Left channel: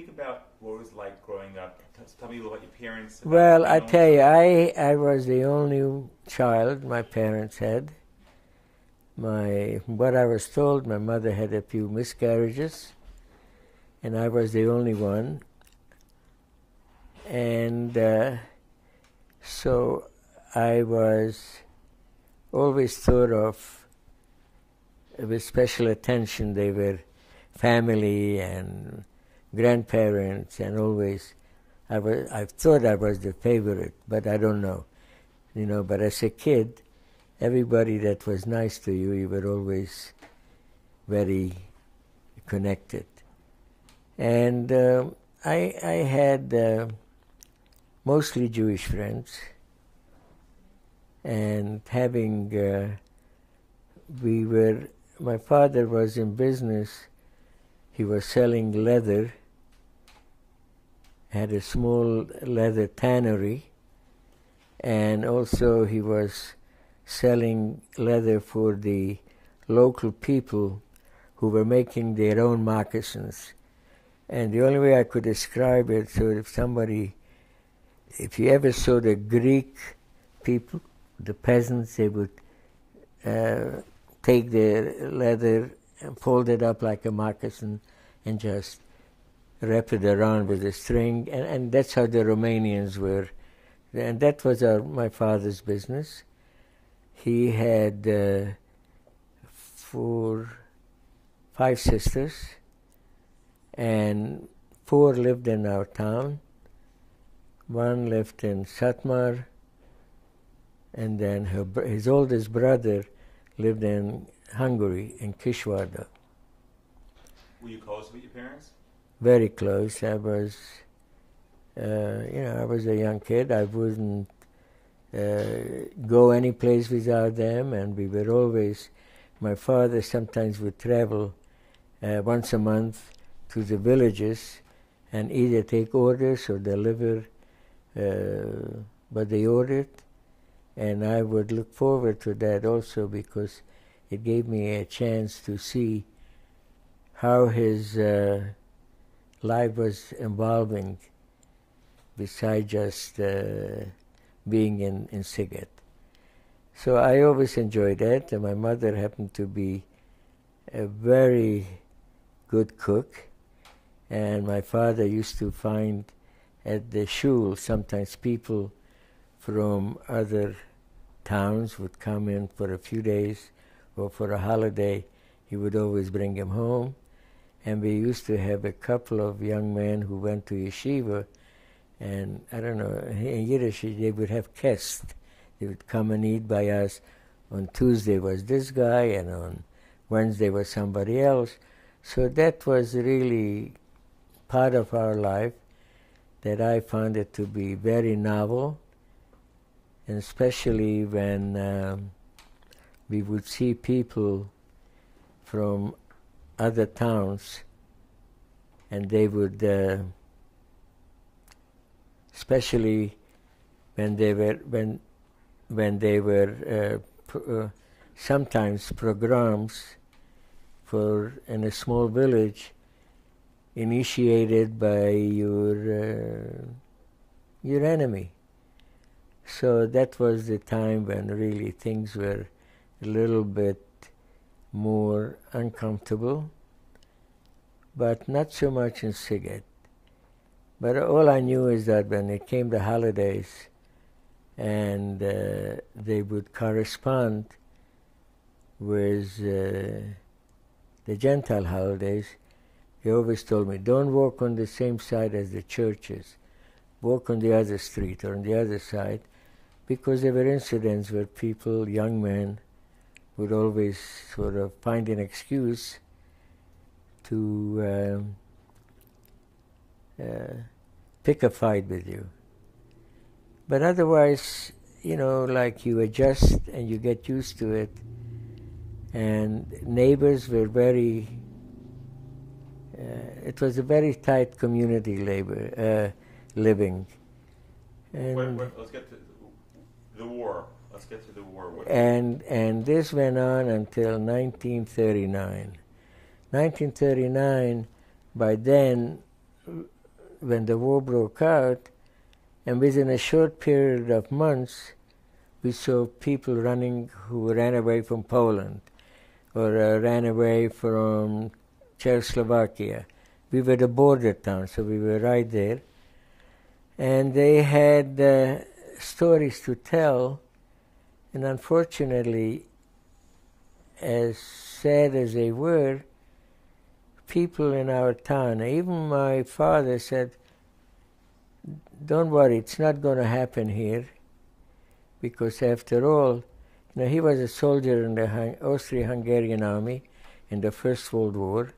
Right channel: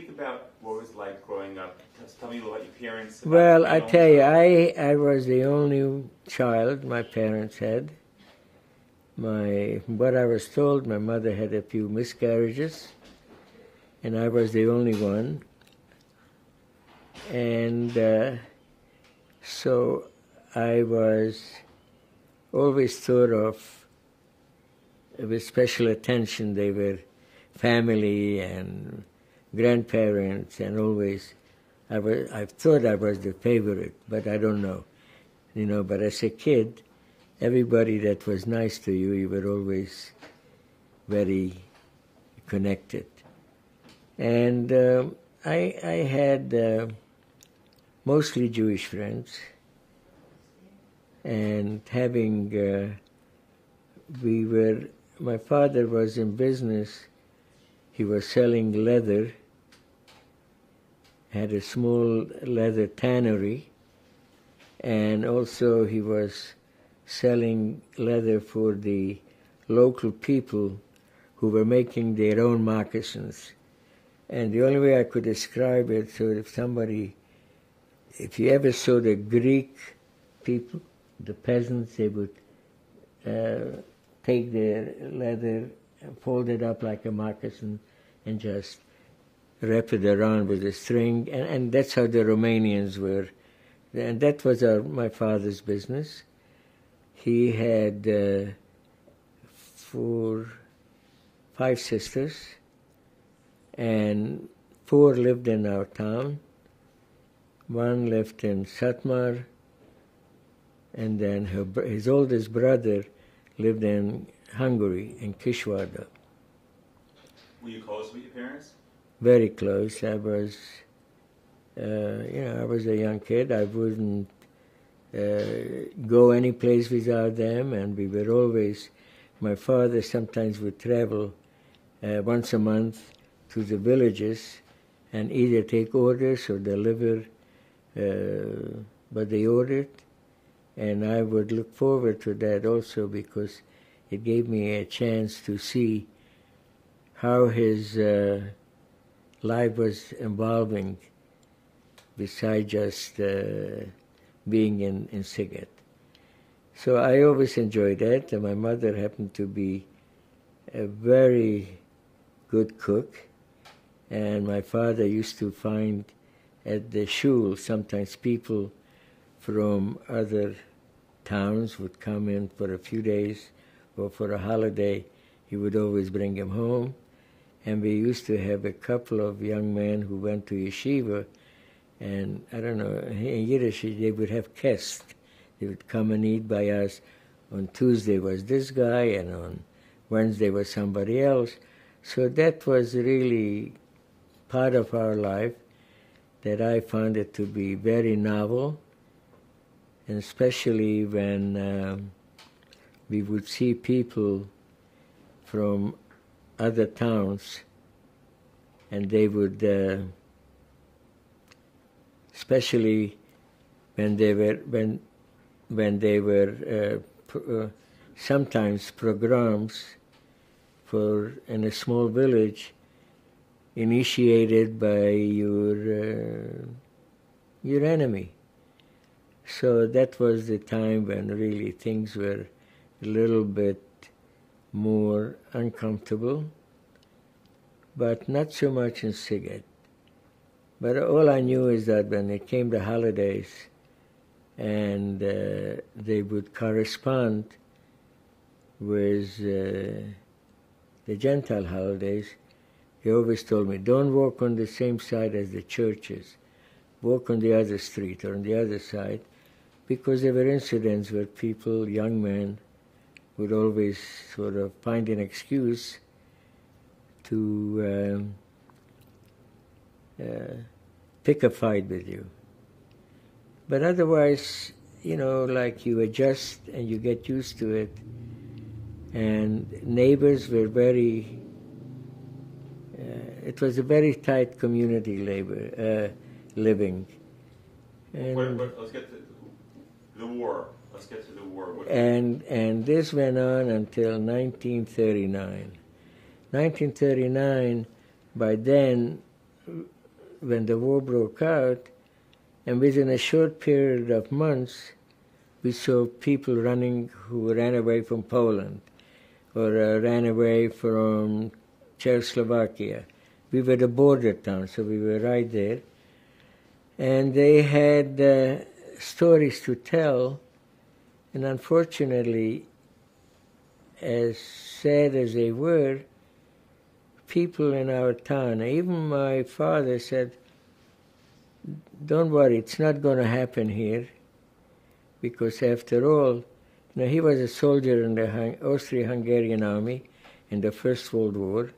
speak about what it was like growing up. Tell me a little about your parents. Well, I tell you, I was the only child my parents had. What I was told, my mother had a few miscarriages, and I was the only one. And so I was always thought of with special attention. They were family and grandparents, and always I thought I was the favorite, but I don't know. But as a kid, everybody that was nice to you, you were always very connected. And I had mostly Jewish friends, and my father was in business. He was selling leather, had a small leather tannery, and also he was selling leather for the local people who were making their own moccasins. And the only way I could describe it, so if you ever saw the Greek people, the peasants, they would take their leather and fold it up like a moccasin and just wrap it around with a string, and that's how the Romanians were. And that was my father's business. He had 5 sisters, and 4 lived in our town. 1 lived in Satmar, and then his oldest brother lived in Hungary, in Kisvárda. Were you close with your parents? Very close. I was, I was a young kid. I wouldn't go any place without them, and we were always. My father sometimes would travel once a month to the villages and either take orders or deliver by the order, and I would look forward to that also because it gave me a chance to see how his life was evolving besides just being in Sziget. So I always enjoyed that, and my mother happened to be a very good cook, and my father used to find at the shul sometimes people from other towns would come in for a few days or for a holiday. He would always bring them home, and we used to have a couple of young men who went to yeshiva, and I don't know, in Yiddish they would have kest. They would come and eat by us. On Tuesday was this guy, and on Wednesday was somebody else. So that was really part of our life that I found it to be very novel, and especially when we would see people from other towns, and they would, especially when they were sometimes programs in a small village initiated by your enemy. So that was the time when really things were a little bit more uncomfortable, but not so much in Sziget. But all I knew is that when it came to holidays and they would correspond with the Gentile holidays, he always told me, don't walk on the same side as the churches. Walk on the other street or on the other side, because there were incidents where people, young men, would always sort of find an excuse to pick a fight with you. But otherwise, like you adjust and you get used to it. And neighbors were very, it was a very tight community living. And let's get to the war. Let's get to the war. And this went on until 1939. 1939, by then, when the war broke out, and within a short period of months, we saw people running who ran away from Poland or ran away from Czechoslovakia. We were the border town, so we were right there. And they had stories to tell, and unfortunately, as sad as they were, people in our town, even my father said, don't worry, it's not going to happen here, because after all, he was a soldier in the Austro-Hungarian army in the First World War.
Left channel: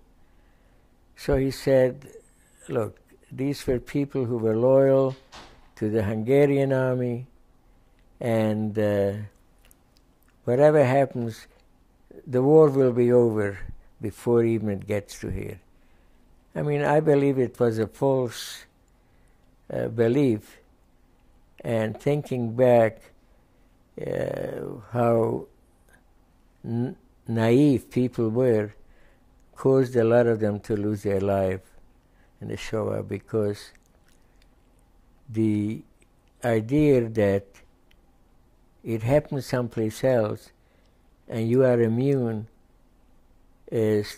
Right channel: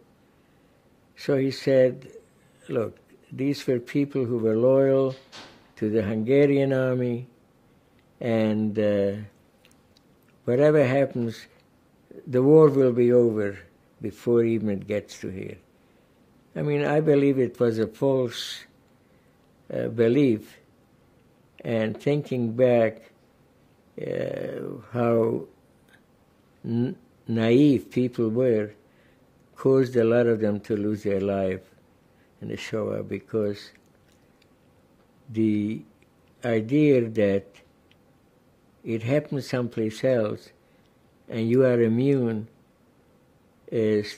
So he said, look, these were people who were loyal to the Hungarian army, and whatever happens, the war will be over before even it gets to here. I mean, I believe it was a false belief, and thinking back how naive people were caused a lot of them to lose their life in the Shoah, because the idea that it happened someplace else and you are immune is,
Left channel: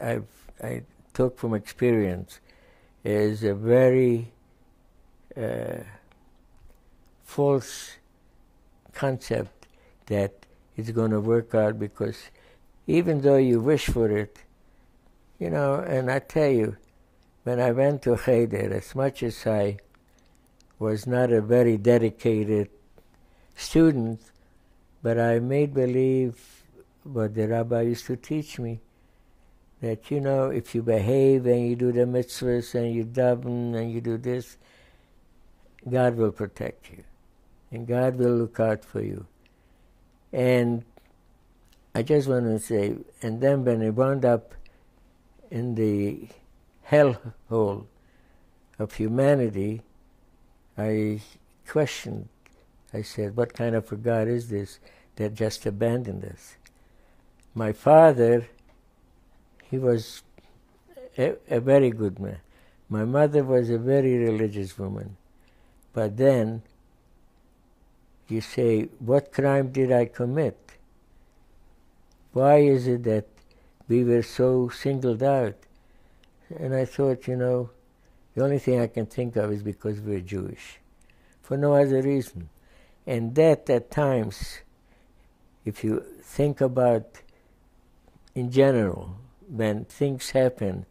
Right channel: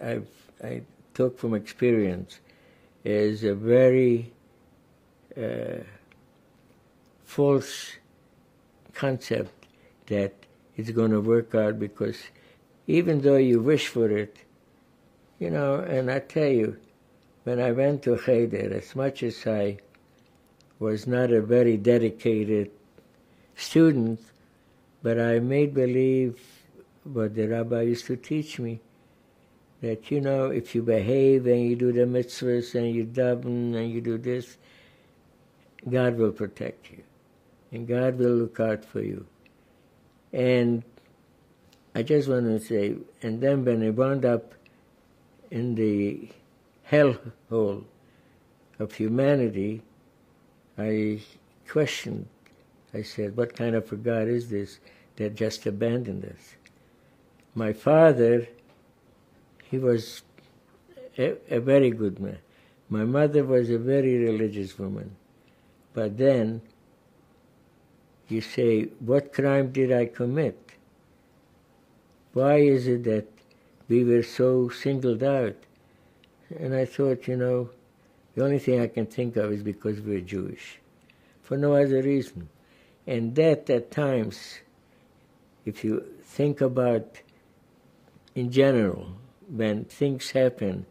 I talk from experience, is a very false concept that it's going to work out, because even though you wish for it, and I tell you, when I went to Cheder, as much as I was not a very dedicated student, but I made believe what the rabbi used to teach me, that, if you behave and you do the mitzvahs and you daven and you do this, God will protect you, and God will look out for you. And I just want to say, and then when I wound up in the hellhole of humanity, I questioned. I said, what kind of a God is this that just abandoned us? My father, he was a very good man. My mother was a very religious woman. But then, you say, what crime did I commit? Why is it that we were so singled out? And I thought, the only thing I can think of is because we're Jewish, for no other reason. And that, at times, if you think about, in general, when things happen,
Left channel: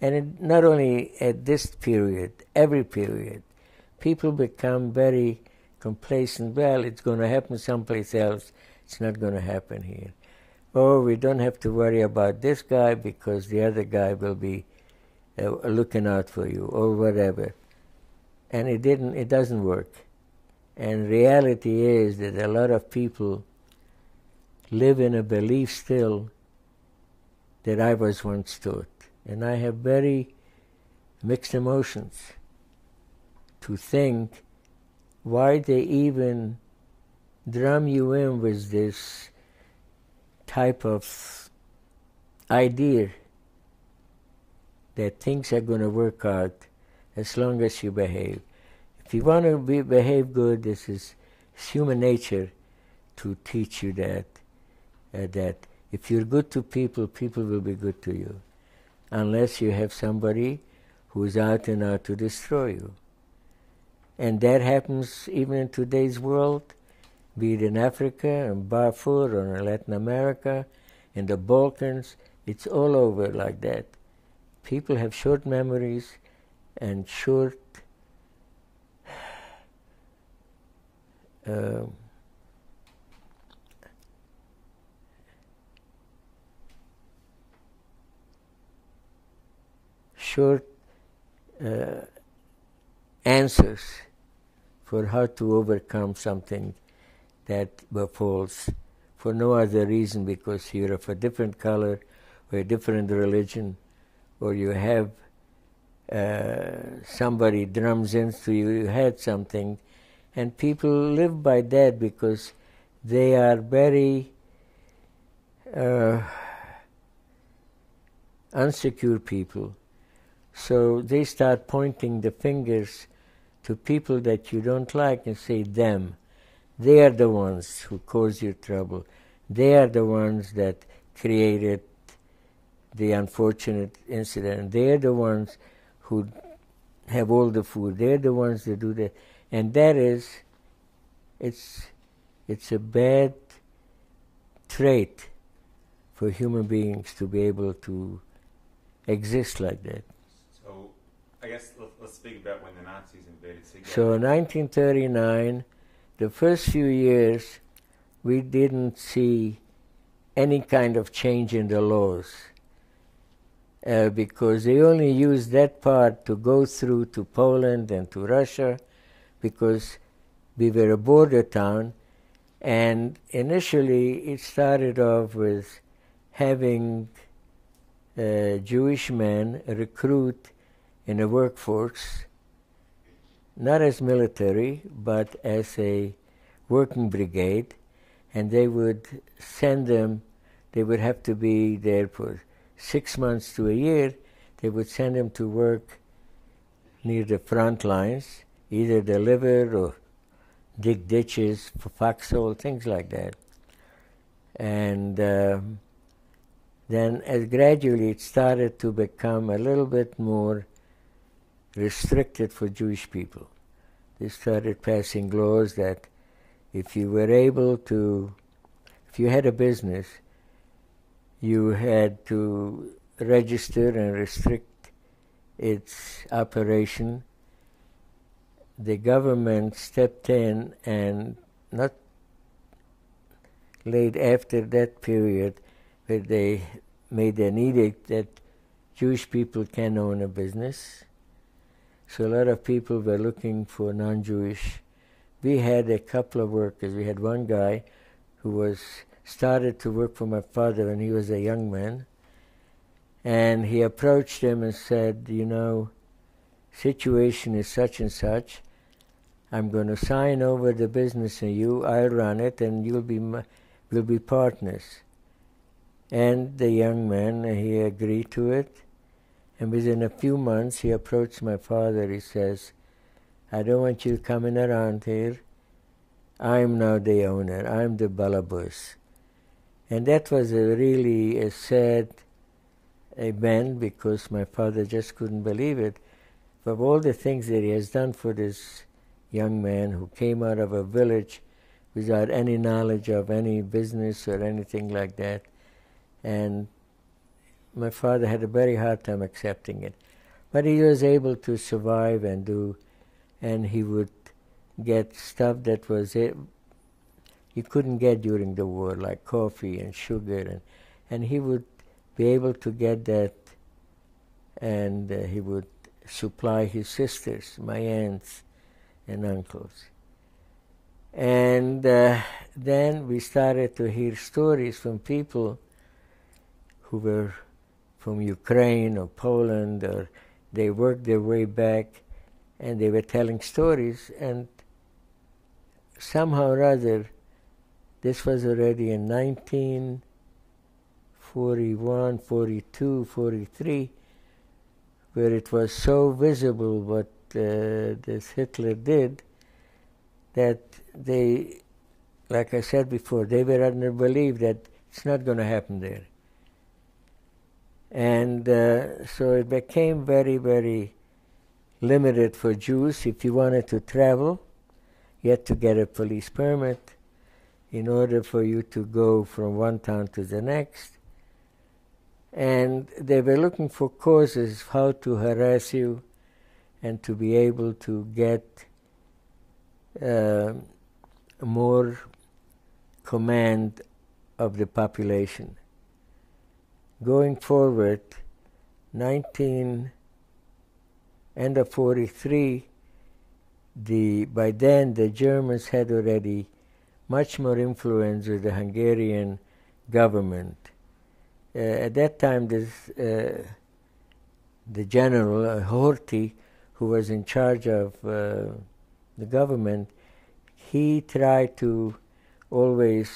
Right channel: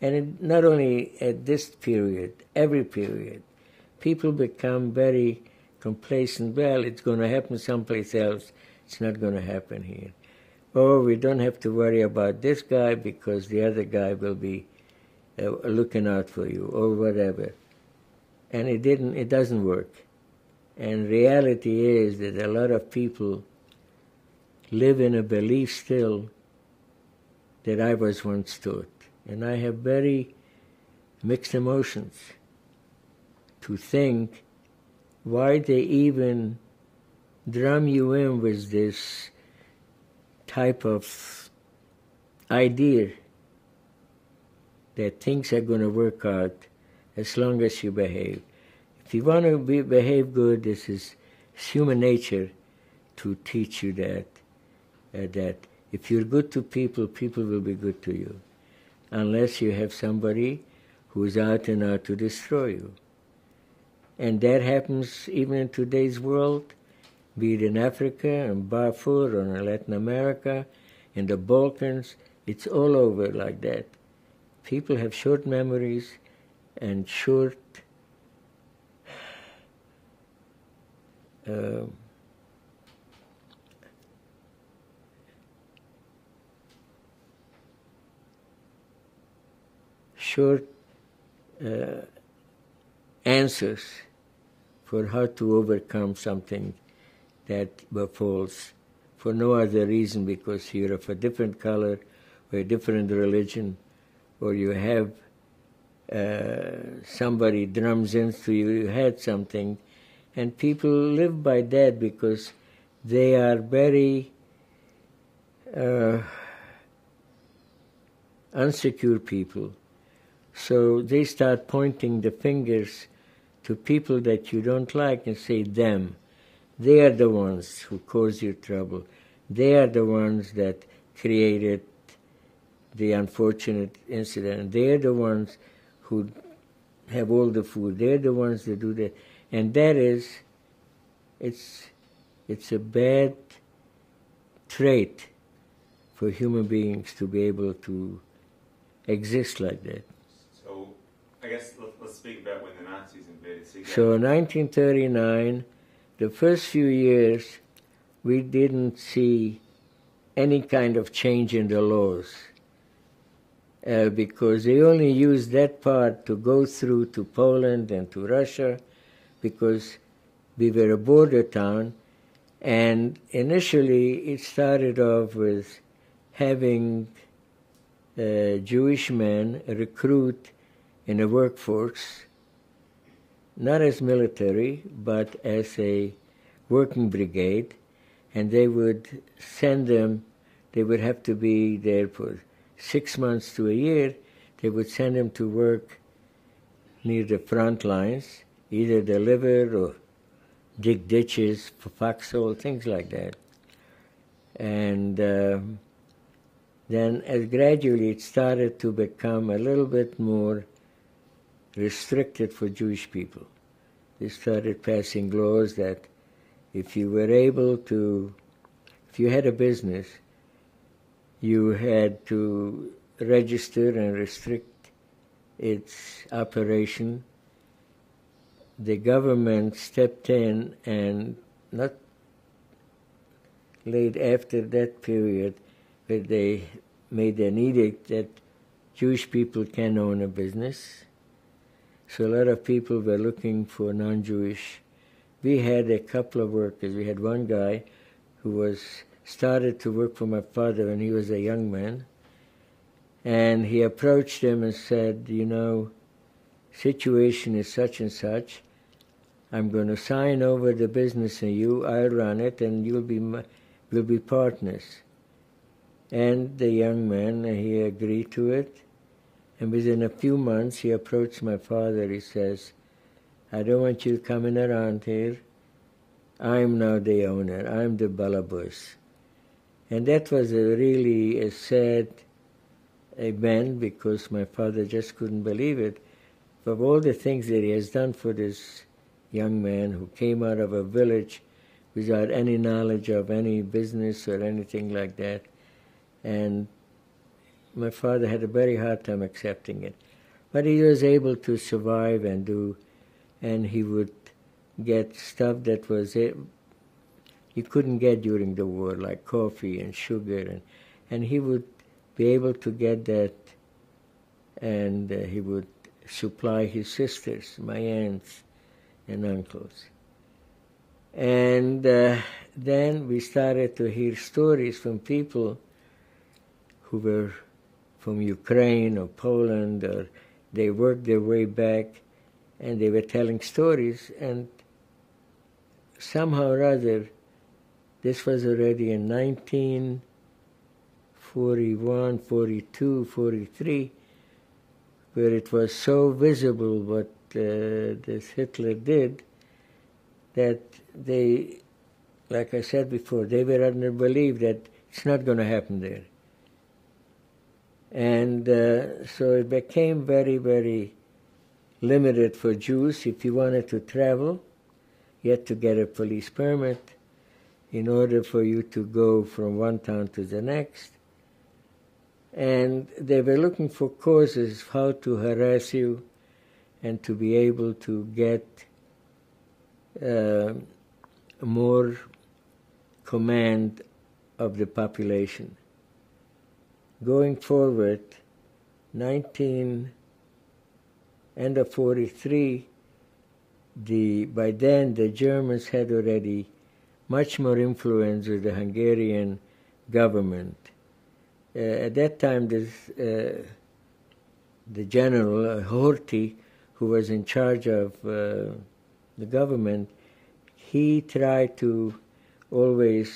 and not only at this period, every period, people become very complacent. Well, it's going to happen someplace else. It's not going to happen here. Or we don't have to worry about this guy because the other guy will be looking out for you, or whatever. And it doesn't work. And reality is that a lot of people live in a belief still that I was once taught. And I have very mixed emotions to think why they even drum you in with this type of idea that things are going to work out as long as you behave. If you want to behave good, this is human nature to teach you that if you're good to people, people will be good to you, unless you have somebody who is out and out to destroy you. And that happens even in today's world, be it in Africa, in Darfur, or in Latin America, in the Balkans. It's all over like that. People have short memories and short answers for how to overcome something that befalls for no other reason because you're of a different color or a different religion, or you have somebody drums into you, you had something, and people live by that because they are very unsecure people So they start pointing the fingers to people that you don't like and say them. They are the ones who cause you trouble. They are the ones that created the unfortunate incident. They are the ones who have all the food. They are the ones that do that. And that is, it's a bad trait for human beings to be able to exist like that. So I guess let's speak about when the Nazis invaded. So in 1939, the first few years, we didn't see any kind of change in the laws because they only used that part to go through to Poland and to Russia because we were a border town, and initially it started off with having Jewish men recruit in a workforce, not as military, but as a working brigade, and they would send them, they would have to be there for 6 months to a year. They would send them to work near the front lines, either deliver or dig ditches for foxhole, things like that. And then as gradually it started to become a little bit more restricted for Jewish people. They started passing laws that if you were able to, if you had a business, you had to register and restrict its operation. The government stepped in and not late after that period, they made an edict that Jewish people can own a business. So a lot of people were looking for non-Jewish. We had a couple of workers. We had one guy who started to work for my father when he was a young man. And he approached him and said, you know, situation is such and such. I'm going to sign over the business to you. I'll run it, and we'll be partners. And the young man, he agreed to it. And within a few months, he approached my father. He says, I don't want you coming around here. I'm now the owner. I'm the balabus. And that was really a sad event because my father just couldn't believe it. Of all the things that he has done for this young man who came out of a village without any knowledge of any business or anything like that. And my father had a very hard time accepting it. But he was able to survive and do, and he would get stuff that was you couldn't get during the war, like coffee and sugar, and he would be able to get that, and he would supply his sisters, my aunts and uncles. And then we started to hear stories from people who were from Ukraine or Poland, or they worked their way back, and they were telling stories, and somehow or other, this was already in 1941, 42, 43, where it was so visible what this Hitler did, that they, like I said before, they were under belief that it's not going to happen there. And so it became very, very limited for Jews. If you wanted to travel, you had to get a police permit in order for you to go from one town to the next. And they were looking for causes how to harass you and to be able to get more command of the population. Going forward, end of 43, by then the Germans had already much more influence with the Hungarian government. At that time, the general, Horthy, who was in charge of the government, he tried to always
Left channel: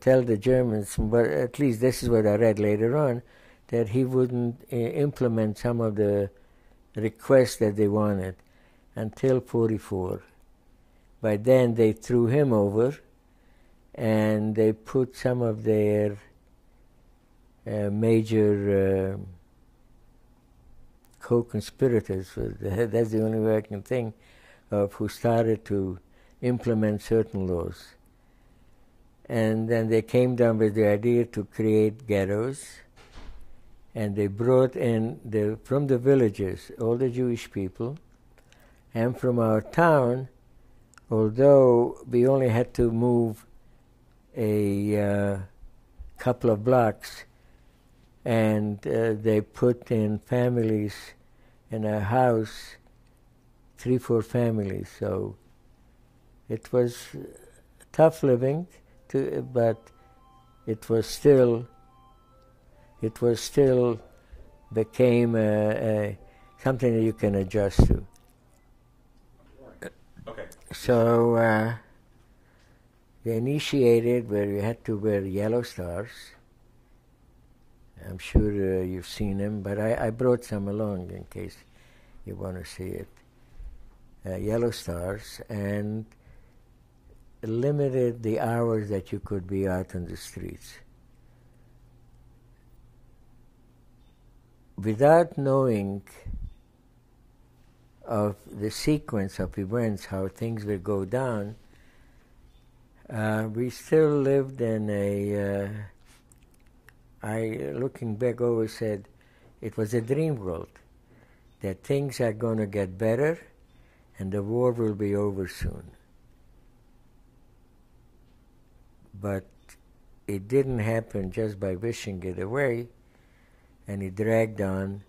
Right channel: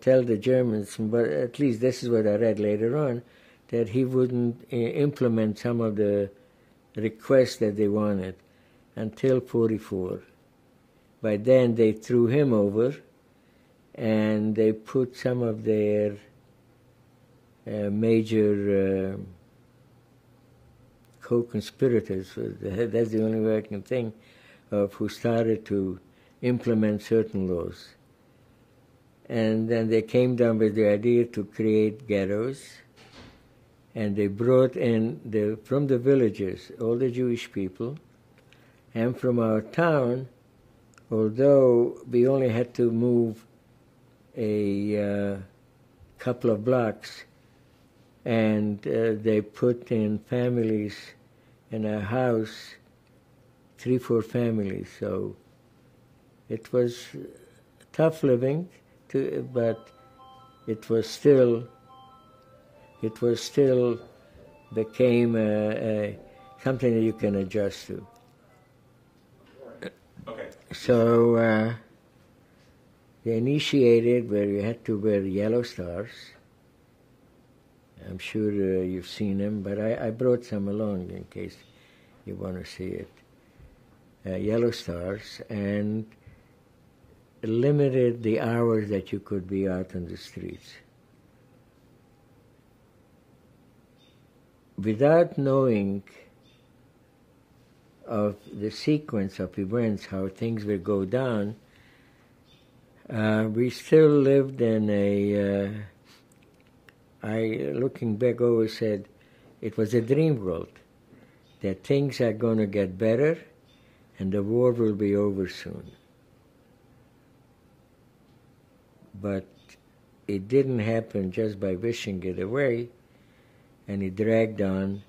tell the Germans, but at least this is what I read later on, that he wouldn't implement some of the requests that they wanted until 44. By then they threw him over and they put some of their major co-conspirators, that's the only way I can think of, who started to implement certain laws. And then they came down with the idea to create ghettos, and they brought in from the villages all the Jewish people, and from our town, although we only had to move a couple of blocks, and they put in families in a house, 3-4 families. So it was tough living, but it was still became something that you can adjust to. Okay. So they initiated where you had to wear yellow stars. I'm sure you've seen them, but I brought some along in case you want to see it. Yellow stars, and limited the hours that you could be out on the streets. Without knowing of the sequence of events, how things will go down, we still lived in looking back, always said it was a dream world, that things are going to get better and the war will be over soon. But it didn't happen just by wishing it away, and it dragged on.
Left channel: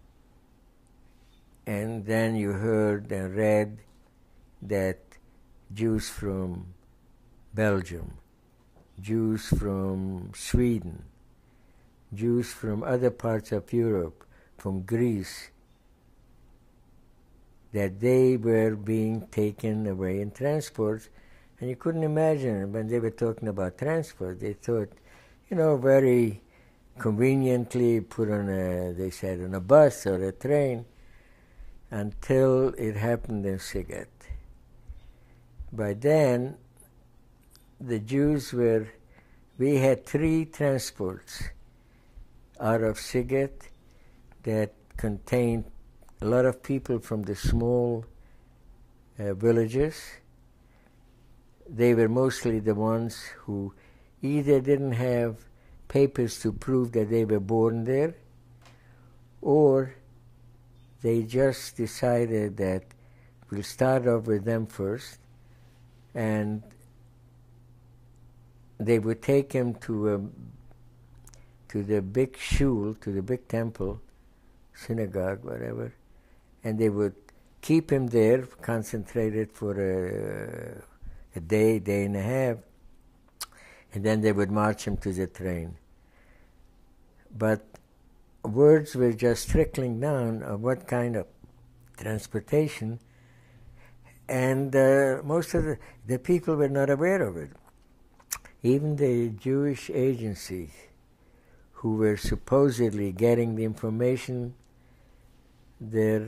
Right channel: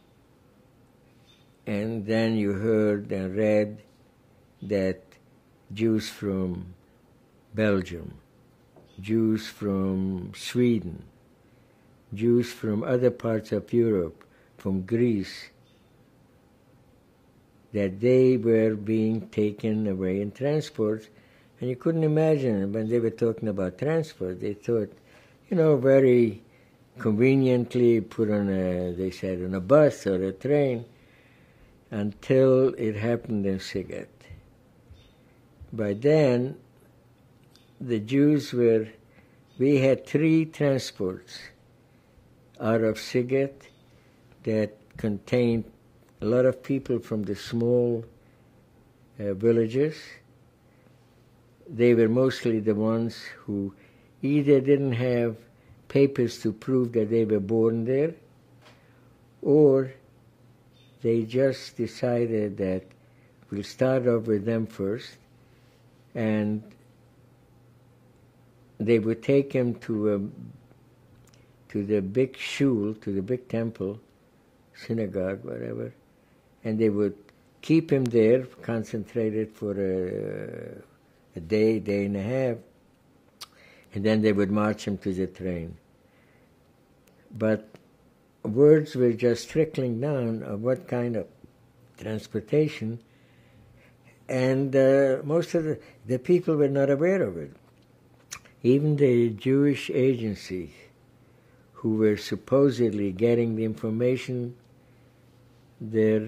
And then you heard and read that Jews from Belgium, Jews from Sweden, Jews from other parts of Europe, from Greece, that they were being taken away in transports. And you couldn't imagine when they were talking about transport. They thought, very conveniently put on they said, on a bus or a train, until it happened in Siget. By then, the Jews we had 3 transports out of Siget that contained a lot of people from the small villages. They were mostly the ones who either didn't have papers to prove that they were born there, or they just decided that we'll start off with them first, and they would take him to the big shul, to the big temple, synagogue, whatever, and they would keep him there, concentrated for a day and a half, and then they would march him to the train. But words were just trickling down of what kind of transportation, and most of the people were not aware of it. Even the Jewish agencies who were supposedly getting the information, they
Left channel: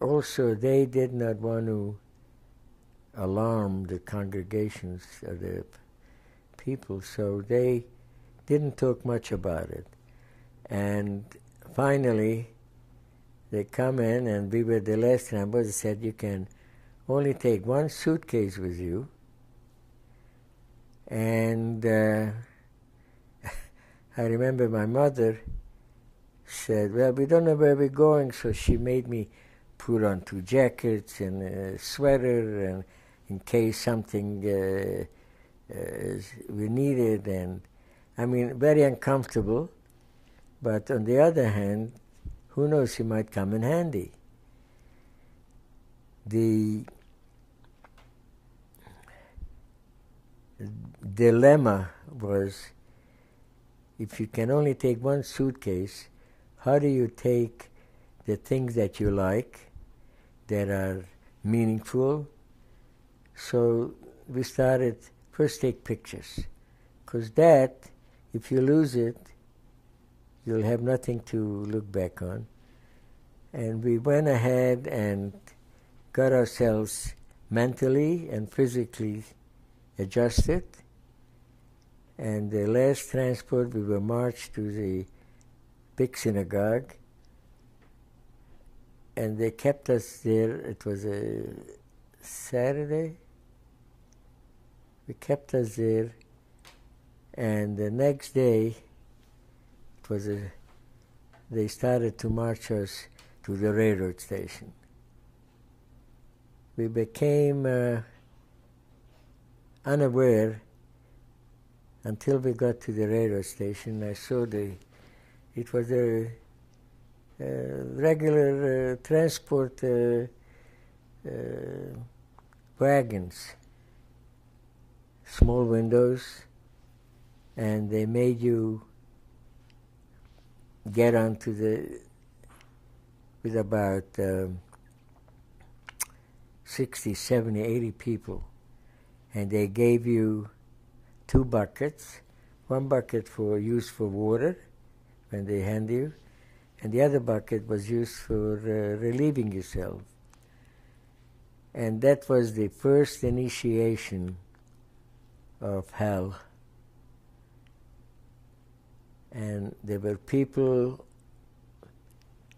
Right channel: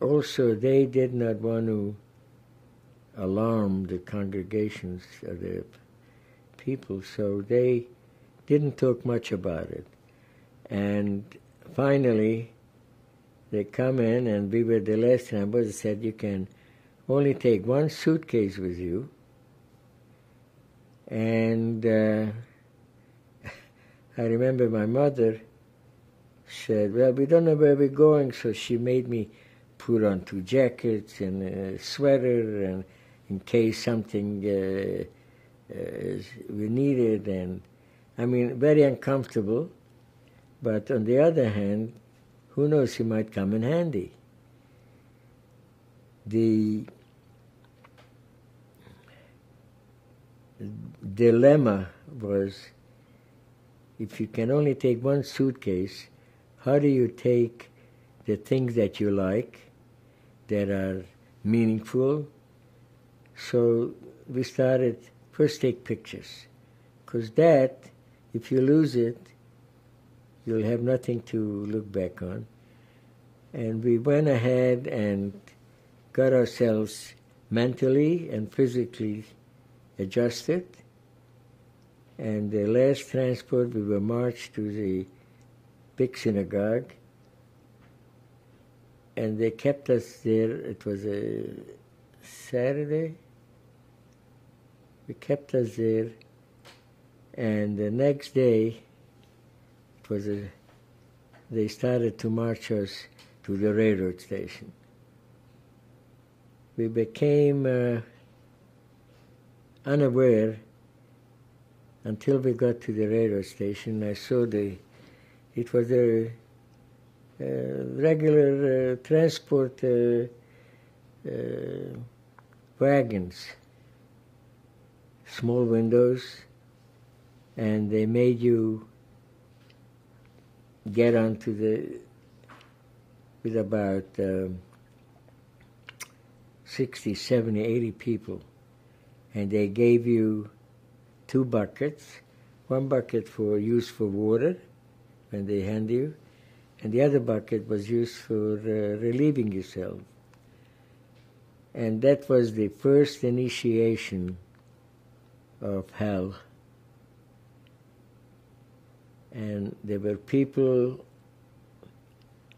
did not want to alarm the congregations of the people, so they didn't talk much about it. And finally, they come in, and we were the last number. They said, you can only take 1 suitcase with you. And I remember my mother said, well, we don't know where we're going, so she made me put on 2 jackets and a sweater, and in case something we needed. And I mean, very uncomfortable. But on the other hand, who knows, he might come in handy. The dilemma was, if you can only take 1 suitcase, how do you take the things that you like, that are meaningful? So we started, first take pictures, because that, if you lose it, you'll have nothing to look back on. And we went ahead and got ourselves mentally and physically adjusted. And the last transport, we were marched to the big synagogue, and they kept us there. It was a Saturday. They kept us there, and the next day, they started to march us to the railroad station. We became unaware until we got to the railroad station. I saw it was a regular transport wagons, small windows, and they made you get onto with about 60, 70, 80 people, and they gave you 2 buckets, one bucket used for water, when they hand you, and the other bucket was used for relieving yourself. And that was the first initiation of hell. And there were people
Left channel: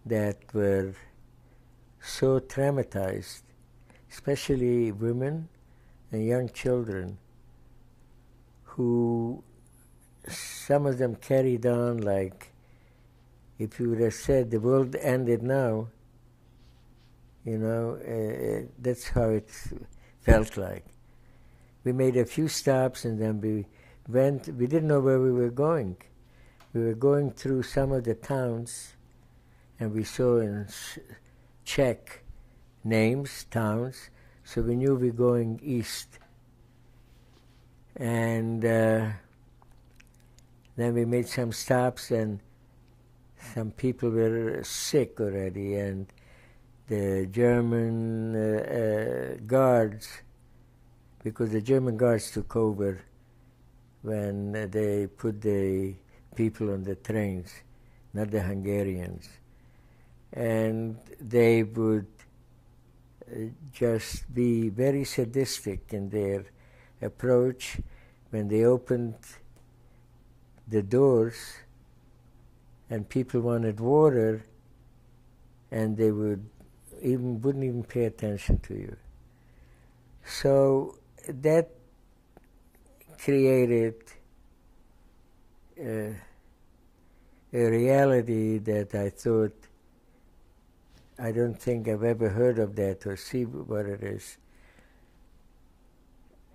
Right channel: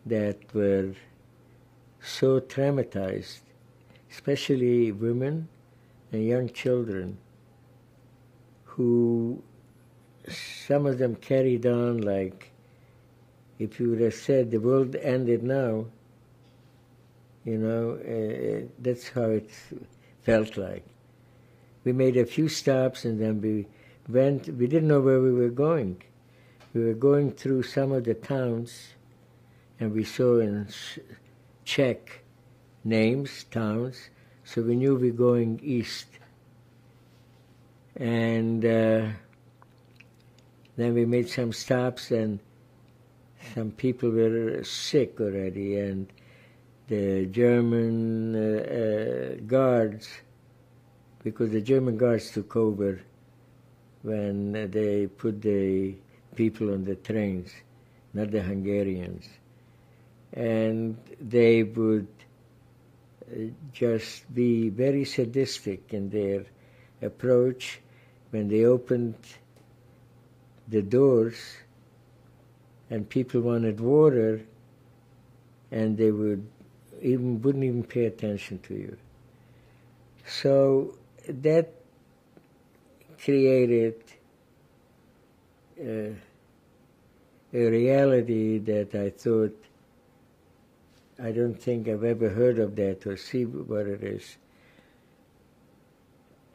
that were so traumatized, especially women and young children, who some of them carried on like if you would have said the world ended now, that's how it felt like. We made a few stops and then we didn't know where we were going. We were going through some of the towns, and we saw in Czech names, towns, so we knew we were going east. And then we made some stops, and some people were sick already, and the German guards, because the German guards took over when they put the people on the trains, not the Hungarians. And they would just be very sadistic in their approach. When they opened the doors and people wanted water, and they wouldn't even pay attention to you. So that created a reality that I thought, I don't think I've ever heard of that or see what it is.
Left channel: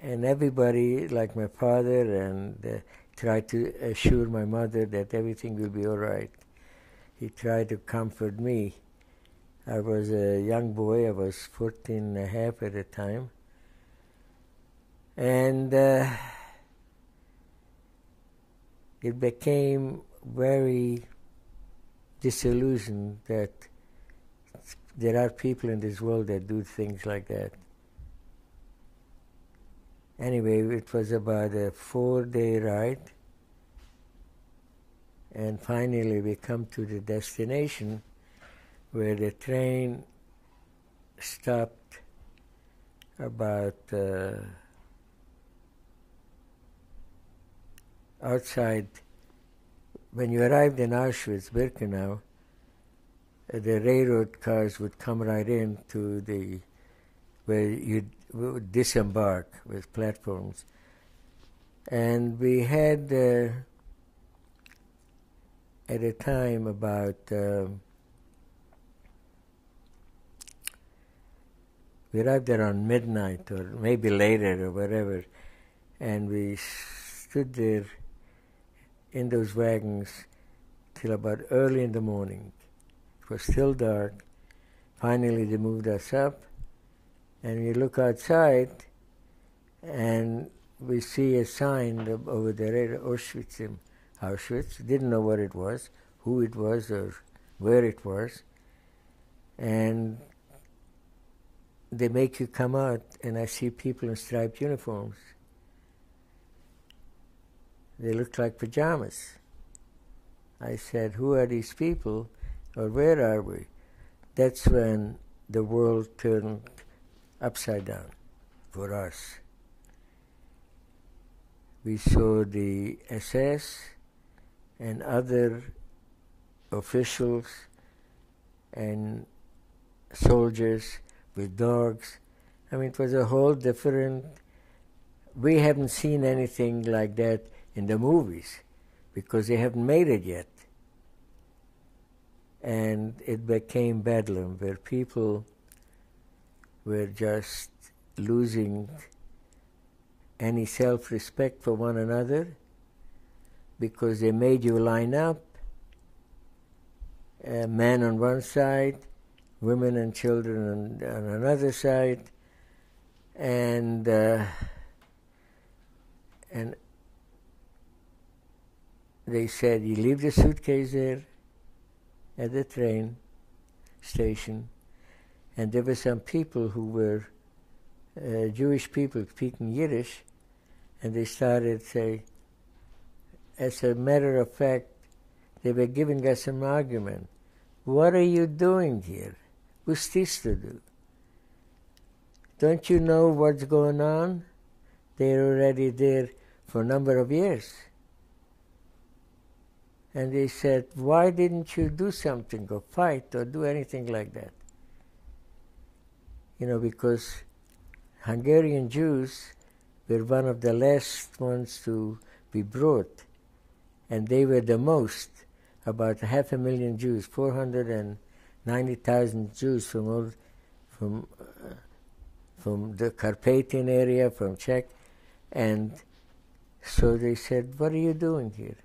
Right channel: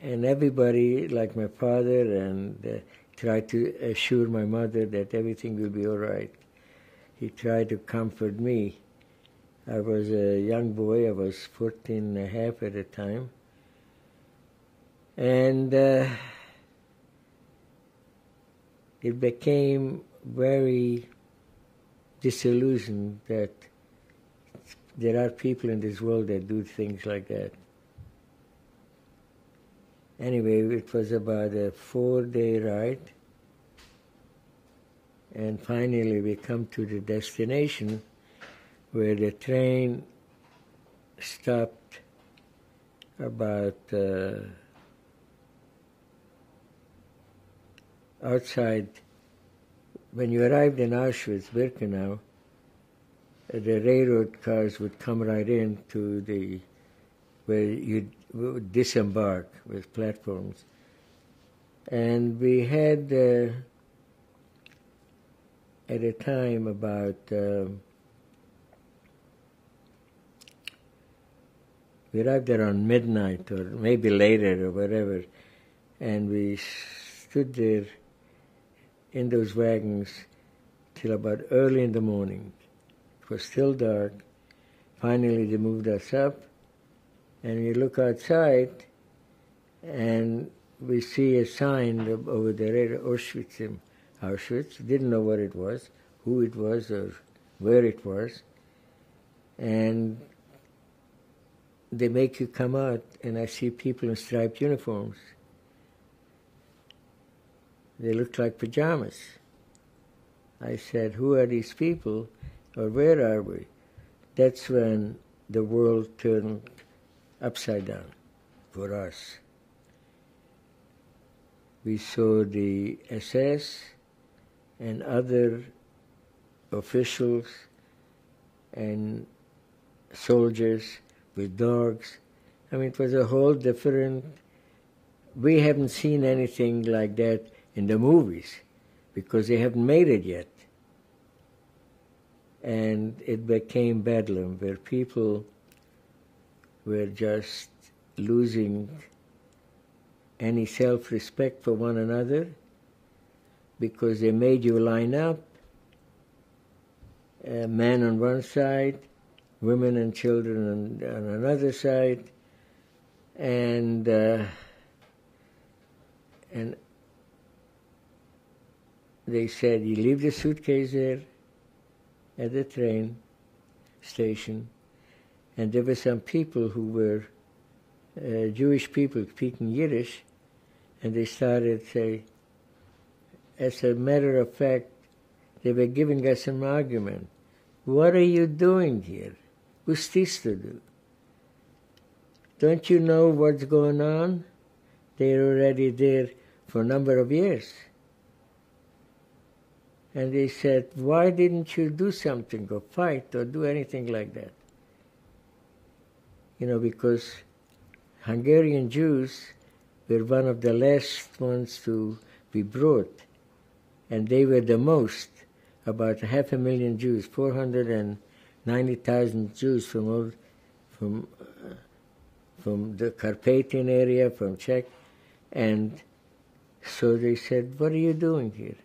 And everybody, like my father, and tried to assure my mother that everything will be all right. He tried to comfort me. I was a young boy. I was 14 and a half at the time. And it became very disillusioned that there are people in this world that do things like that. Anyway, it was about a 4-day ride, and finally we come to the destination where the train stopped about outside. When you arrived in Auschwitz-Birkenau, the railroad cars would come right in to where you would disembark with platforms. And we had, at a time, about, we arrived around midnight or maybe later or whatever, and we stood there in those wagons till about early in the morning. It was still dark. Finally, they moved us up, and we look outside, and we see a sign over there, Auschwitz. Didn't know what it was, who it was, or where it was. And they make you come out, and I see people in striped uniforms. They looked like pajamas. I said, who are these people, or where are we? That's when the world turned upside down for us. We saw the SS and other officials and soldiers with dogs. I mean, it was a whole different... We haven't seen anything like that in the movies because they haven't made it yet. And it became bedlam where people were just losing any self-respect for one another because they made you line up, men on one side, women and children on another side, and they said, you leave the suitcase there at the train station, and there were some people who were Jewish people speaking Yiddish, and they started say, as a matter of fact, they were giving us an argument. What are you doing here? What's this to do? Don't you know what's going on? They're already there for a number of years. And they said, why didn't you do something or fight or do anything like that? You know, because Hungarian Jews were one of the last ones to be brought, and they were the most, about 500,000 Jews, 490,000 Jews from the Carpathian area, from Czech, and so they said, what are you doing here?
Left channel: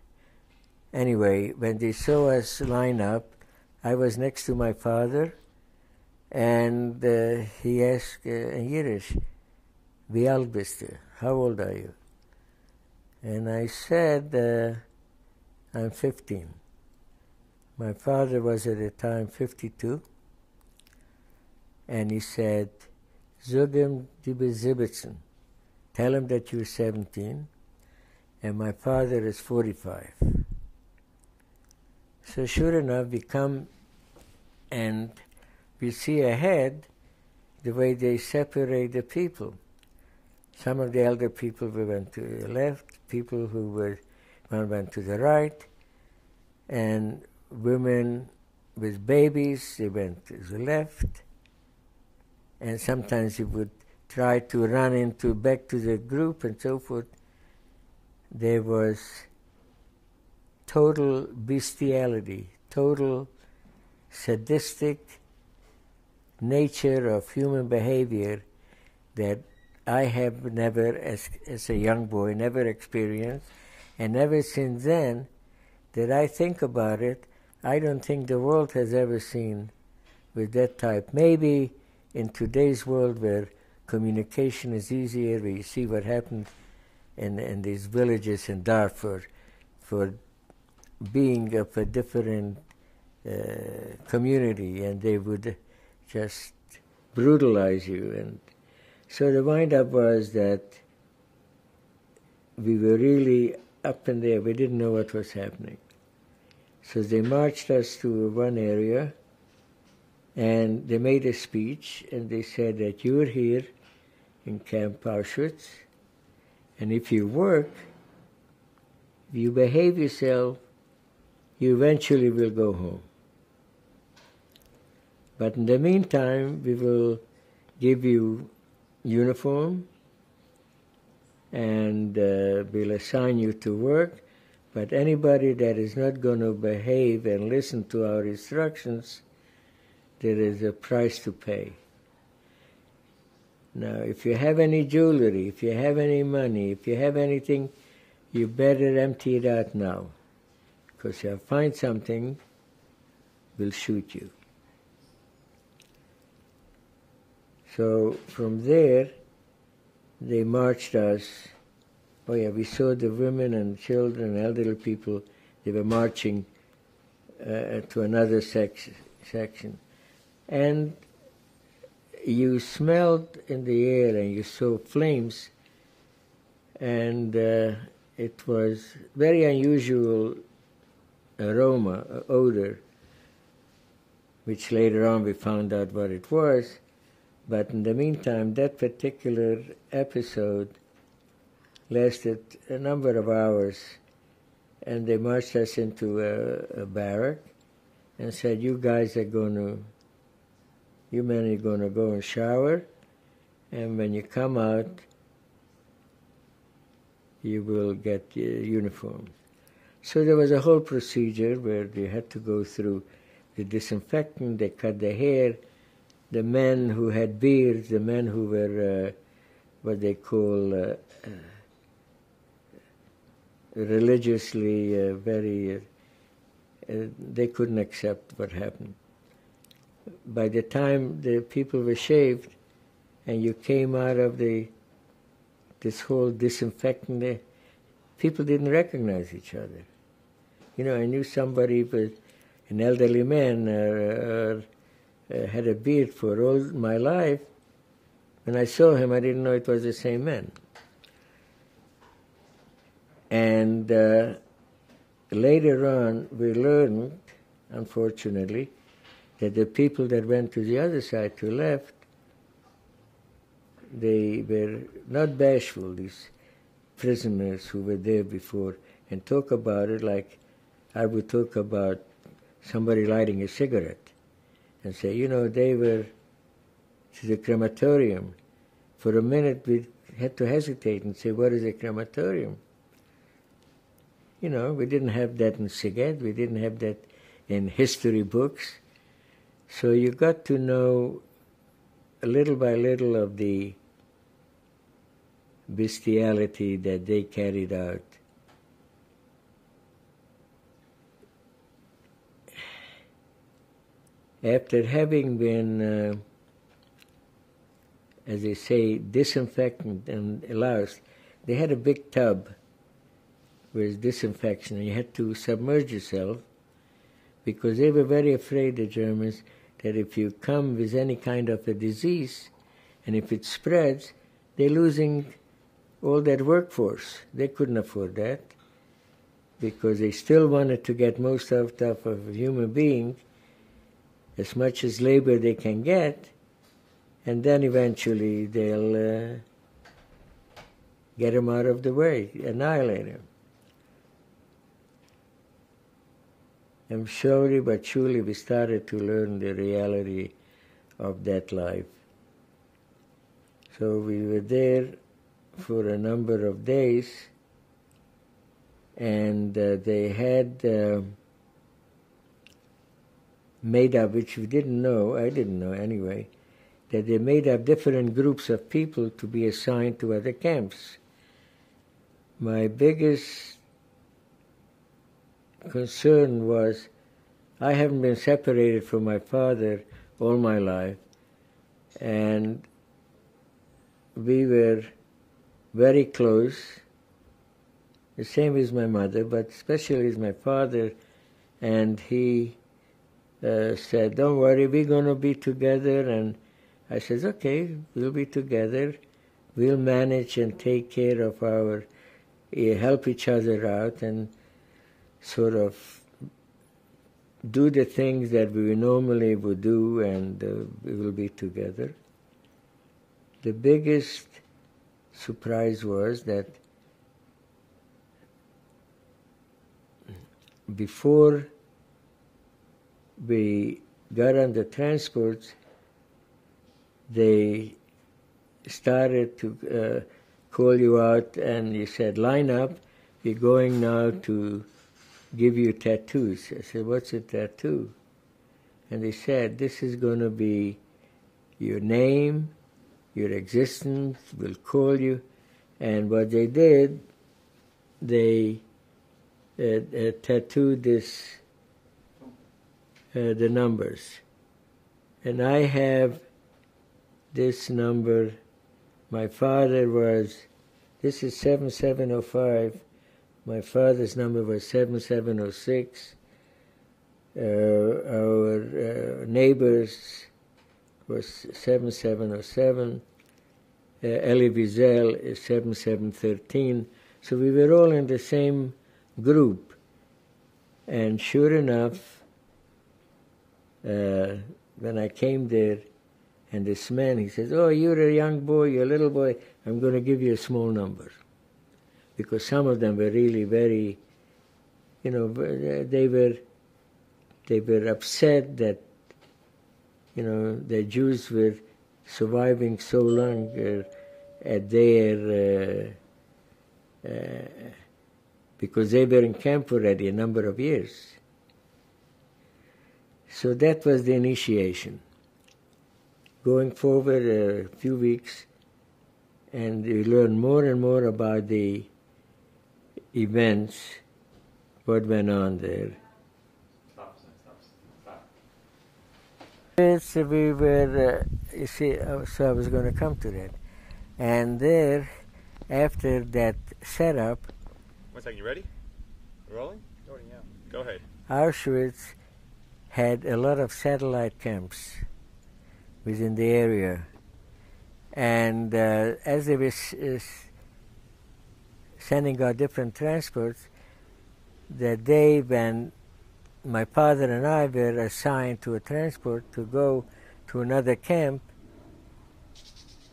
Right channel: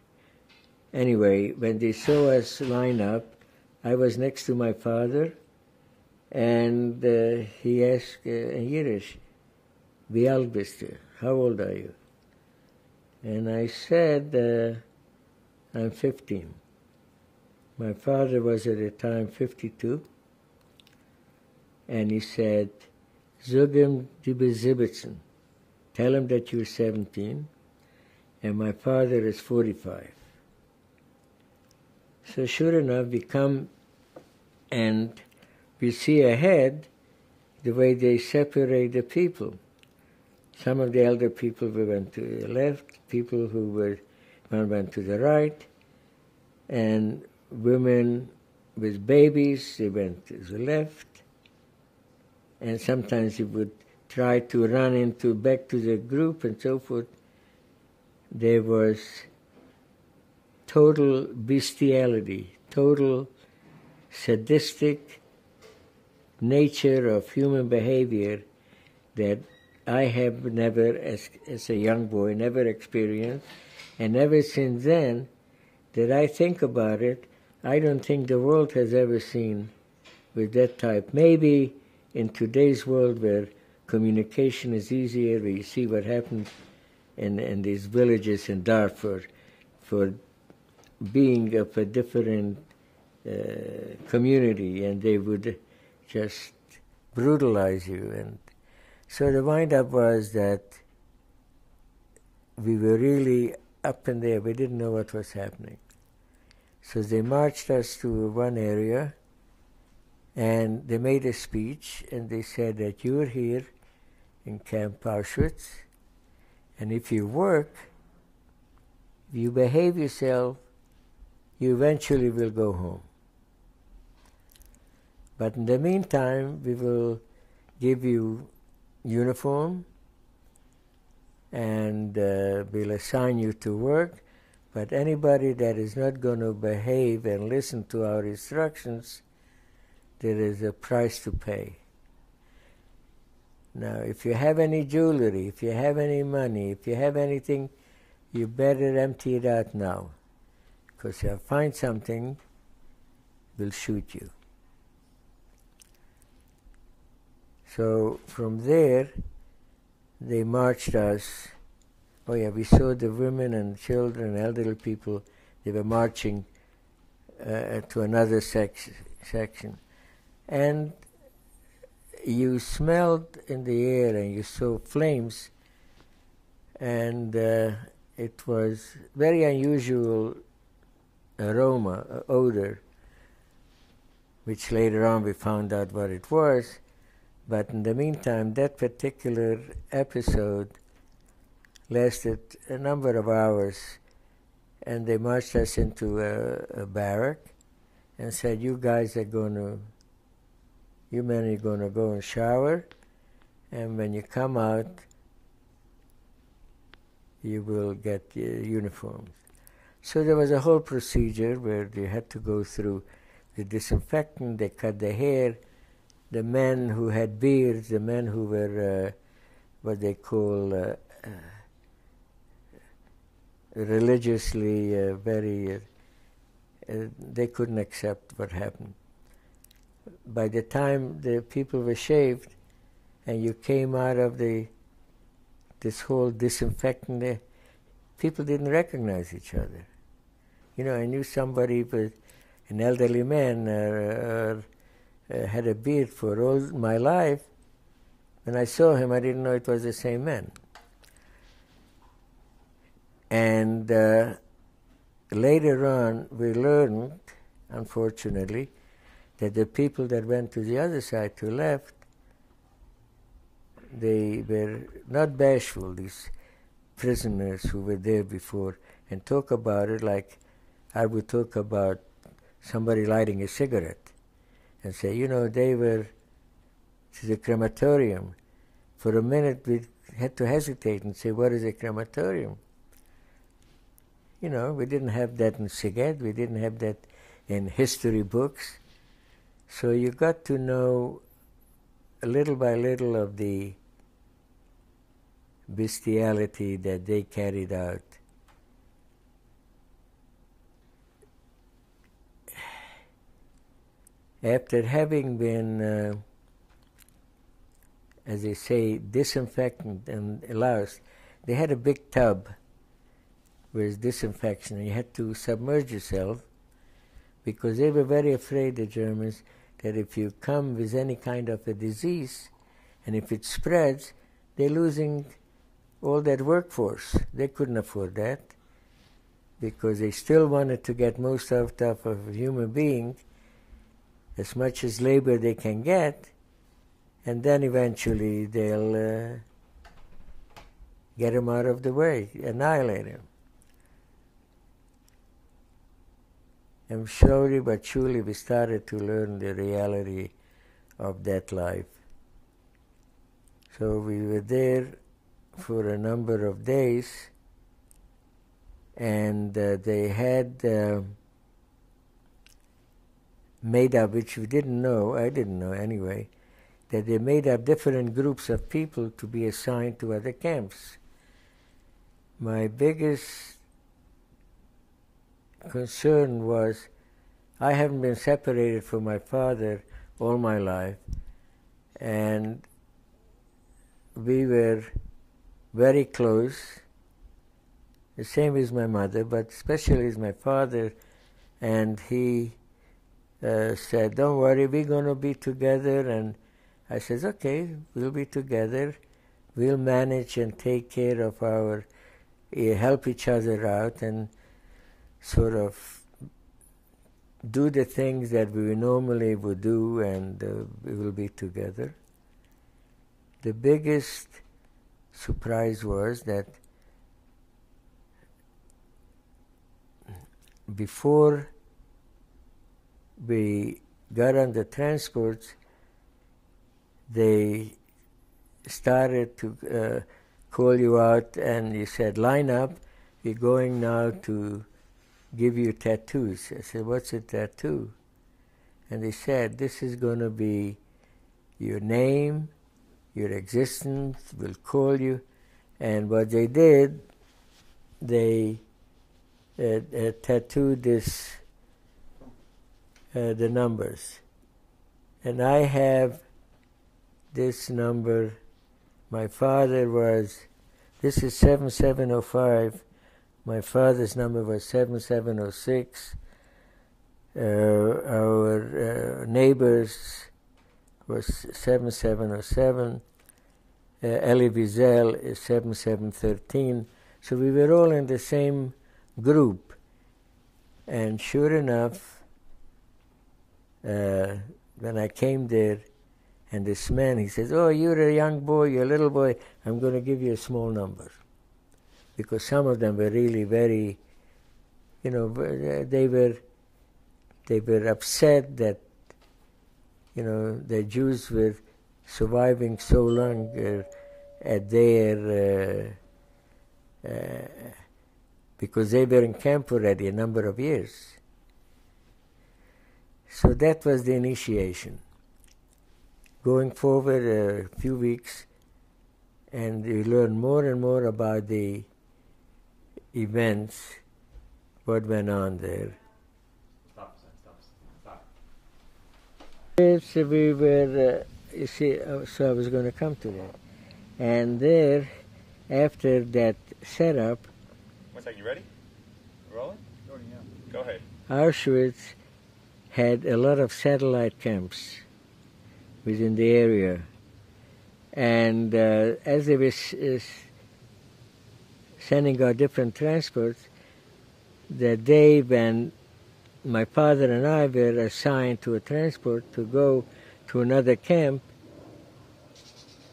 Anyway, when they saw us line up, I was next to my father, and he asked in Yiddish, "Wie alt bist du? How old are you?" And I said, I'm 15. My father was at the time 52, and he said, "Sag ihm, du bist 17. Tell him that you're 17, and my father is 45. So sure enough, we come and we see ahead the way they separate the people. Some of the elder people went to the left, people who one went to the right, and women with babies, they went to the left, and sometimes they would try to run back to the group and so forth. There was total bestiality, total sadistic nature of human behavior that I have never, as a young boy, never experienced. And ever since then, that I think about it, I don't think the world has ever seen with that type. Maybe in today's world where communication is easier, where you see what happened in these villages in Darfur, for being of a different community, and they would just brutalize you. And so the wind-up was that we were really up in there. We didn't know what was happening. So they marched us to one area, and they made a speech, and they said that you're here in Camp Auschwitz, and if you work, if you behave yourself, you eventually will go home. But in the meantime, we will give you uniform, and we'll assign you to work, but anybody that is not going to behave and listen to our instructions, there is a price to pay. Now, if you have any jewelry, if you have any money, if you have anything, you better empty it out now, because if you find something, we'll shoot you. So from there, they marched us. Oh yeah, we saw the women and children, elderly people. They were marching to another section. And you smelled in the air and you saw flames. And it was very unusual aroma, odor, which later on we found out what it was. But in the meantime, that particular episode lasted a number of hours, and they marched us into a barrack and said, you men are going to go and shower, and when you come out, you will get your uniforms. So there was a whole procedure where they had to go through the disinfectant, they cut the hair, the men who had beards, the men who were what they call religiously very, they couldn't accept what happened. By the time the people were shaved and you came out of this whole disinfectant, people didn't recognize each other. You know, I knew somebody, but an elderly man had a beard for all my life. When I saw him, I didn't know it was the same man. And later on, we learned, unfortunately, that the people that went to the other side, to left, they were not bashful, these prisoners who were there before, and talk about it like I would talk about somebody lighting a cigarette and say, you know, they were to the crematorium. For a minute, we had to hesitate and say, what is a crematorium? You know, we didn't have that in Szeged, we didn't have that in history books. So you got to know little by little of the bestiality that they carried out. After having been, as they say, disinfectant and loused, they had a big tub with disinfection. You had to submerge yourself because they were very afraid, the Germans, that if you come with any kind of a disease and if it spreads, they're losing all that workforce. They couldn't afford that because they still wanted to get most out of a human being, as much as labor they can get, and then eventually they'll get him out of the way, annihilate him. And slowly but surely we started to learn the reality of that life. So we were there for a number of days, and they had made up, which we didn't know, I didn't know anyway, that they made up different groups of people to be assigned to other camps. My biggest concern was I haven't been separated from my father all my life, and we were very close, the same as my mother, but especially as my father, and he said, don't worry, we're going to be together, and I said, okay, we'll be together, we'll manage and take care of our, help each other out, and sort of do the things that we normally would do, and we will be together. The biggest surprise was that before we got on the transports, they started to call you out, and you said, line up, we're going now to give you tattoos. I said, what's a tattoo? And they said, this is going to be your name, your existence, we'll call you. And what they did, they tattooed this, the numbers. And I have this number. My father was, this is 7705. My father's number was 7706. Our neighbors was 7707. Elie Wiesel is 7713. So we were all in the same group. And sure enough, when I came there, and this man, he says, "Oh, you're a young boy, you're a little boy, I'm going to give you a small number." Because some of them were really very, they were upset that, the Jews were surviving so long at their, because they were in camp already a number of years. So that was the initiation. Going forward a few weeks, and you learn more and more about the events, what went on there. Yes, we were, so I was going to come to that. And there, after that setup, 1 second, you ready? Rolling? Go ahead. Auschwitz had a lot of satellite camps within the area. And as they were sending out different transports, the day when my father and I were assigned to a transport to go to another camp,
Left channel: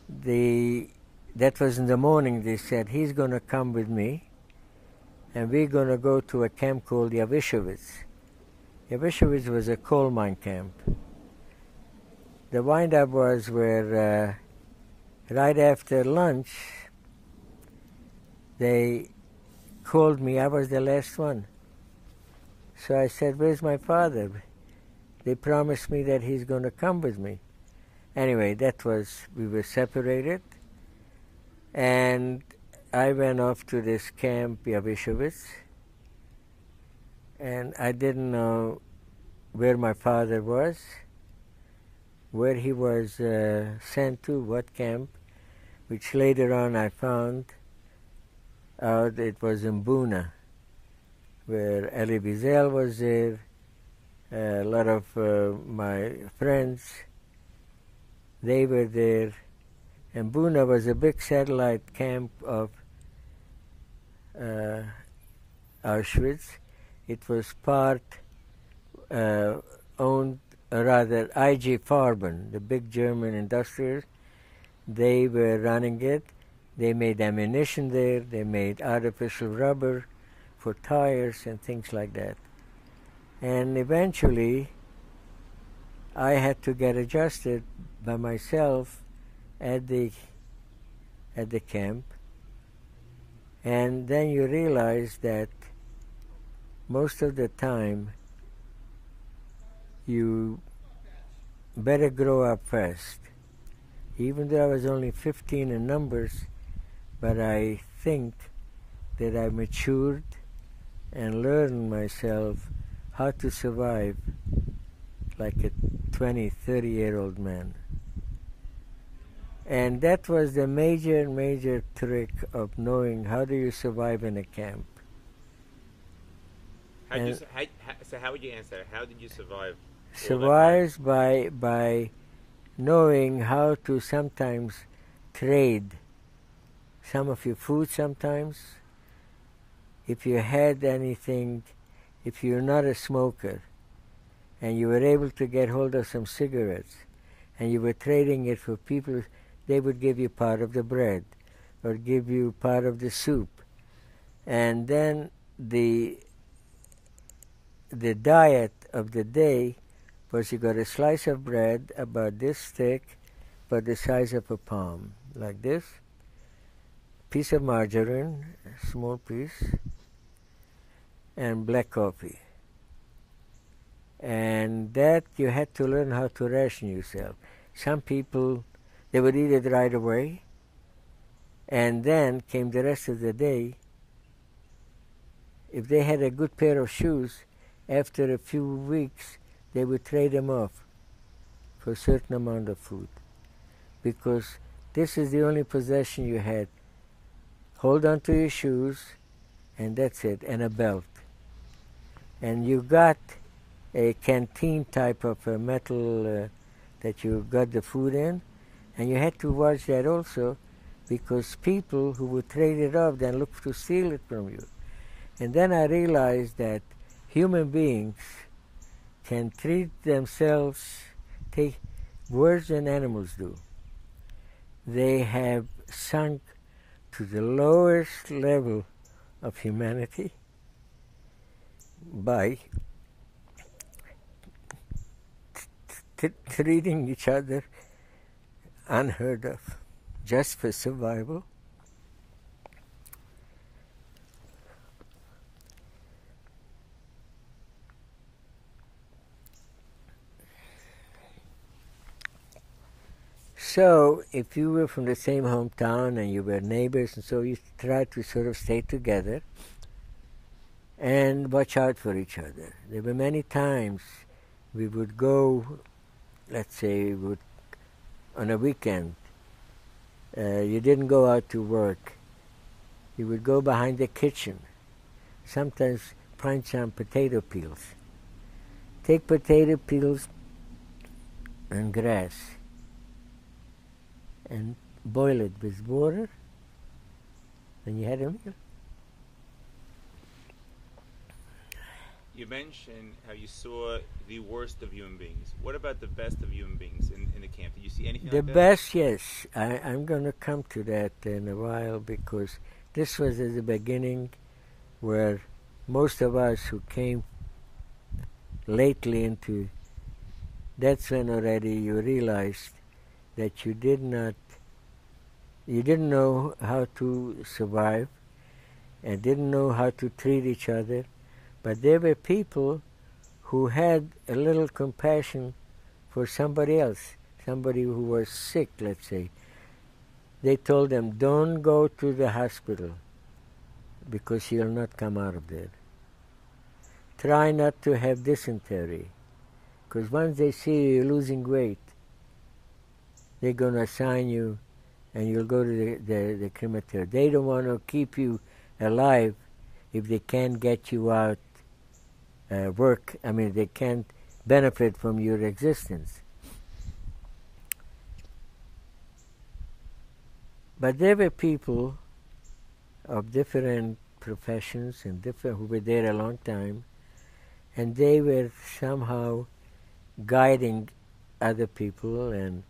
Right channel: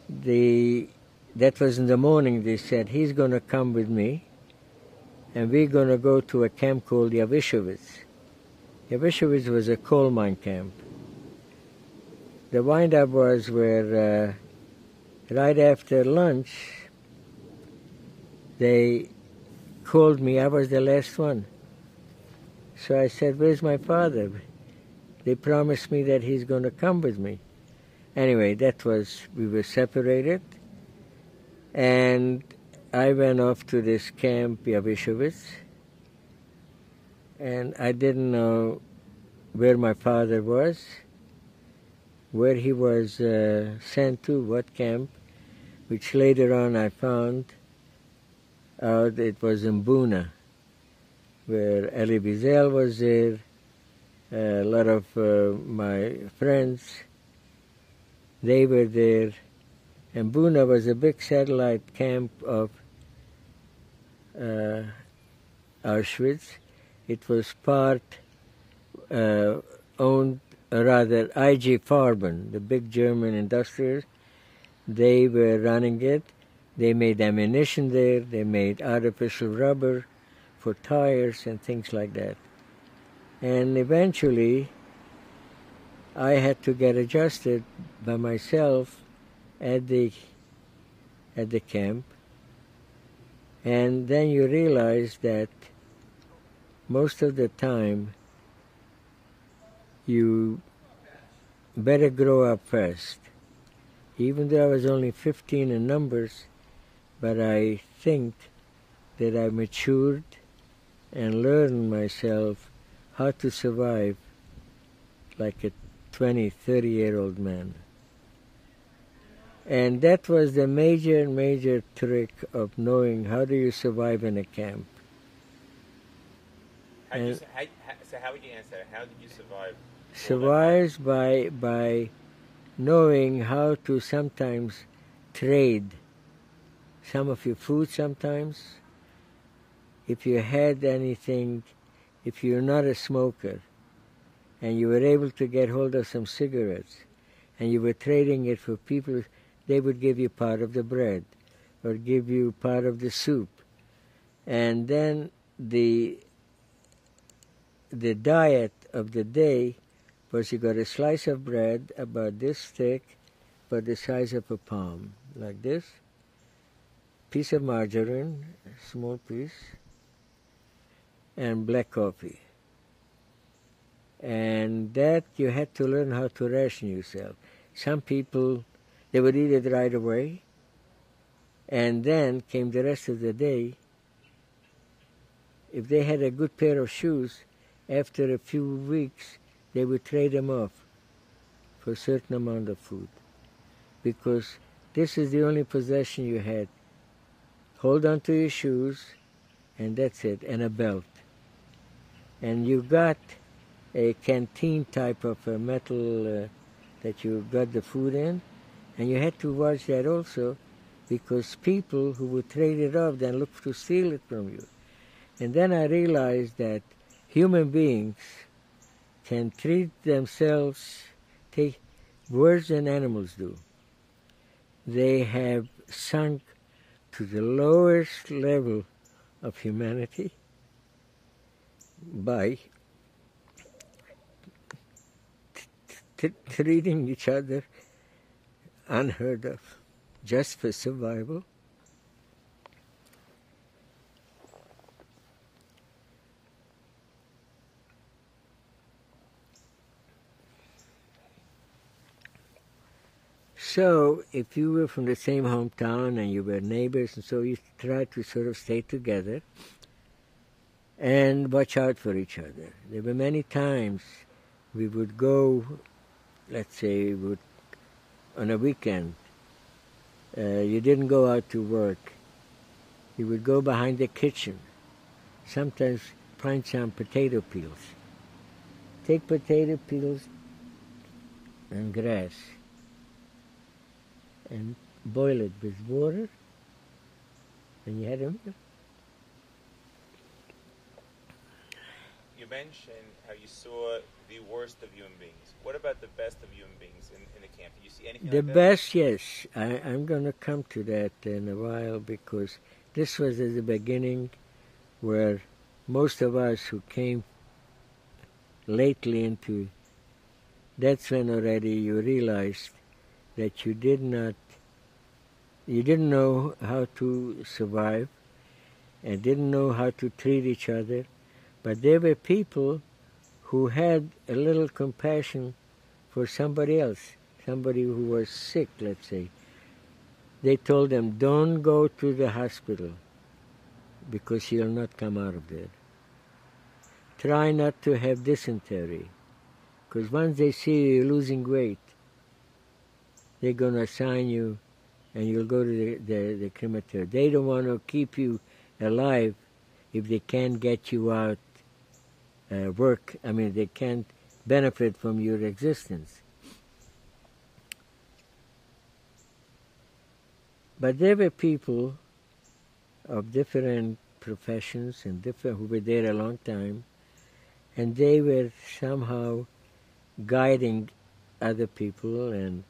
that was in the morning. They said, he's going to come with me, and we're going to go to a camp called Yavishowitz. Yavishowitz was a coal mine camp. The wind-up was where right after lunch, they called me. I was the last one. So I said, "Where's my father?" They promised me that he's going to come with me. Anyway, we were separated. And I went off to this camp, Yavishowitz. And I didn't know where my father was, where he was sent to, what camp, which later on I found out it was in Buna, where Elie Wiesel was there, a lot of my friends, they were there. And Buna was a big satellite camp of Auschwitz. It was part owned, rather, IG Farben, the big German industrialist. They were running it. They made ammunition there. They made artificial rubber for tires and things like that. And eventually, I had to get adjusted by myself at the camp. And then you realize that most of the time, you better grow up fast. Even though I was only 15 in numbers, but I think that I matured and learned myself how to survive like a 20, 30-year-old man. And that was the major trick of knowing how do you survive in a camp. So how would you answer? How did you survive? Survives by knowing how to sometimes trade some of your food sometimes. If you had anything, if you're not a smoker, and you were able to get hold of some cigarettes, and you were trading it for people, they would give you part of the bread, or give you part of the soup. And then the diet of the day was you got a slice of bread about this thick, about the size of a palm, like this, piece of margarine, a small piece, and black coffee. And that you had to learn how to ration yourself. Some people, they would eat it right away, and then came the rest of the day. If they had a good pair of shoes, after a few weeks, they would trade them off for a certain amount of food. Because this is the only possession you had. Hold on to your shoes, and that's it, and a belt. And you got a canteen type of a metal that you got the food in, and you had to watch that also, because people who would trade it off then look to steal it from you. And then I realized that human beings can treat themselves, take worse than animals do. They have sunk to the lowest level of humanity by treating each other unheard of, just for survival. So, if you were from the same hometown and you were neighbors, and so you tried to sort of stay together and watch out for each other. There were many times we would go, let's say, on a weekend. You didn't go out to work. You would go behind the kitchen, sometimes find some potato peels. Take potato peels and grass and boil it with water, and you had a meal. You mentioned how you saw the worst of human beings. What about the best of human beings in the camp? Did you see anything The like that? best, yes. I'm going to come to that in a while, because this was at the beginning where most of us who came lately into, that's when already you realized that you didn't know how to survive and didn't know how to treat each other, but there were people who had a little compassion for somebody else, somebody who was sick, let's say. They told them, don't go to the hospital because you'll not come out of there. Try not to have dysentery, because once they see you losing weight, they're going to assign you and you'll go to the crematorium. They don't want to keep you alive if they can't get you out they can't benefit from your existence. But there were people of different professions and who were there a long time, and they were somehow guiding other people, and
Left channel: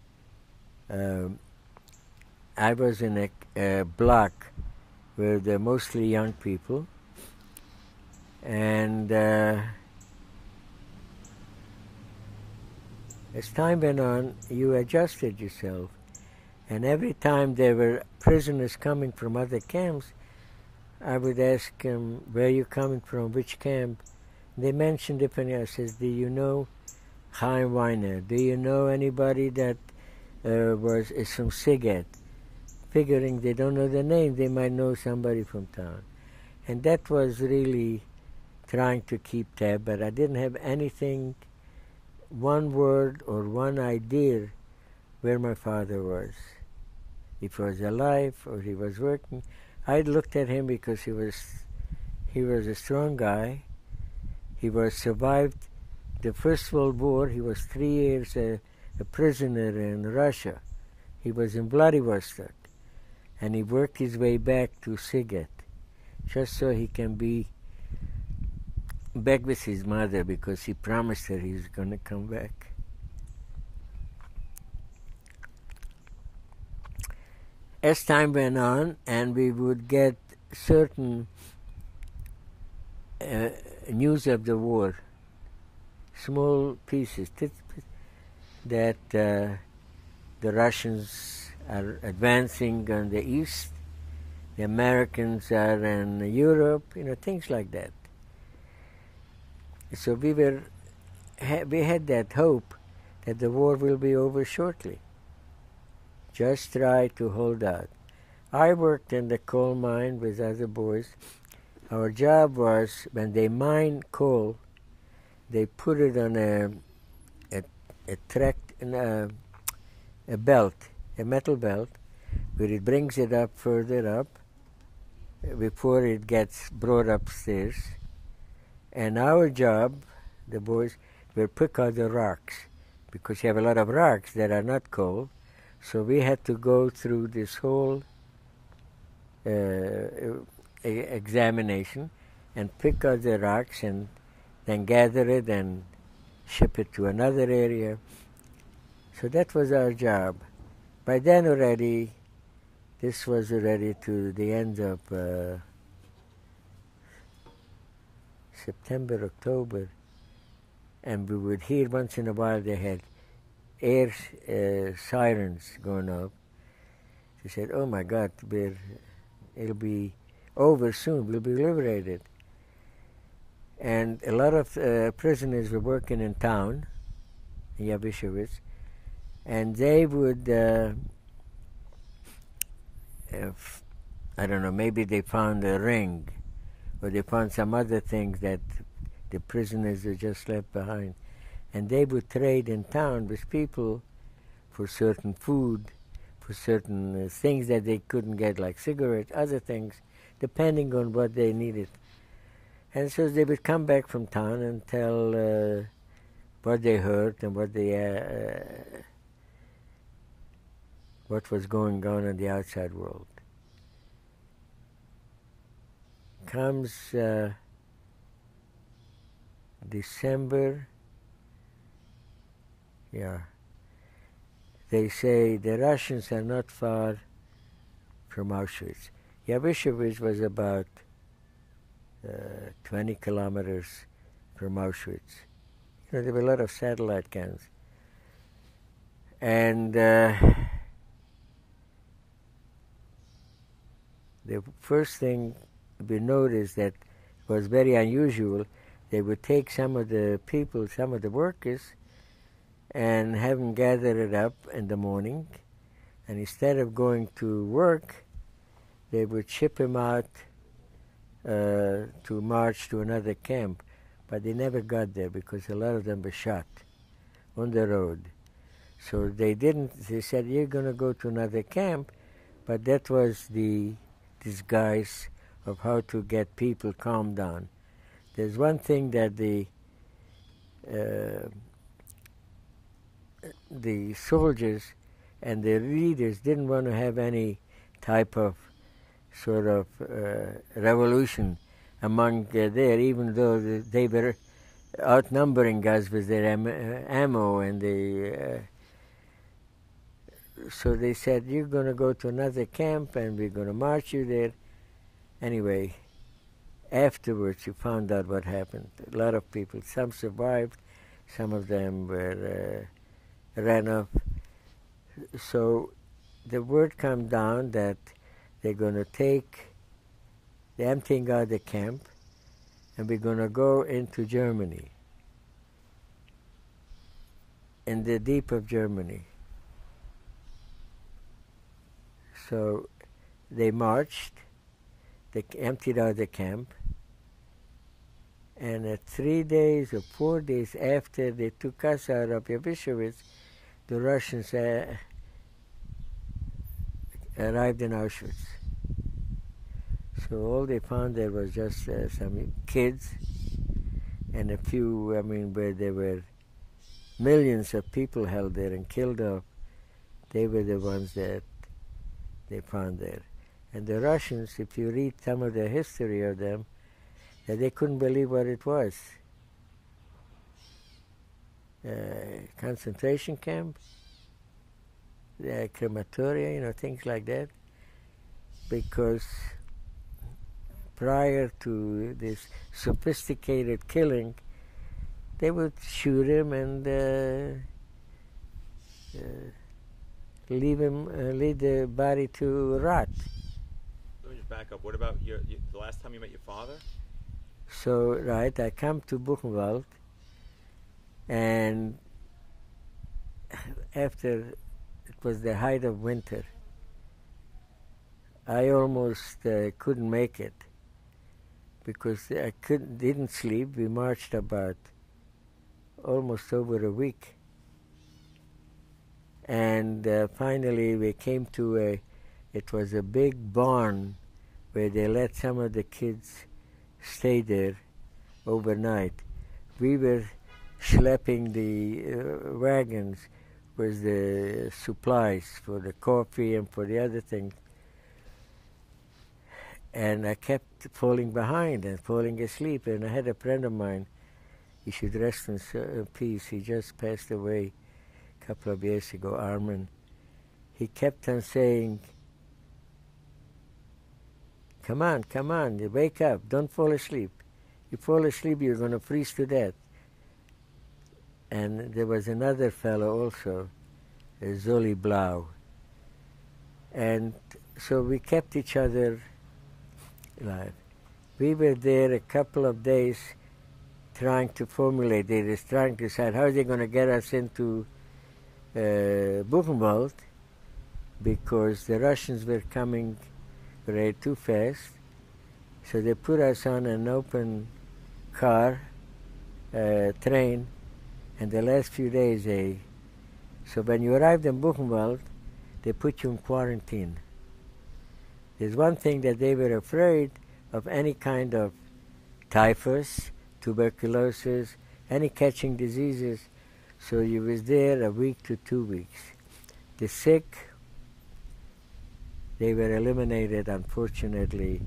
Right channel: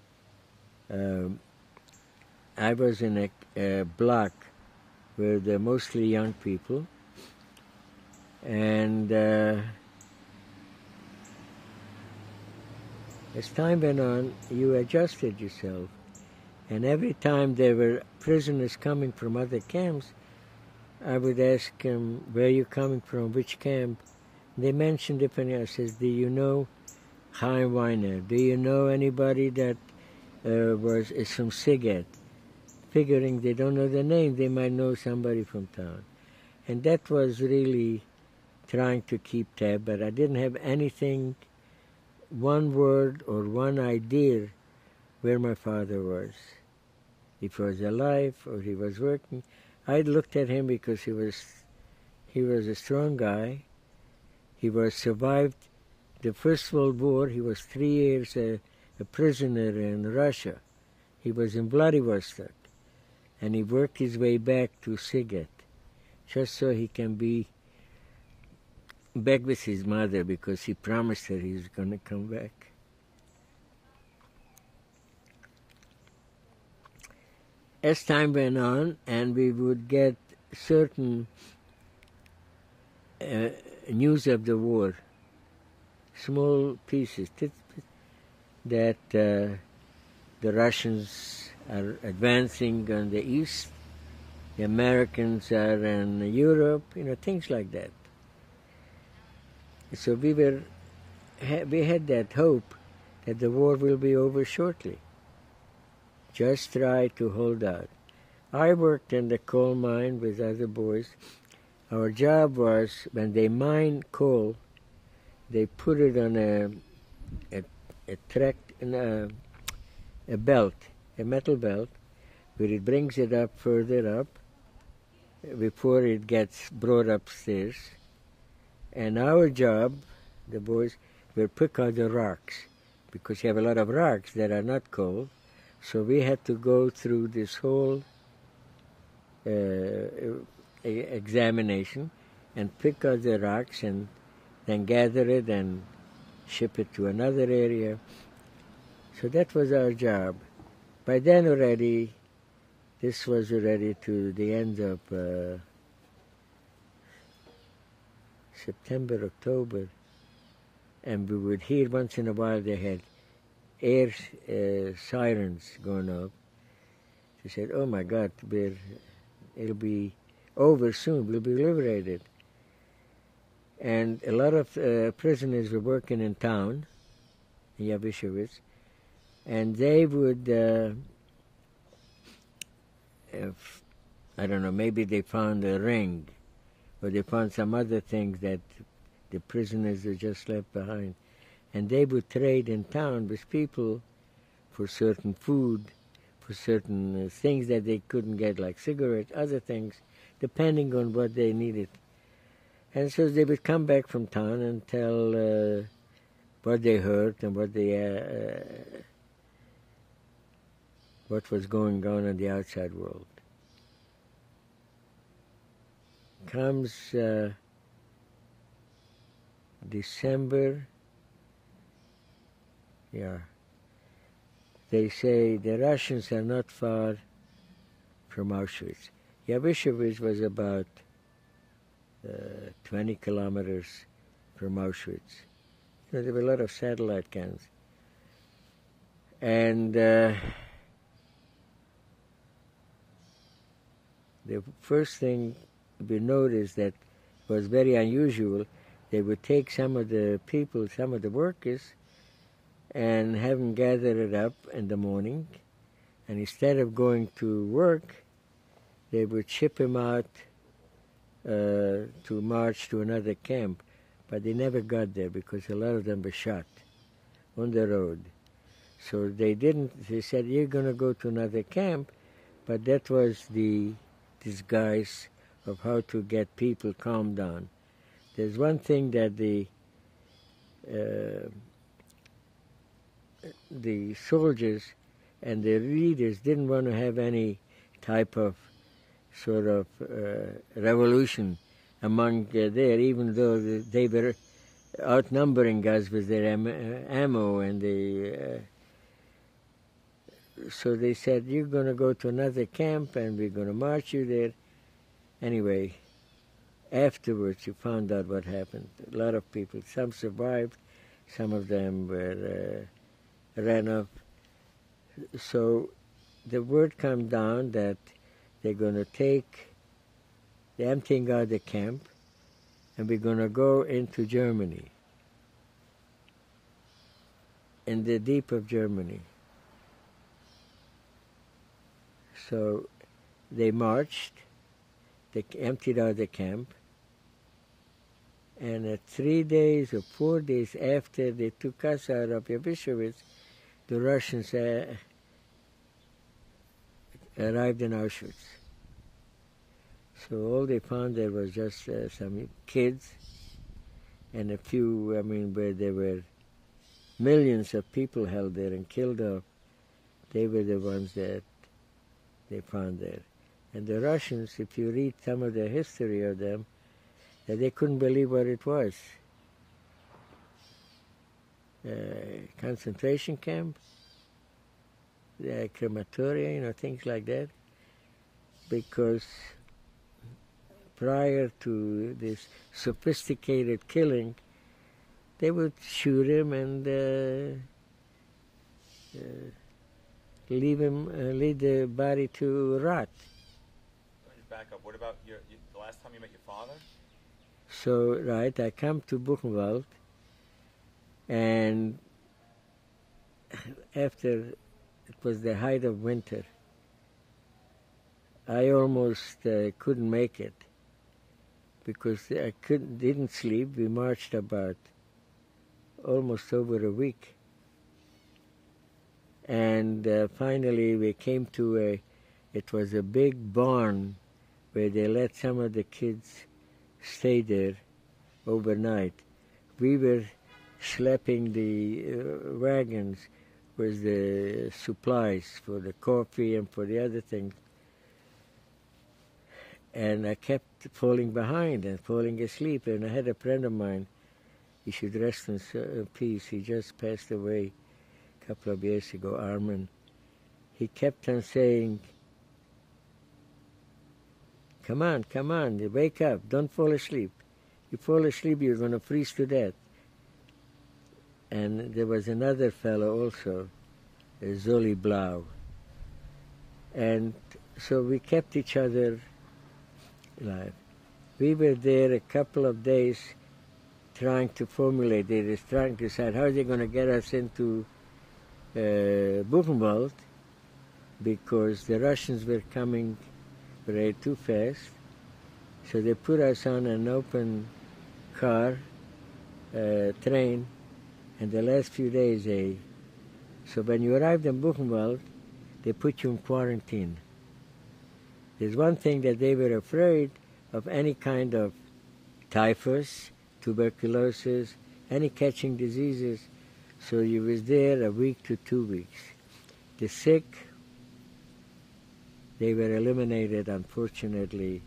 I was in a block where they're mostly young people, and as time went on, you adjusted yourself. And every time there were prisoners coming from other camps, I would ask them, where are you coming from, which camp? They mentioned different. I says, do you know Weiner? Do you know anybody that is from Siget? Figuring they don't know the name, they might know somebody from town. And that was really trying to keep tab, but I didn't have anything, one word or one idea where my father was. If he was alive or he was working. I looked at him because he was a strong guy. He survived the First World War. He was 3 years a prisoner in Russia. He was in Vladivostok, and he worked his way back to Siget, just so he can be back with his mother, because he promised her he was going to come back. As time went on, and we would get certain news of the war, small pieces, that the Russians are advancing on the east, the Americans are in Europe, things like that. So we had that hope that the war will be over shortly. Just try to hold out. I worked in the coal mine with other boys. Our job was, when they mine coal, they put it on a belt, a metal belt, where it brings it up further up before it gets brought upstairs. And our job, the boys, will pick out the rocks, because you have a lot of rocks that are not coal. So we had to go through this whole examination and pick out the rocks and then gather it and ship it to another area. So that was our job. By then already, this was already to the end of September, October, and we would hear once in a while they had air sirens going off. She said, "Oh my God, it'll be over soon. We'll be liberated." And a lot of prisoners were working in town, in Yavishowitz, and they would, I don't know, maybe they found a ring, or they found some other things that the prisoners had just left behind. And they would trade in town with people for certain food, for certain things that they couldn't get, like cigarettes, other things, depending on what they needed. And so they would come back from town and tell what they heard and what was going on in the outside world. Comes December, they say the Russians are not far from Auschwitz. Yavishowitz was about 20 kilometers from Auschwitz. There were a lot of satellite camps. And the first thing we noticed that was very unusual, they would take some of the people, some of the workers, and have them gather it up in the morning, and instead of going to work, they would ship them out to march to another camp, but they never got there because a lot of them were shot on the road. So they said, "You're going to go to another camp," but that was the disguise of how to get people calmed down. There's one thing that the soldiers and the leaders didn't want to have any type of sort of revolution among there, even though they were outnumbering us with their ammo and so they said, "You're going to go to another camp and we're going to march you there." Anyway, afterwards you found out what happened. A lot of people, some survived, some of them ran off. So the word came down that they're going to they're emptying out the camp, and we're going to go into Germany, in the deep of Germany. So they marched, they emptied out the camp, and 3 days or 4 days after they took us out of Yavishowitz, the Russians arrived in Auschwitz. So all they found there was just some kids and a few, where there were millions of people held there and killed off. They were the ones that they found there. And the Russians, if you read some of the history of them, they couldn't believe what it was. Concentration camp, crematoria, things like that. Because prior to this sophisticated killing, they would shoot him and leave the body to rot. Let me just back up. What about the last time you met your father? So, right, I come to Buchenwald, and after it was the height of winter, I almost couldn't make it because I didn't sleep. We marched about almost over a week. And finally we came to it was a big barn where they let some of the kids stay there overnight. We were schlepping the wagons with the supplies for the coffee and for the other things. And I kept falling behind and falling asleep. And I had a friend of mine he should rest in peace. He just passed away a couple of years ago, Armin. He kept on saying, come on, wake up, don't fall asleep. You fall asleep, you're going to freeze to death. And there was another fellow also, Zoli Blau. And so we kept each other alive. We were there a couple of days trying to formulate it, trying to decide how they're going to get us into Buchenwald, because the Russians were coming very too fast. So they put us on an open car, train, and the last few days so when you arrived in Buchenwald, they put you in quarantine. There's one thing that they were afraid of, any kind of typhus, tuberculosis, any catching diseases. So you was there a week to 2 weeks. The sick, they were eliminated, unfortunately,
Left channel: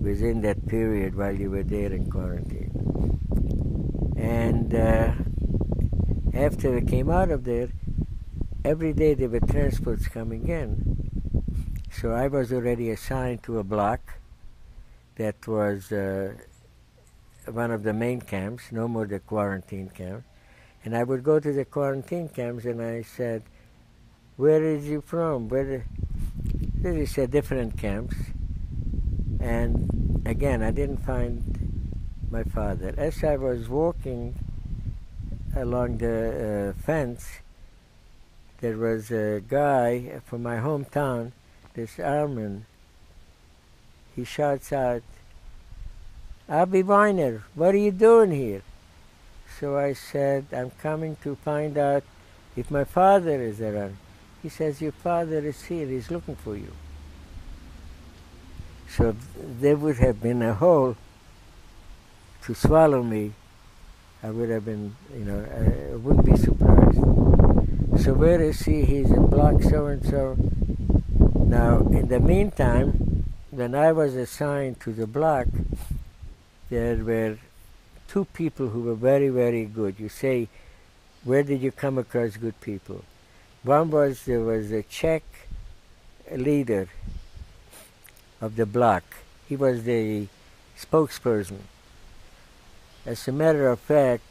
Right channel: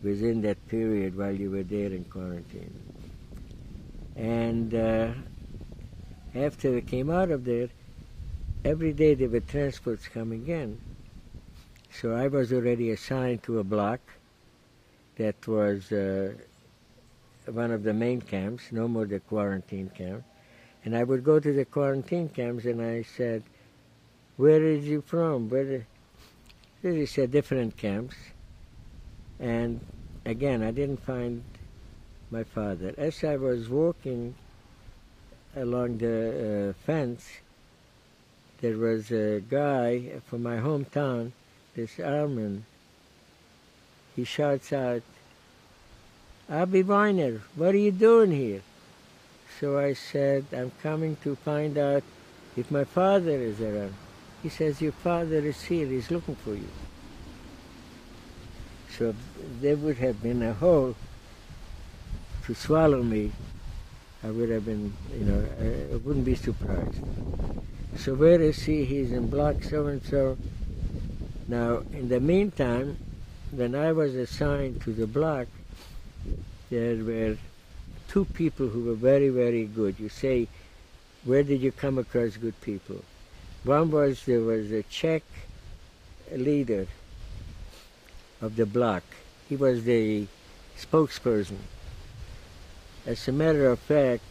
within that period while you were there in quarantine. And after they came out of there, every day there were transports coming in. So I was already assigned to a block that was one of the main camps, no more the quarantine camp. And I would go to the quarantine camps and I said, where is you from? They said different camps. And again, I didn't find my father. As I was walking along the fence, there was a guy from my hometown, this Armin. He shouts out, Abi Weiner, what are you doing here? So I said, I'm coming to find out if my father is around. He says, your father is here, he's looking for you. So there would have been a hole to swallow me. I would have been, I wouldn't be surprised. So where is he? He's in block so-and-so. Now, in the meantime, when I was assigned to the block, there were two people who were very, very good. You say, where did you come across good people? One was, there was a Czech leader of the block. He was the spokesperson. As a matter of fact,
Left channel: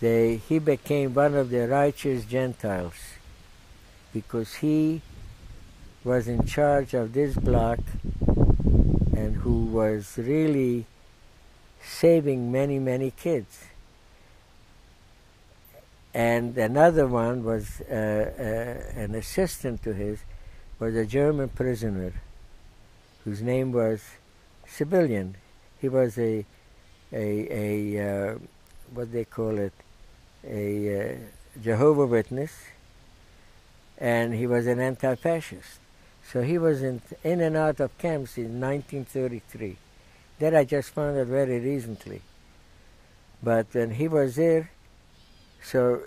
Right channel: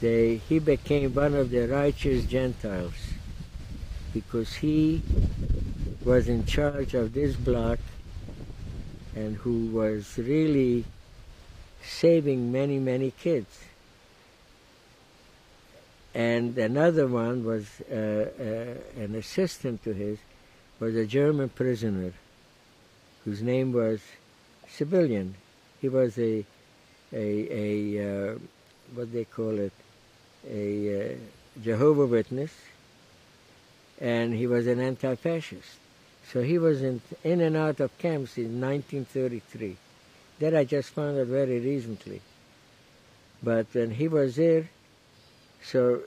he became one of the righteous Gentiles because he was in charge of this block and who was really saving many, many kids. And another one was an assistant to his, was a German prisoner whose name was Civilian. He was a what they call it, a Jehovah's Witness, and he was an anti-fascist. So he was in and out of camps in 1933. That I just found out very recently. But when he was there, so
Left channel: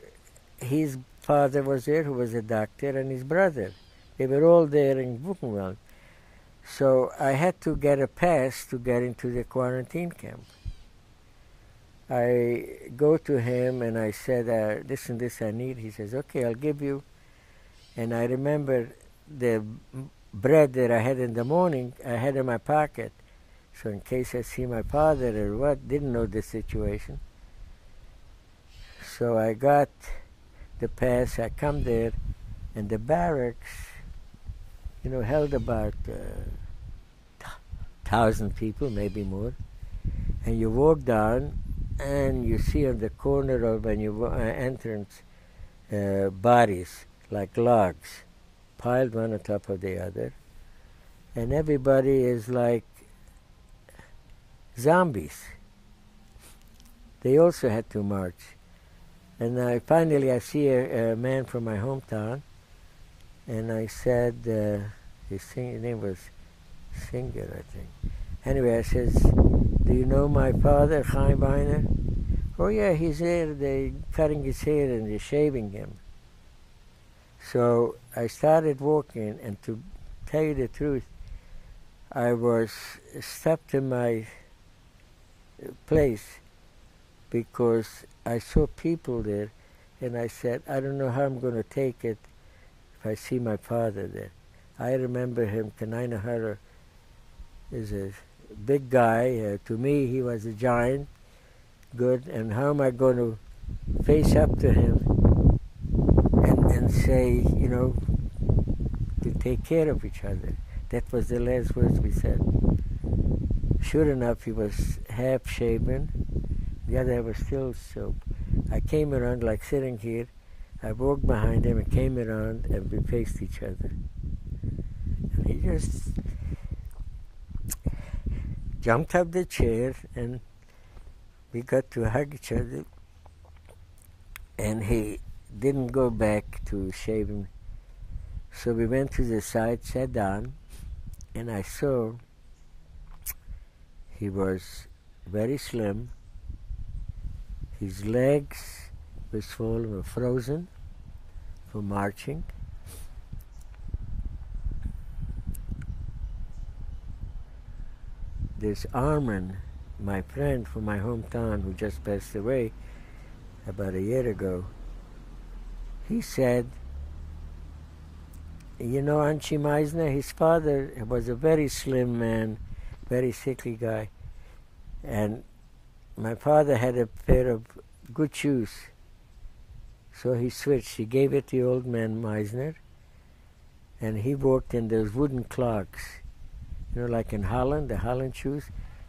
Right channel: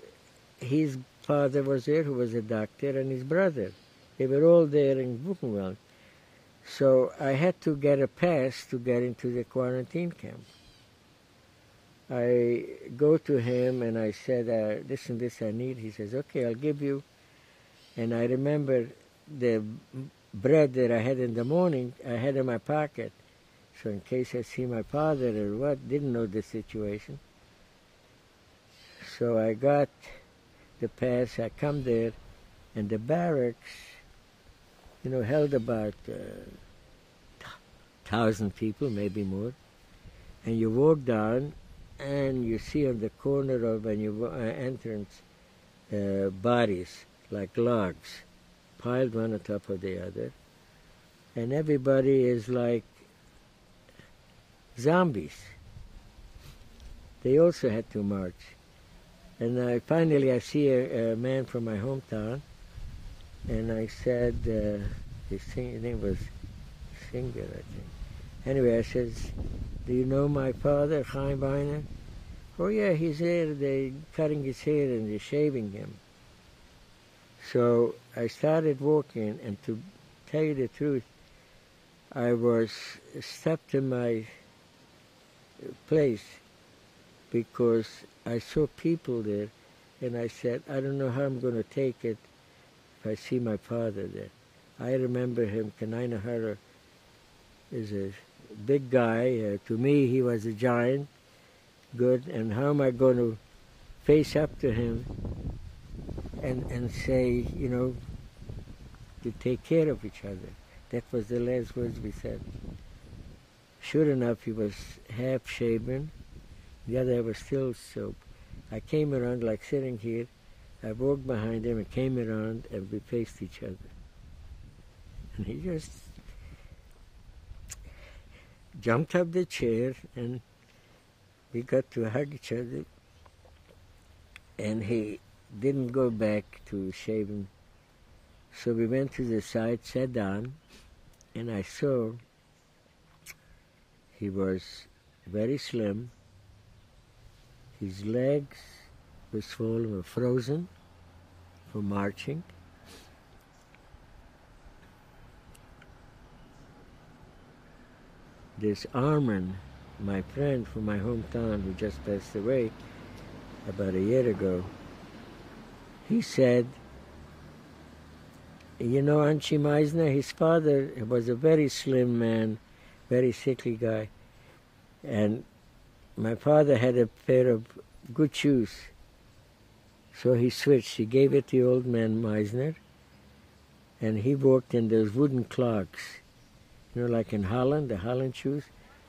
his father was there, who was a doctor, and his brother. They were all there in Buchenwald. So I had to get a pass to get into the quarantine camp. I go to him and I said, this and this I need. He says, okay, I'll give you. And I remember the bread that I had in the morning, I had in my pocket. So in case I see my father or what, didn't know the situation. So I got the pass, I come there, and the barracks, held about 1,000 people, maybe more. And you walk down, and you see on the corner of when you entrance bodies, like logs, piled one on top of the other. And everybody is like zombies. They also had to march. And finally I see a man from my hometown, and I said, his name was Singer, I think. Anyway, I says, do you know my father, Chaim Weiner? Oh yeah, he's there. They're cutting his hair and they're shaving him. So I started walking, and to tell you the truth, I was stopped in my place, because I saw people there, and I said, I don't know how I'm going to take it if I see my father there. I remember him, Kanina Hara is a big guy. To me, he was a giant, good, and how am I going to face up to him and say, you know, to take care of each other? That was the last words we said. Sure enough, he was half shaven, the other was still soap. I came around like sitting here, I walked behind him and came around and we faced each other. And he just jumped up the chair and we got to hug each other, and he didn't go back to shaving. So we went to the side, sat down, and I saw he was very slim. His legs were swollen or frozen from marching. This Armin, my friend from my hometown who just passed away about a year ago, he said, you know, Anchi Meisner, his father was a very slim man, very sickly guy, and my father had a pair of good shoes, so he switched. He gave it to the old man Meisner, and he walked in those wooden clogs, you know, like in Holland, the Holland shoes,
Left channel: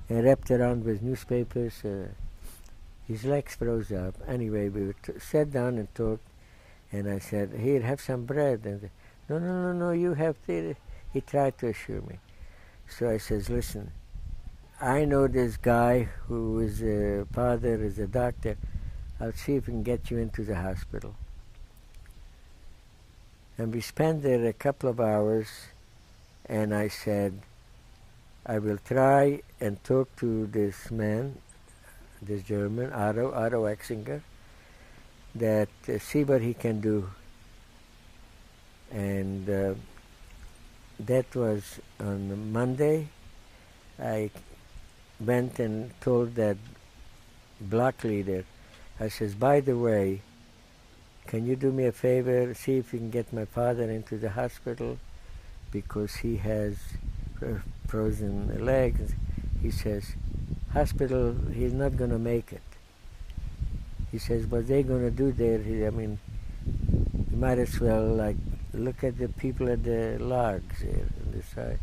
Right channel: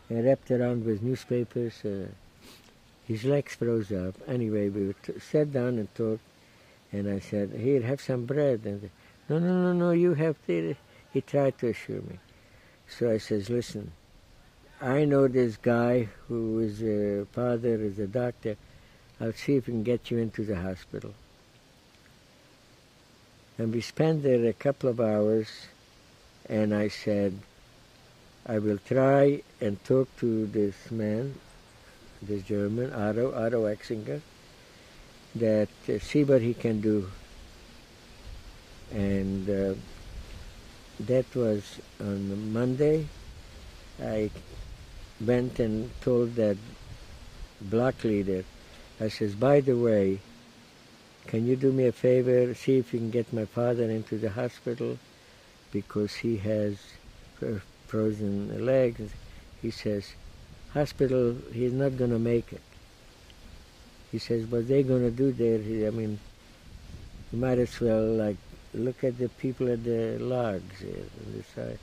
and wrapped around with newspapers. His legs froze up. Anyway, we sat down and talked, and I said, here, have some bread. And no, you have to. He tried to assure me. So I says, listen, I know this guy who is a father, is a doctor. I'll see if we can get you into the hospital. And we spent there a couple of hours, and I said, I will try and talk to this man, this German, Otto Exinger, that see what he can do. And that was on Monday. I went and told that block leader, I says, by the way, can you do me a favor, see if you can get my father into the hospital because he has frozen legs. He says, hospital, he's not going to make it. He says, what they're going to do there, I mean, you might as well, like, look at the people at the logs on the side.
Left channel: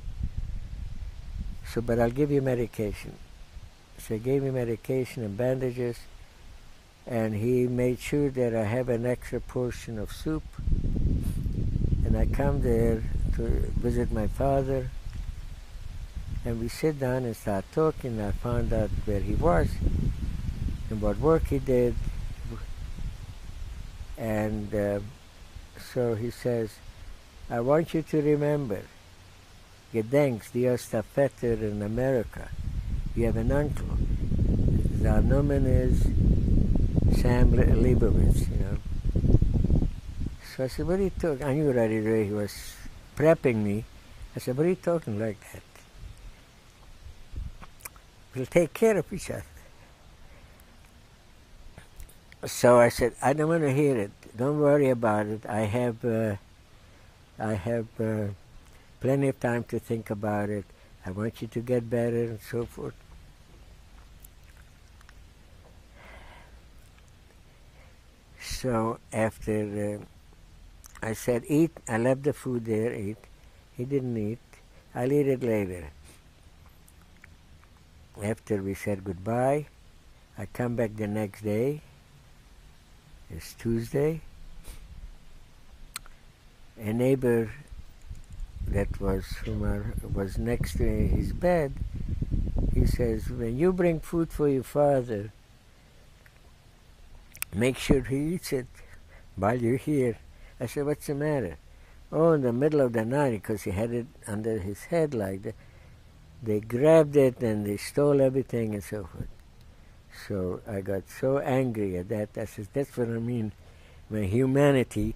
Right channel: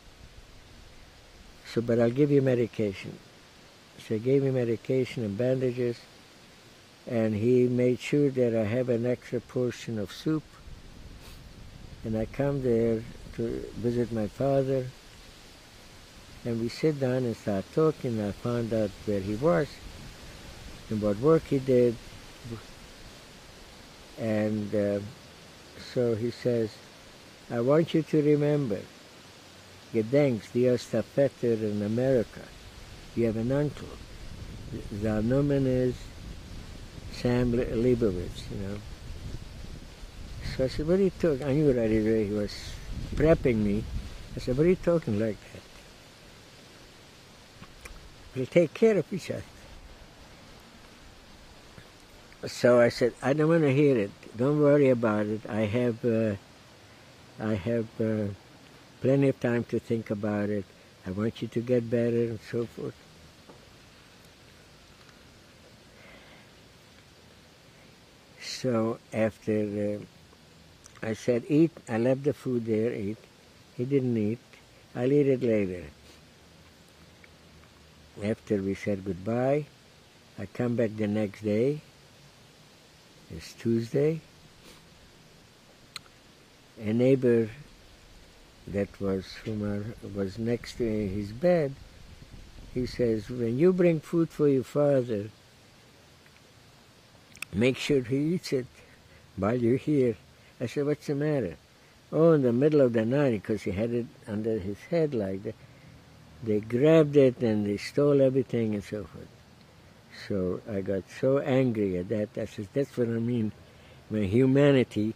So, but I'll give you medication. So I gave him medication and bandages, and he made sure that I have an extra portion of soup. And I come there to visit my father, and we sit down and start talking. I found out where he was and what work he did. And so he says, I want you to remember, gedenkst, die hast a Vetter in America. You have an uncle. The nomen is Sam Leibowitz, you know. So I said, what are you talking? I knew right away he was prepping me. I said, what are you talking like that? We'll take care of each other. So I said, I don't want to hear it. Don't worry about it. I have plenty of time to think about it. I want you to get better and so forth. So after I said, eat, I left the food there, eat. He didn't eat. I'll eat it later. After we said goodbye, I come back the next day. It's Tuesday. A neighbor that was next to his bed, he says, when you bring food for your father, make sure he eats it while you're here. I said, what's the matter? Oh, in the middle of the night, because he had it under his head like that, they grabbed it and they stole everything and so forth. So I got so angry at that. I said, that's what I mean when humanity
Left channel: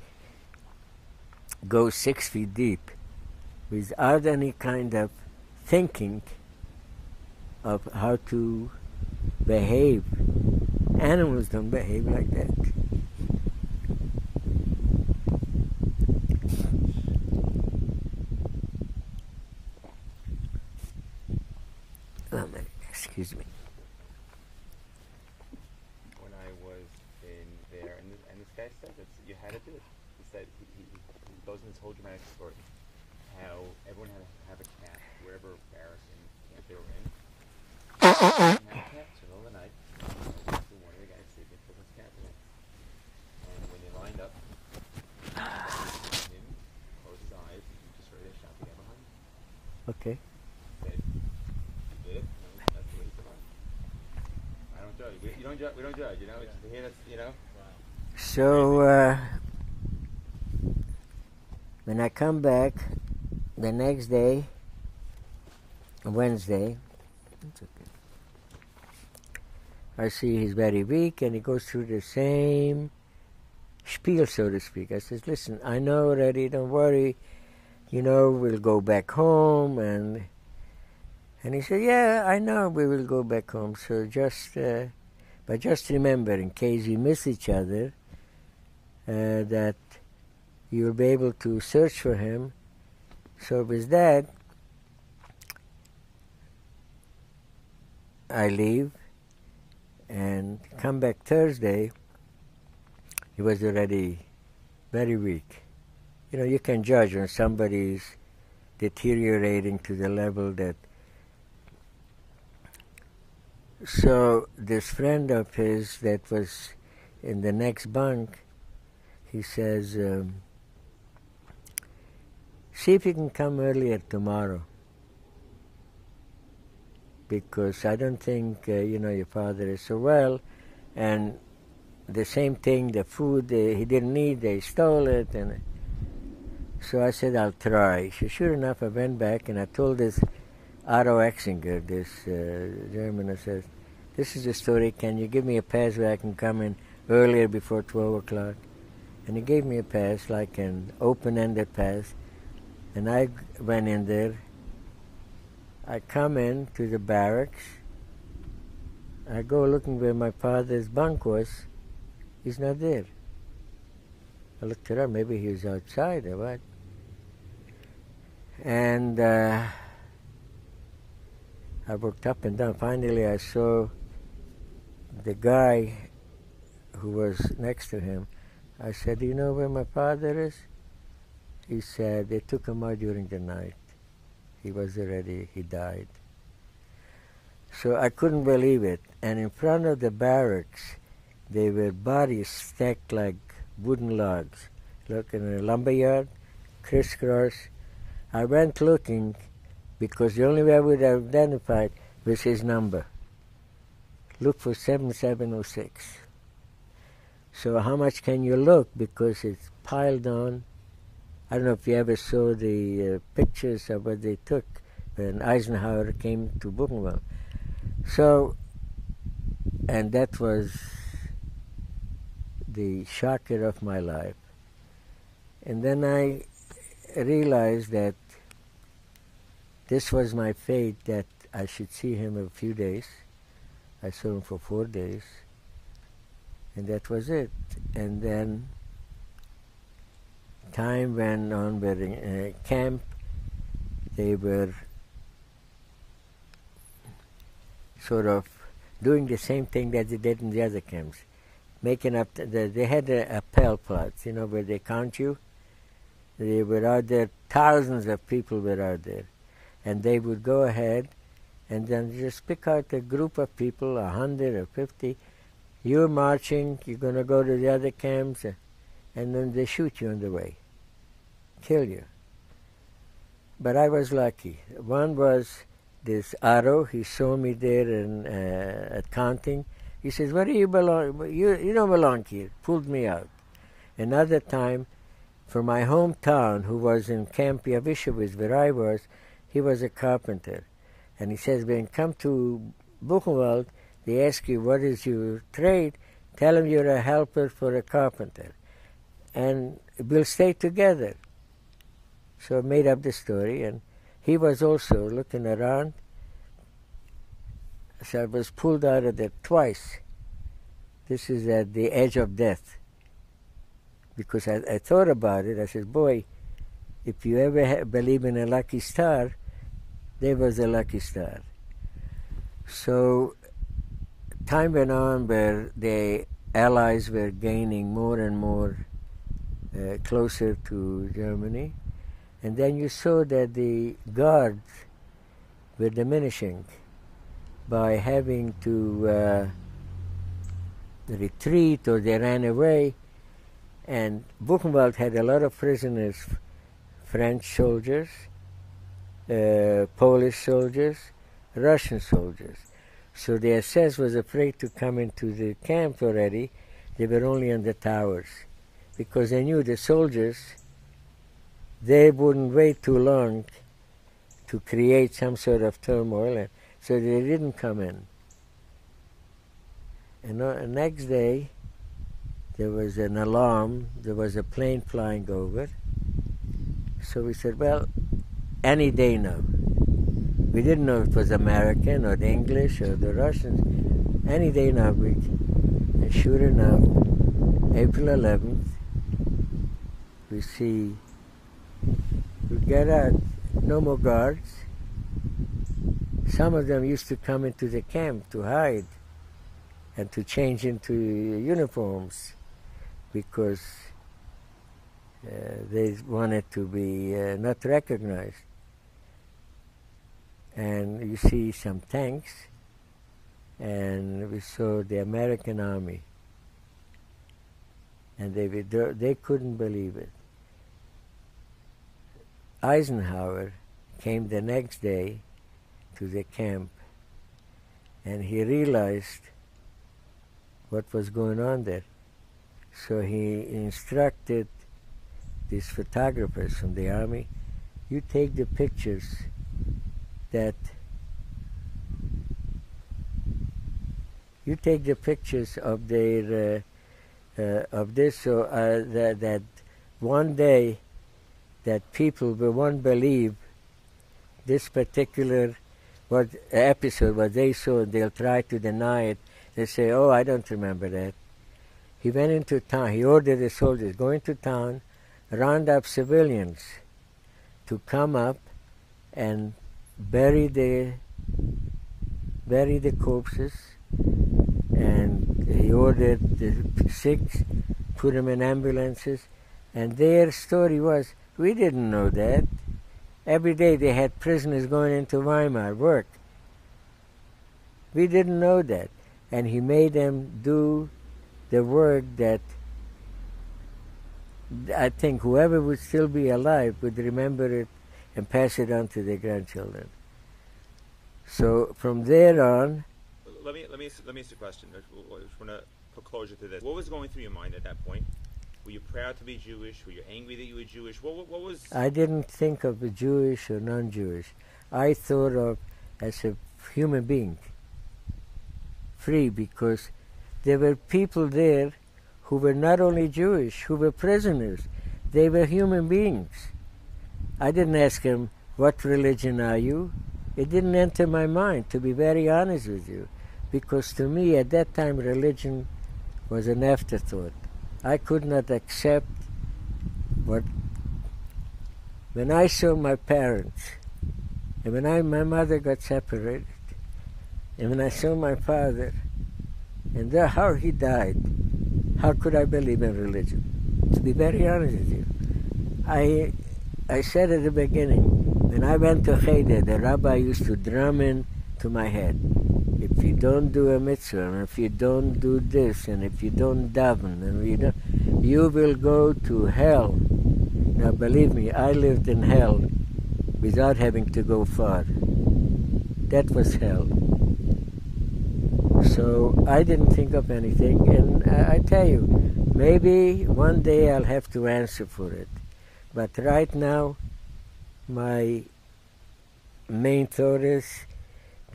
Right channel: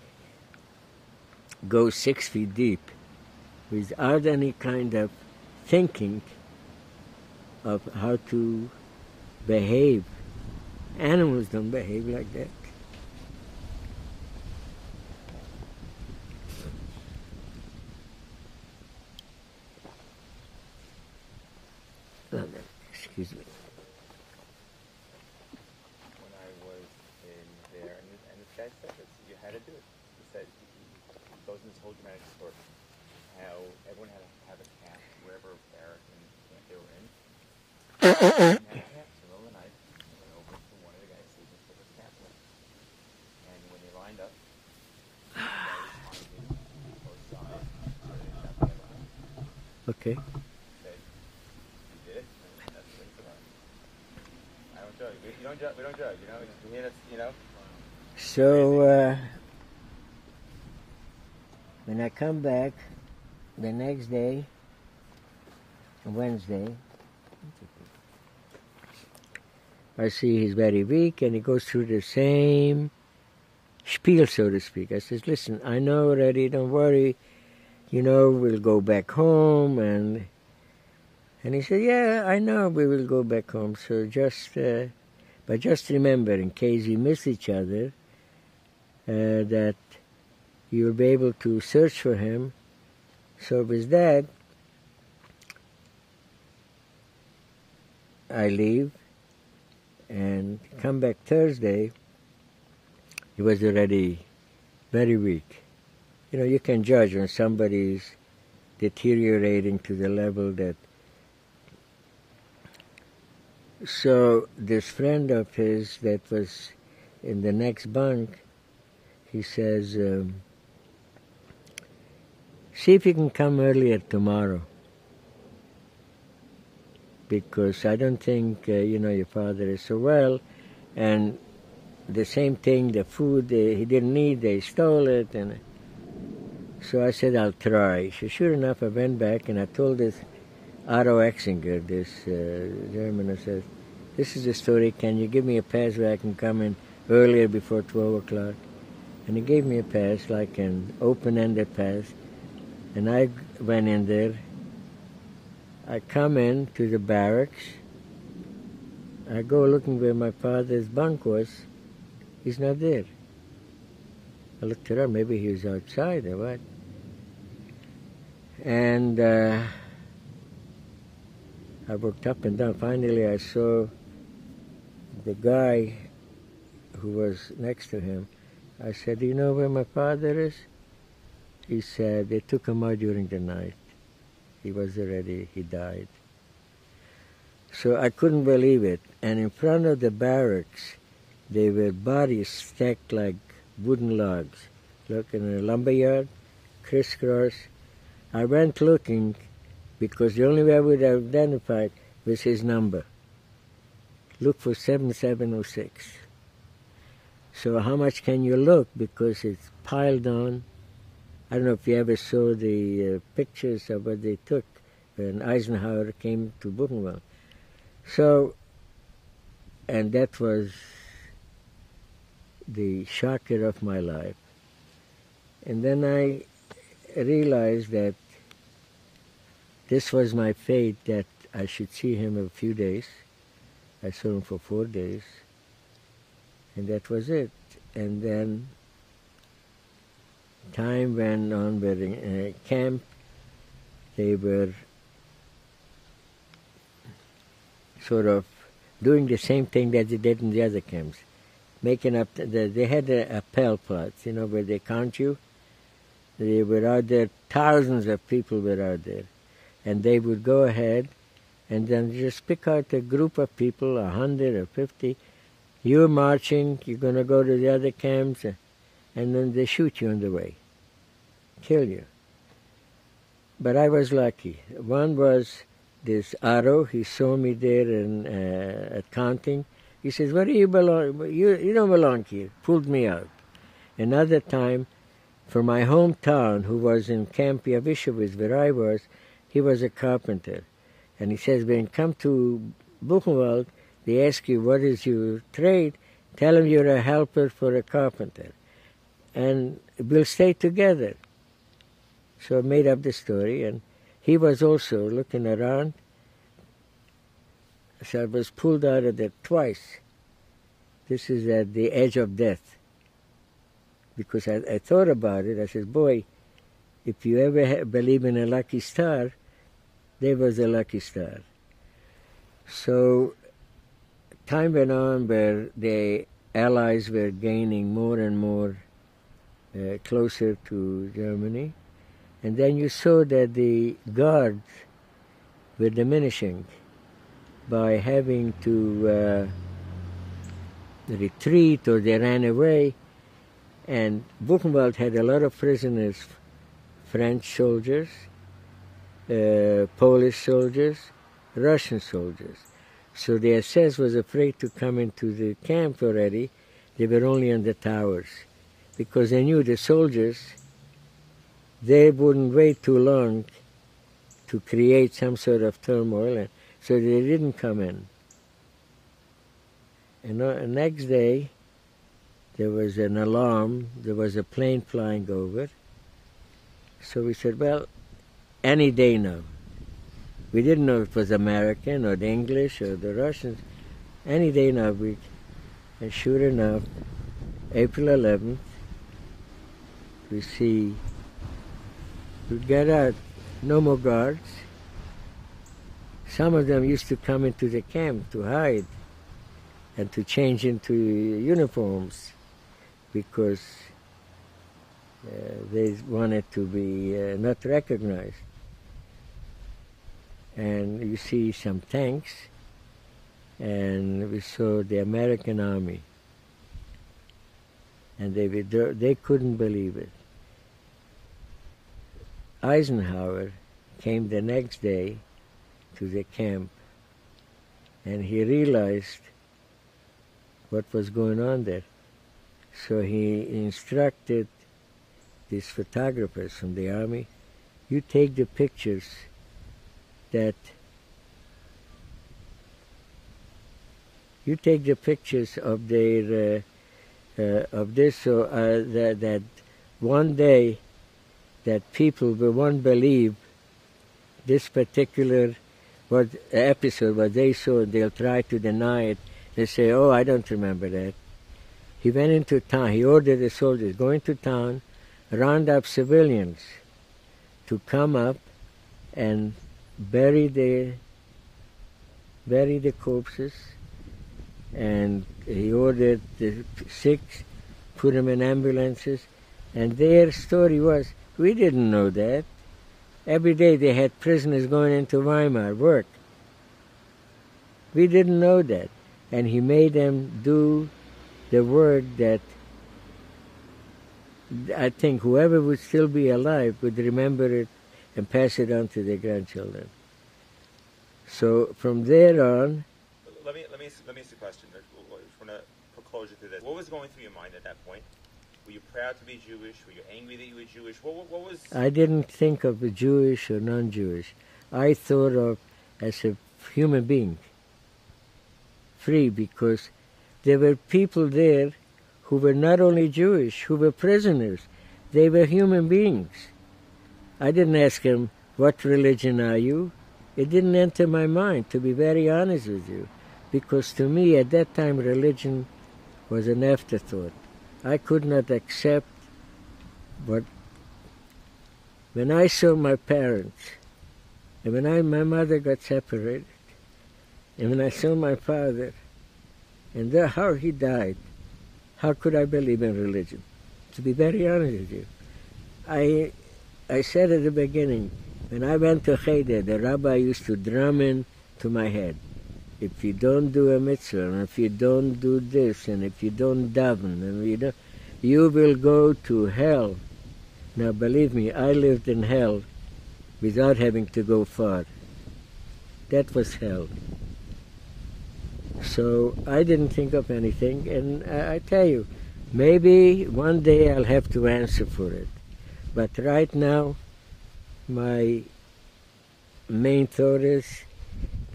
goes 6 feet deep without any kind of thinking of how to behave Animals don't behave like that. Oh, man, excuse me. When I was in there, and this guy said that you had to do it. He said he goes into this whole dramatic story, how everyone had to have a cat wherever barracks and they were in. And that cat, in the middle of the night, over to one of the guys sleeping with his cat. And when they lined up, both sides, started shouting around. Okay. We don't judge, you know. You know. So when I come back the next day, Wednesday, I see he's very weak, and he goes through the same spiel, so to speak. I says, "Listen, I know already. Don't worry. You know, we'll go back home." And he said, "Yeah, I know we will go back home. So but just remember, in case you miss each other, that you'll be able to search for him." So with that, I leave and come back Thursday. He was already very weak. You know, you can judge when somebody's deteriorating to the level that. So this friend of his that was in the next bunk, he says, "See if you can come earlier tomorrow, because I don't think, your father is so well, and the same thing, the food he didn't need, they stole it." And so I said, "I'll try." So sure enough, I went back and I told this Otto Exinger, this German, I said, "This is the story. Can you give me a pass where I can come in earlier before 12 o'clock? And he gave me a pass, like an open-ended pass. And I went in there. I come in to the barracks. I go looking where my father's bunk was. He's not there. I looked around. Maybe he was outside or what. And I walked up and down. Finally, I saw the guy who was next to him. I said, "Do you know where my father is?" He said, "They took him out during the night. He died." So I couldn't believe it. And in front of the barracks, there were bodies stacked like wooden logs. Look, in a lumberyard, crisscross. I went looking, because the only way I would have identified was his number. Look for 7706. So how much can you look? Because it's piled on. I don't know if you ever saw the pictures of what they took when Eisenhower came to Buchenwald. So, and that was the shocker of my life. And then I realized that this was my fate, that I should see him in a few days. I saw him for 4 days, and that was it. And then time went on. We're in a camp. They were sort of doing the same thing that they did in the other camps, making up. They had a appel plots, where they count you. They were out there. Thousands of people were out there. And they would go ahead and then just pick out a group of people, 100 or 50. You're marching, you're going to go to the other camps, and then they shoot you on the way, kill you. But I was lucky. One was this Otto. He saw me there at counting. He says, "Where do you belong? You don't belong here." Pulled me out. Another time, for my hometown, who was in Camp Yavishowitz, where I was, he was a carpenter. And he says, "When you come to Buchenwald, they ask you, what is your trade? Tell them you're a helper for a carpenter. And we'll stay together." So I made up the story, and he was also looking around. So I was pulled out of there twice. This is at the edge of death. Because I thought about it. I said, boy, if you ever believe in a lucky star, there was a lucky star. So time went on where the Allies were gaining more and more closer to Germany. And then you saw that the guards were diminishing by having to retreat, or they ran away. And Buchenwald had a lot of prisoners, French soldiers, Polish soldiers, Russian soldiers. So the SS was afraid to come into the camp already. They were only on the towers, because they knew the soldiers, they wouldn't wait too long to create some sort of turmoil, and so they didn't come in. And the next day, there was an alarm. There was a plane flying over. So we said, well, any day now. We didn't know if it was American or the English or the Russians. Any day now. And sure enough, April 11th, we get out, no more guards. Some of them used to come into the camp to hide and to change into uniforms, because they wanted to be not recognized. And you see some tanks, and we saw the American army, and they couldn't believe it. Eisenhower came the next day to the camp, and he realized what was going on there. So he instructed these photographers from the army, you take the pictures of their of this, so that one day that people won't believe this particular episode, what they saw, they'll try to deny it. They say, oh, I don't remember that. He went into town, he ordered the soldiers, go into town, round up civilians to come up and bury the corpses, and he ordered the sick, put them in ambulances, and their story was, we didn't know that. Every day they had prisoners going into Weimar, work. We didn't know that. And he made them do the work that I think whoever would still be alive would remember it and pass it on to their grandchildren. So from there on... Let me ask you a question. We're going to put closure to this. What was going through your mind at that point? Were you proud to be Jewish? Were you angry that you were Jewish? What was... I didn't think of a Jewish or non-Jewish. I thought of as a human being, free, because there were people there who were not only Jewish, who were prisoners. They were human beings. I didn't ask them, what religion are you? It didn't enter my mind, to be very honest with you, because to me at that time religion was an afterthought. I could not accept what... When I saw my parents, and when my mother got separated, and when I saw my father, and how he died, how could I believe in religion? To be very honest with you. I said at the beginning, when I went to Cheder, the rabbi used to drum in to my head, if you don't do a mitzvah, and if you don't do this, and if you don't daven, and you will go to hell. Now believe me, I lived in hell without having to go far. That was hell. So I didn't think of anything, and I tell you, maybe one day I'll have to answer for it. But right now, my main thought is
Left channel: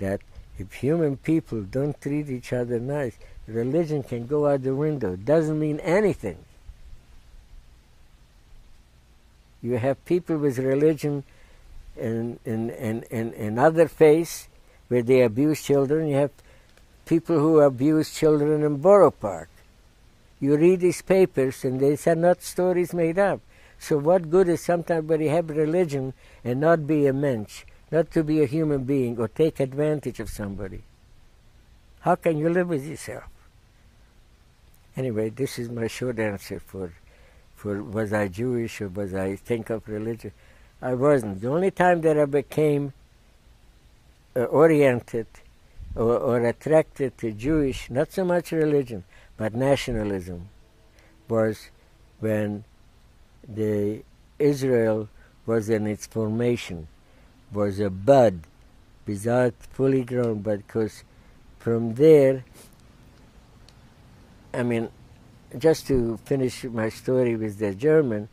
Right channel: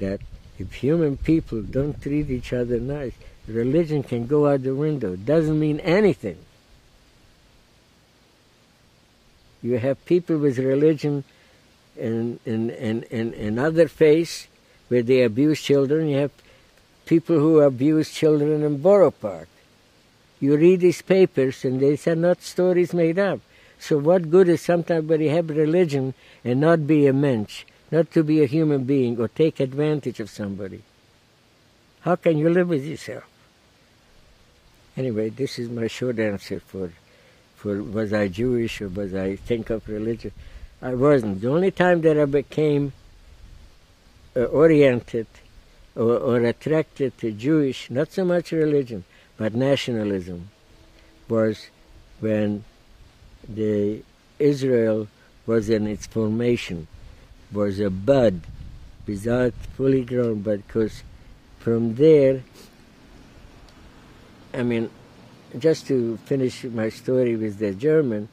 that if human people don't treat each other nice, religion can go out the window. It doesn't mean anything. You have people with religion in other faiths where they abuse children. You have people who abuse children in Borough Park. You read these papers and these are not stories made up. So what good is somebody have religion and not be a mensch, not to be a human being or take advantage of somebody? How can you live with yourself? Anyway, this is my short answer for was I Jewish or was I think of religion? I wasn't. The only time that I became oriented or attracted to Jewish, not so much religion, but nationalism, was when the Israel was in its formation, was a bud, without fully grown, but because from there, I mean, just to finish my story with the German,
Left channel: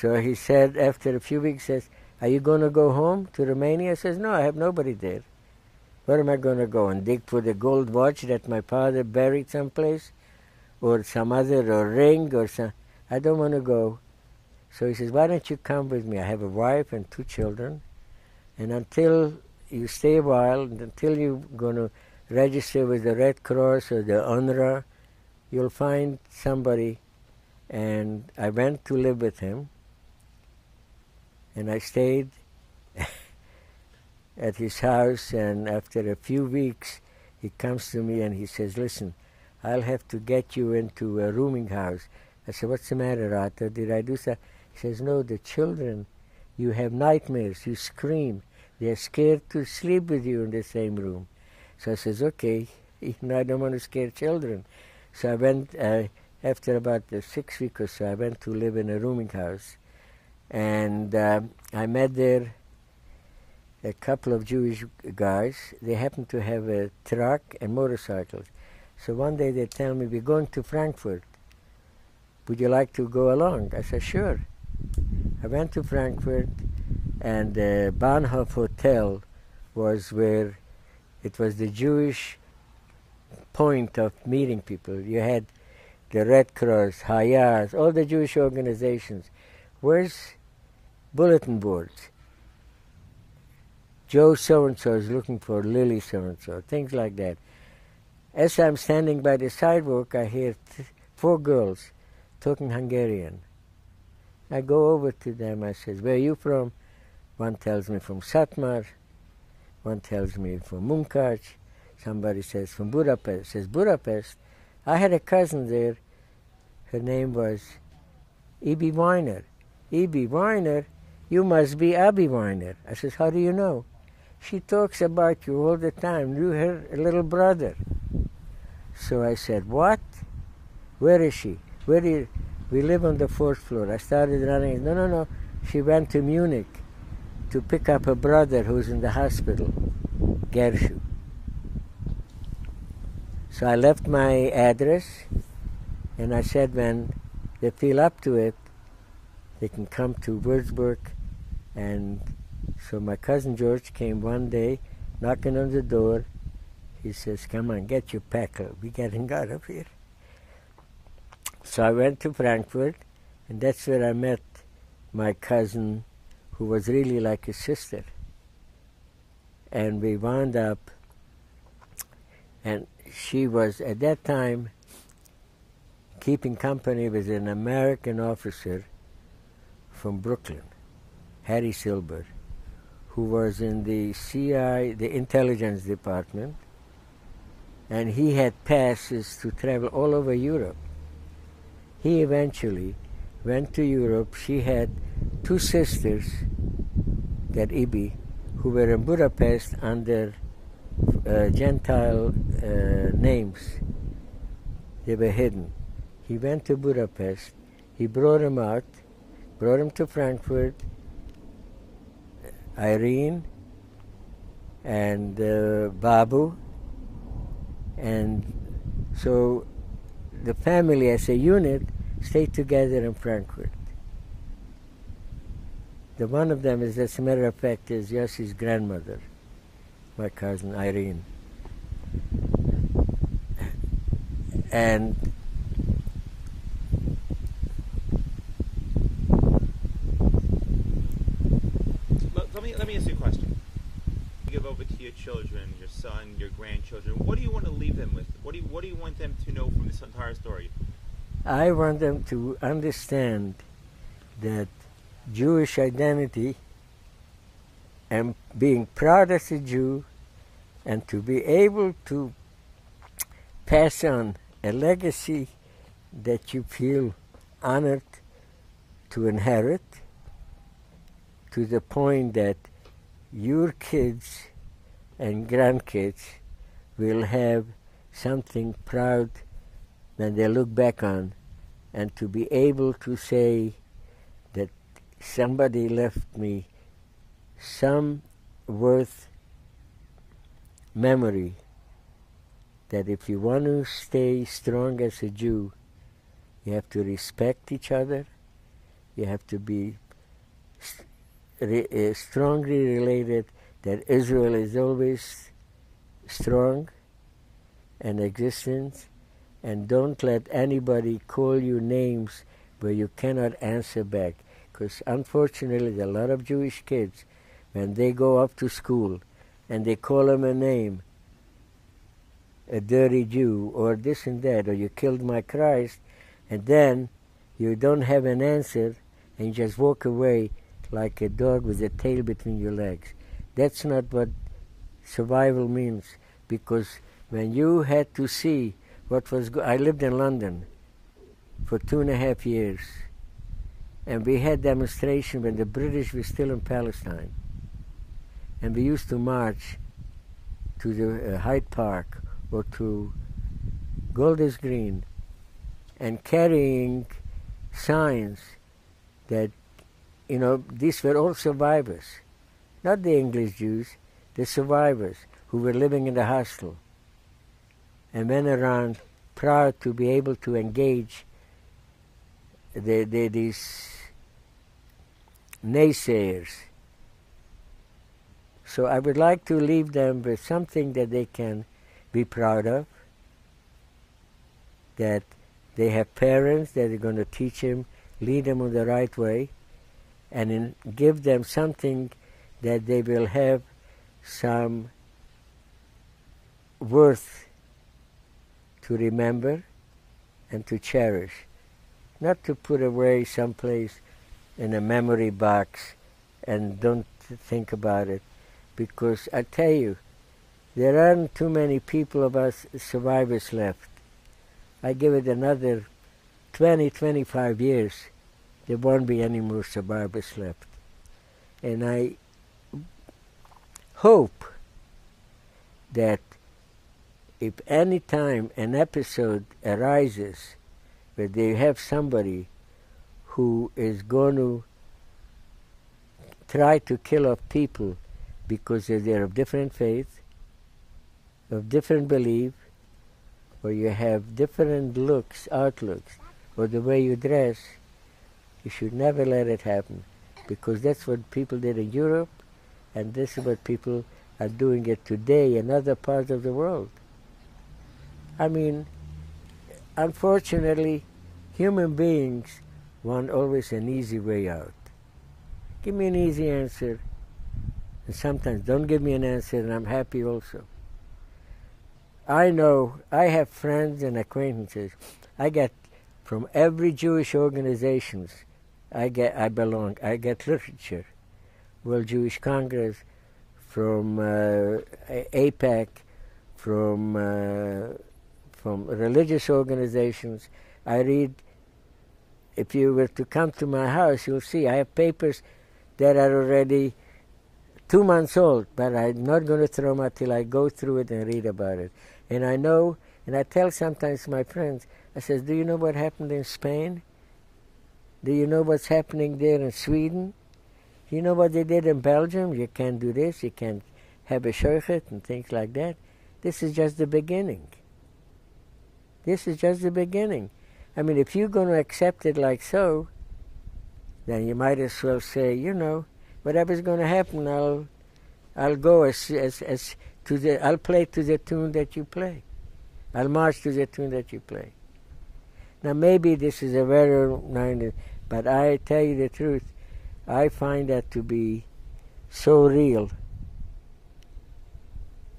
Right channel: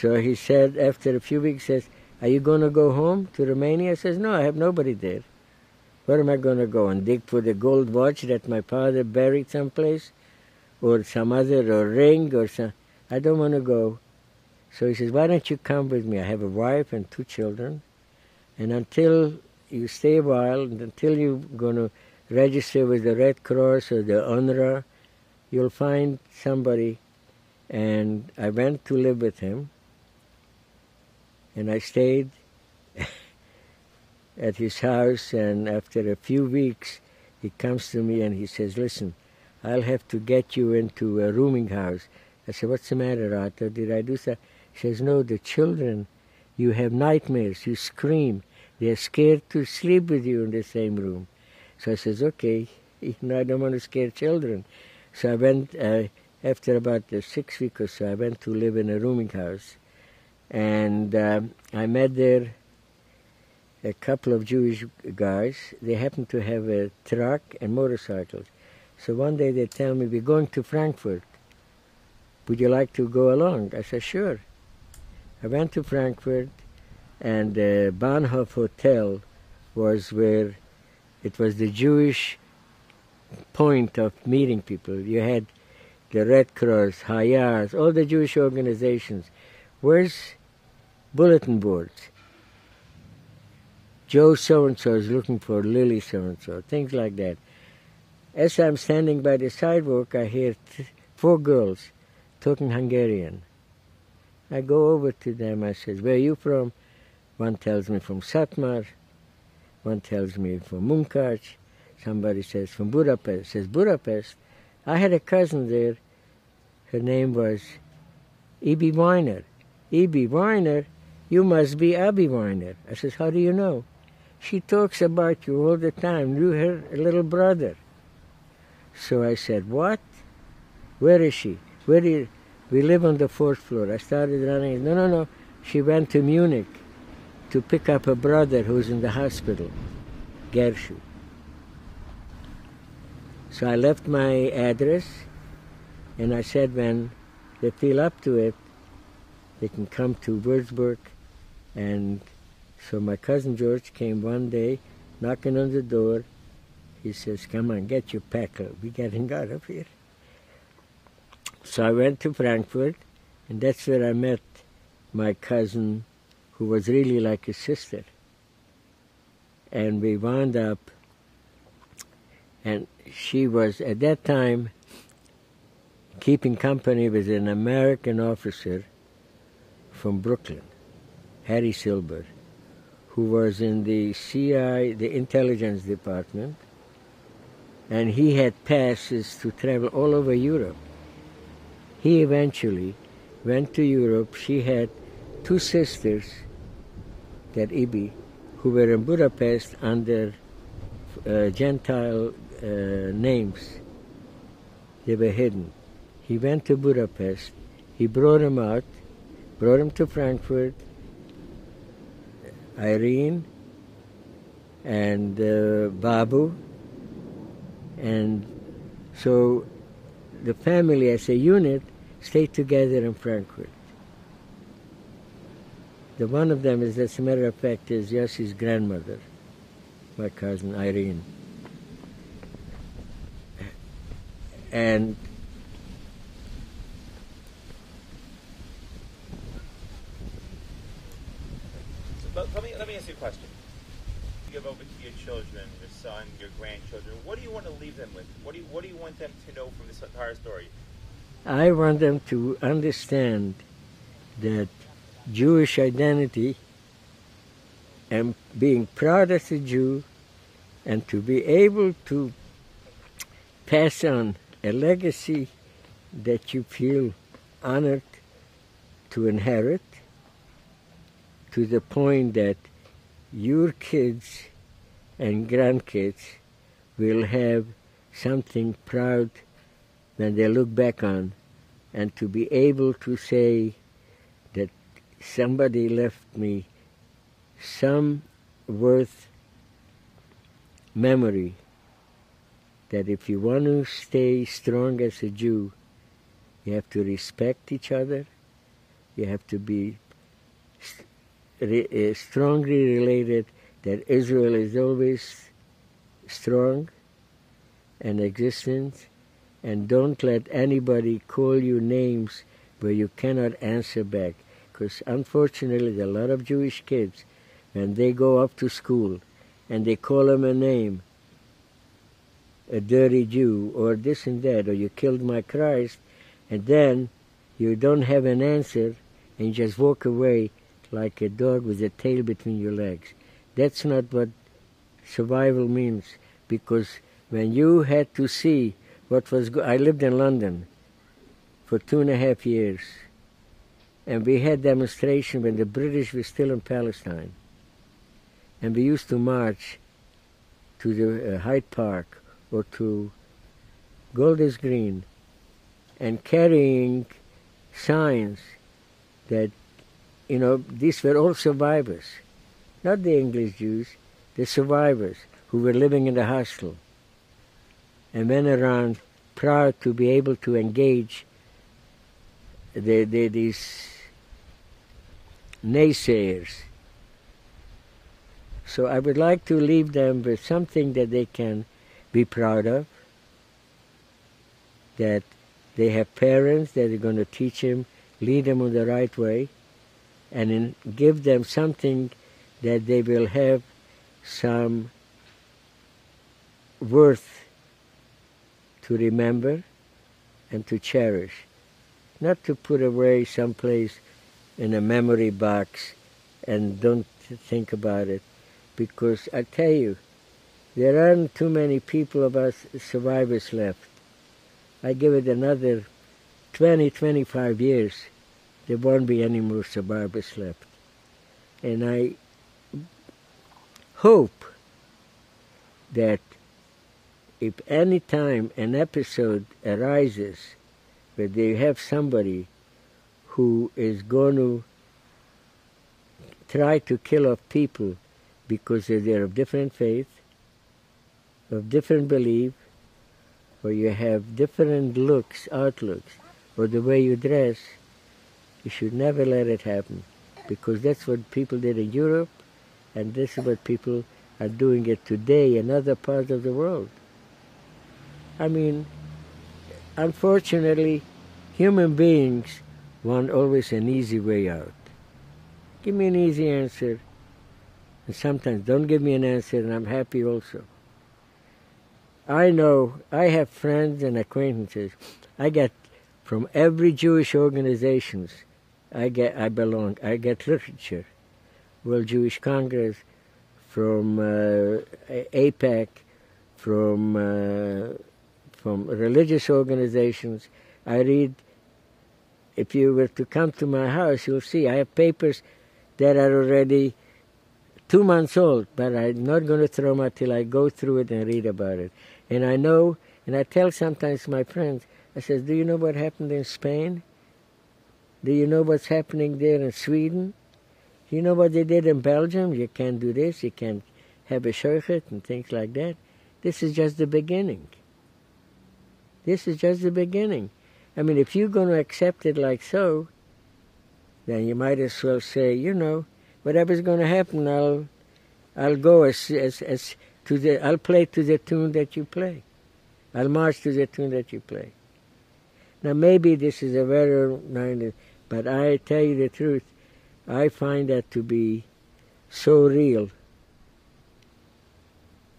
so he said after a few weeks, says, are you going to go home to Romania? I says, no, I have nobody there. Where am I going to go and dig for the gold watch that my father buried someplace? Or some other, or ring, or some, I don't want to go. So he says, why don't you come with me? I have a wife and 2 children, and until you stay a while, and until you're going to register with the Red Cross or the UNRWA, you'll find somebody. And I went to live with him, and I stayed at his house, and after a few weeks, he comes to me and he says, listen, I'll have to get you into a rooming house. I said, what's the matter, Arthur? Did I do something? He says, no, the children, you have nightmares, you scream. They're scared to sleep with you in the same room. So I says, okay, I don't want to scare children. So I went, after about 6 weeks or so, I went to live in a rooming house. And I met there a couple of Jewish guys. They happened to have a truck and motorcycles. So one day they tell me, we're going to Frankfurt. Would you like to go along? I said, sure. I went to Frankfurt, and the Bahnhof Hotel was where it was the Jewish point of meeting people. You had the Red Cross, Hayaz, all the Jewish organizations. Where's bulletin boards? Joe so-and-so is looking for Lily so-and-so, things like that. As I'm standing by the sidewalk, I hear 4 girls talking Hungarian. I go over to them, I says, where are you from? One tells me from Satmar, one tells me from Munkac, somebody says from Budapest. Says, Budapest? I had a cousin there, her name was E.B. Weiner. E.B. Weiner? You must be Abby Weiner. I says, how do you know? She talks about you all the time. You're her little brother. So I said, what? Where is she? We live on the 4th floor. I started running. No. She went to Munich to pick up her brother who's in the hospital, Gershon. So I left my address, and I said when they feel up to it, they can come to Würzburg. And so my cousin George came one day, knocking on the door. He says, come on, get your packer. We're getting out of here. So I went to Frankfurt, and that's where I met my cousin, who was really like a sister. And we wound up, and she was, at that time, keeping company with an American officer from Brooklyn, Harry Silber, who was in the CIA, the intelligence department, and he had passes to travel all over Europe. He eventually went to Europe. She had 2 sisters, that Ibi, who were in Budapest under Gentile names. They were hidden. He went to Budapest. He brought them out, brought them to Frankfurt, Irene and Babu. And so the family as a unit stayed together in Frankfurt. The one of them is, as a matter of fact, is Yossi's grandmother, my cousin Irene. And let me ask you a question. You give over to your children, your son, your grandchildren. What do you want to leave them I want them to understand that Jewish identity and being proud as a Jew and to be able to pass on a legacy that you feel honored to inherit, to the point that your kids and grandkids will have something proud when they look back on, and to be able to say that somebody left me some worth memory, that if you want to stay strong as a Jew, you have to respect each other, you have to be strongly related, that Israel is always strong and existent, and don't let anybody call you names where you cannot answer back. Because unfortunately, there are a lot of Jewish kids, when they go up to school and they call them a name, a dirty Jew, or this and that, or you killed my Christ, and then you don't have an answer and just walk away like a dog with a tail between your legs. That's not what survival means, because when you had to see what was I lived in London for 2.5 years, and we had demonstration when the British were still in Palestine, and we used to march to the Hyde Park or to Golders Green and carrying signs that, you know, these were all survivors, not the English Jews, the survivors who were living in the hostel, and went around proud to be able to engage these naysayers. So I would like to leave them with something that they can be proud of, that they have parents that are going to teach them, lead them on the right way, and give them something that they will have some worth to remember and to cherish, not to put away someplace in a memory box and don't think about it, because I tell you, there aren't too many people of us survivors left. I give it another 20, 25 years, there won't be any more survivors left. And I hope that if any time an episode arises where they have somebody who is going to try to kill off people because they're of different faith, of different belief, or you have different outlooks, or the way you dress, you should never let it happen, because that's what people did in Europe, and this is what people are doing it today in other parts of the world. I mean, unfortunately, human beings want always an easy way out. Give me an easy answer, and sometimes don't give me an answer, and I'm happy also. I know, I have friends and acquaintances. I get from every Jewish organizations I belong. I get literature, World Jewish Congress, from AIPAC, from religious organizations. I read. If you were to come to my house, you'll see I have papers that are already 2 months old, but I'm not going to throw them out till I go through it and read about it. And I know, and I tell sometimes my friends, I says, do you know what happened in Spain? Do you know what's happening there in Sweden? You know what they did in Belgium? You can't do this, you can't have a shochet and things like that. This is just the beginning. This is just the beginning. I mean, if you're going to accept it like so, then you might as well say, you know, whatever's going to happen, I'll go I'll play to the tune that you play. I'll march to the tune that you play. Now, maybe this is a very minded, but I tell you the truth, I find that to be so real,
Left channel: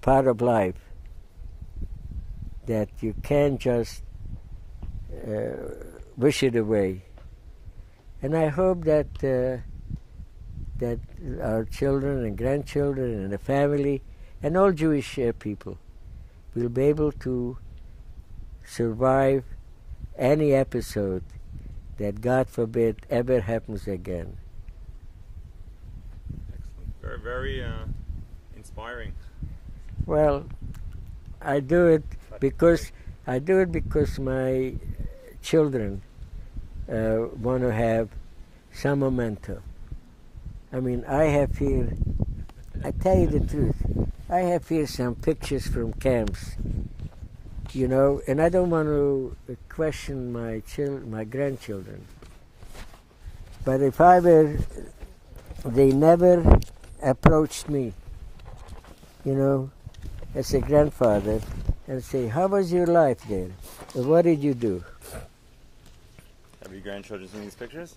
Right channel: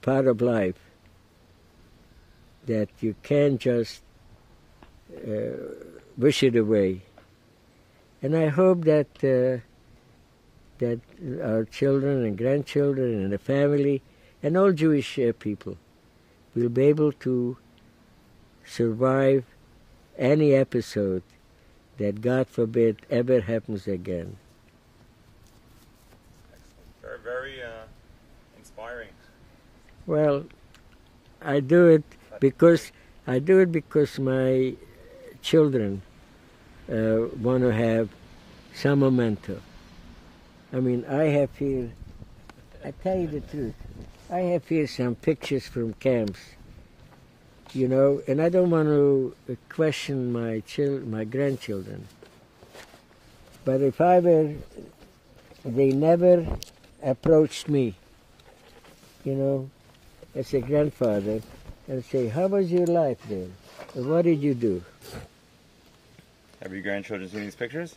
part of life, that you can't just wish it away. And I hope that that our children and grandchildren and the family and all Jewish people will be able to survive any episode that, God forbid, ever happens again. Very, very inspiring. Well, I do it because my children want to have some memento. I mean, I have here, I tell you the truth, I have here some pictures from camps, you know, and I don't want to question my grandchildren. But if I were, they never approached me, you know, as a grandfather, and say, how was your life then? Or what did you do? Have your grandchildren seen these pictures?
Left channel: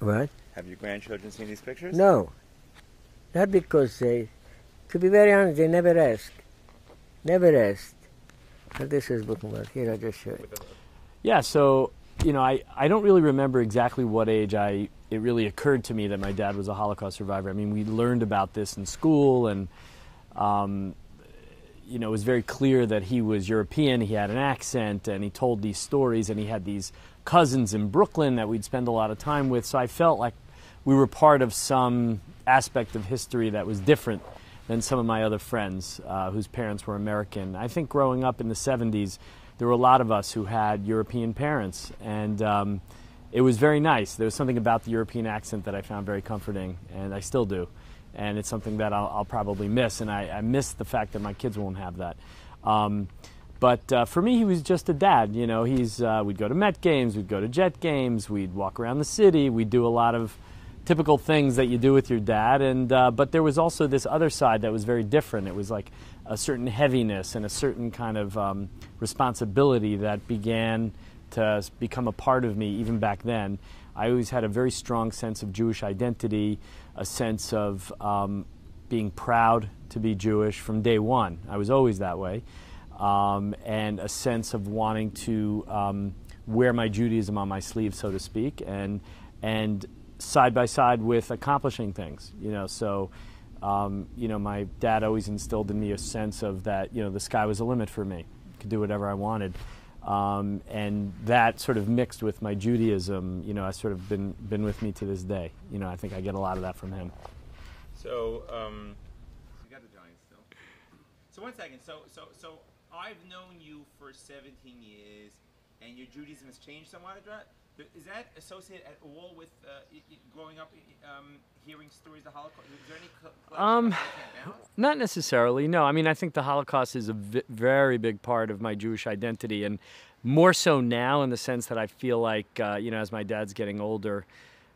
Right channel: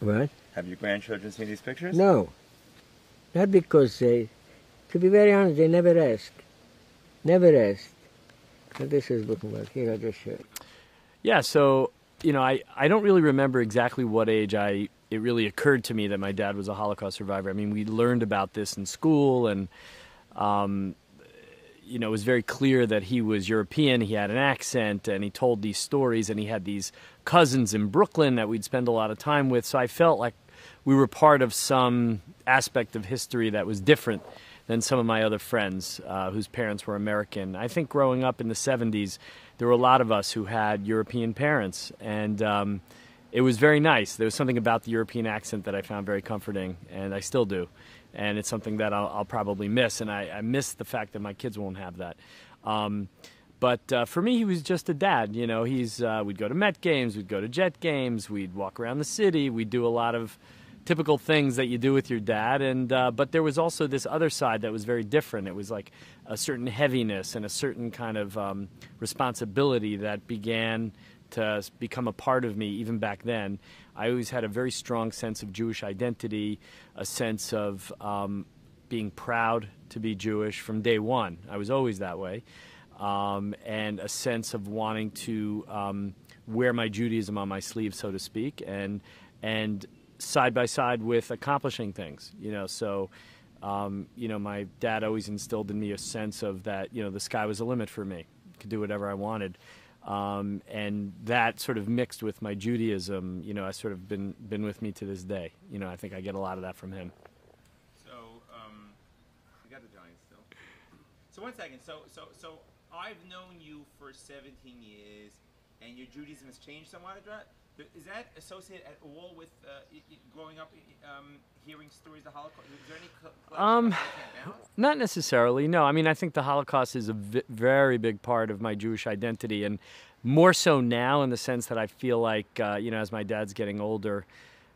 What? Have your grandchildren seen these pictures? No. Not because they, to be very honest, they never asked. Never asked. But this is bookmark. Here, I just showed it. Yeah, so, you know, I don't really remember exactly what age it really occurred to me that my dad was a Holocaust survivor. I mean, we learned about this in school, and, you know, it was very clear that he was European, he had an accent, and he told these stories, and he had these cousins in Brooklyn that we'd spend a lot of time with, so I felt like we were part of some aspect of history that was different than some of my other friends whose parents were American. I think growing up in the 70s, there were a lot of us who had European parents, and it was very nice. There was something about the European accent that I found very comforting, and I still do. And it's something that I'll probably miss, and I miss the fact that my kids won't have that. But for me, he was just a dad. You know, we'd go to Met games, we'd go to Jet games, we'd walk around the city, we'd do a lot of typical things that you do with your dad. And but there was also this other side that was very different. It was like a certain heaviness and a certain kind of responsibility that began to become a part of me even back then. I always had a very strong sense of Jewish identity, a sense of being proud to be Jewish from day one. I was always that way. And a sense of wanting to wear my Judaism on my sleeve, so to speak, and side by side with accomplishing things, you know. So, you know, my dad always instilled in me a sense of that, you know, the sky was the limit for me. I could do whatever I wanted. And that sort of mixed with my Judaism, you know, has sort of been with me to this day. You know, I think I get a lot of that from him. So, you got the Giants still. So 1 second. So I've known you for 17 years, and your Judaism has changed somewhat. Is that associated at all with growing up, hearing stories of the Holocaust? Is there any not necessarily, no. I mean, I think the Holocaust is a very big part of my Jewish identity, and more so now in the sense that I feel like, you know, as my dad's getting older,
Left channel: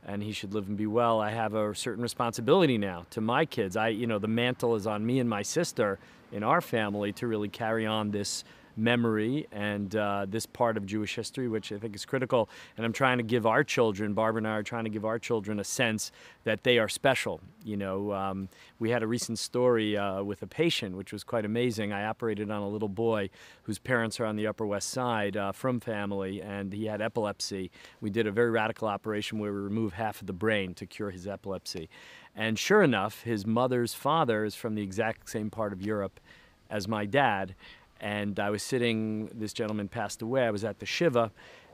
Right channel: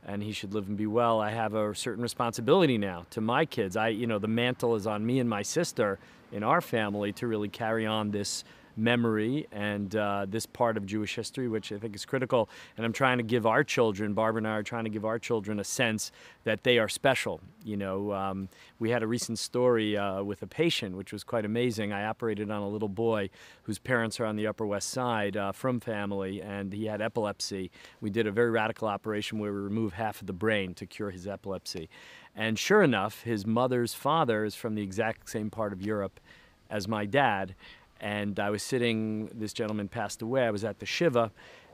and he should live and be well, I have a certain responsibility now to my kids. You know, the mantle is on me and my sister in our family to really carry on this memory and this part of Jewish history, which I think is critical. And I'm trying to give our children, Barbara and I are trying to give our children a sense that they are special. You know, we had a recent story with a patient, which was quite amazing. I operated on a little boy whose parents are on the Upper West Side from family, and he had epilepsy. We did a very radical operation where we removed half of the brain to cure his epilepsy. And sure enough, his mother's father is from the exact same part of Europe as my dad. And I was sitting, this gentleman passed away, I was at the Shiva,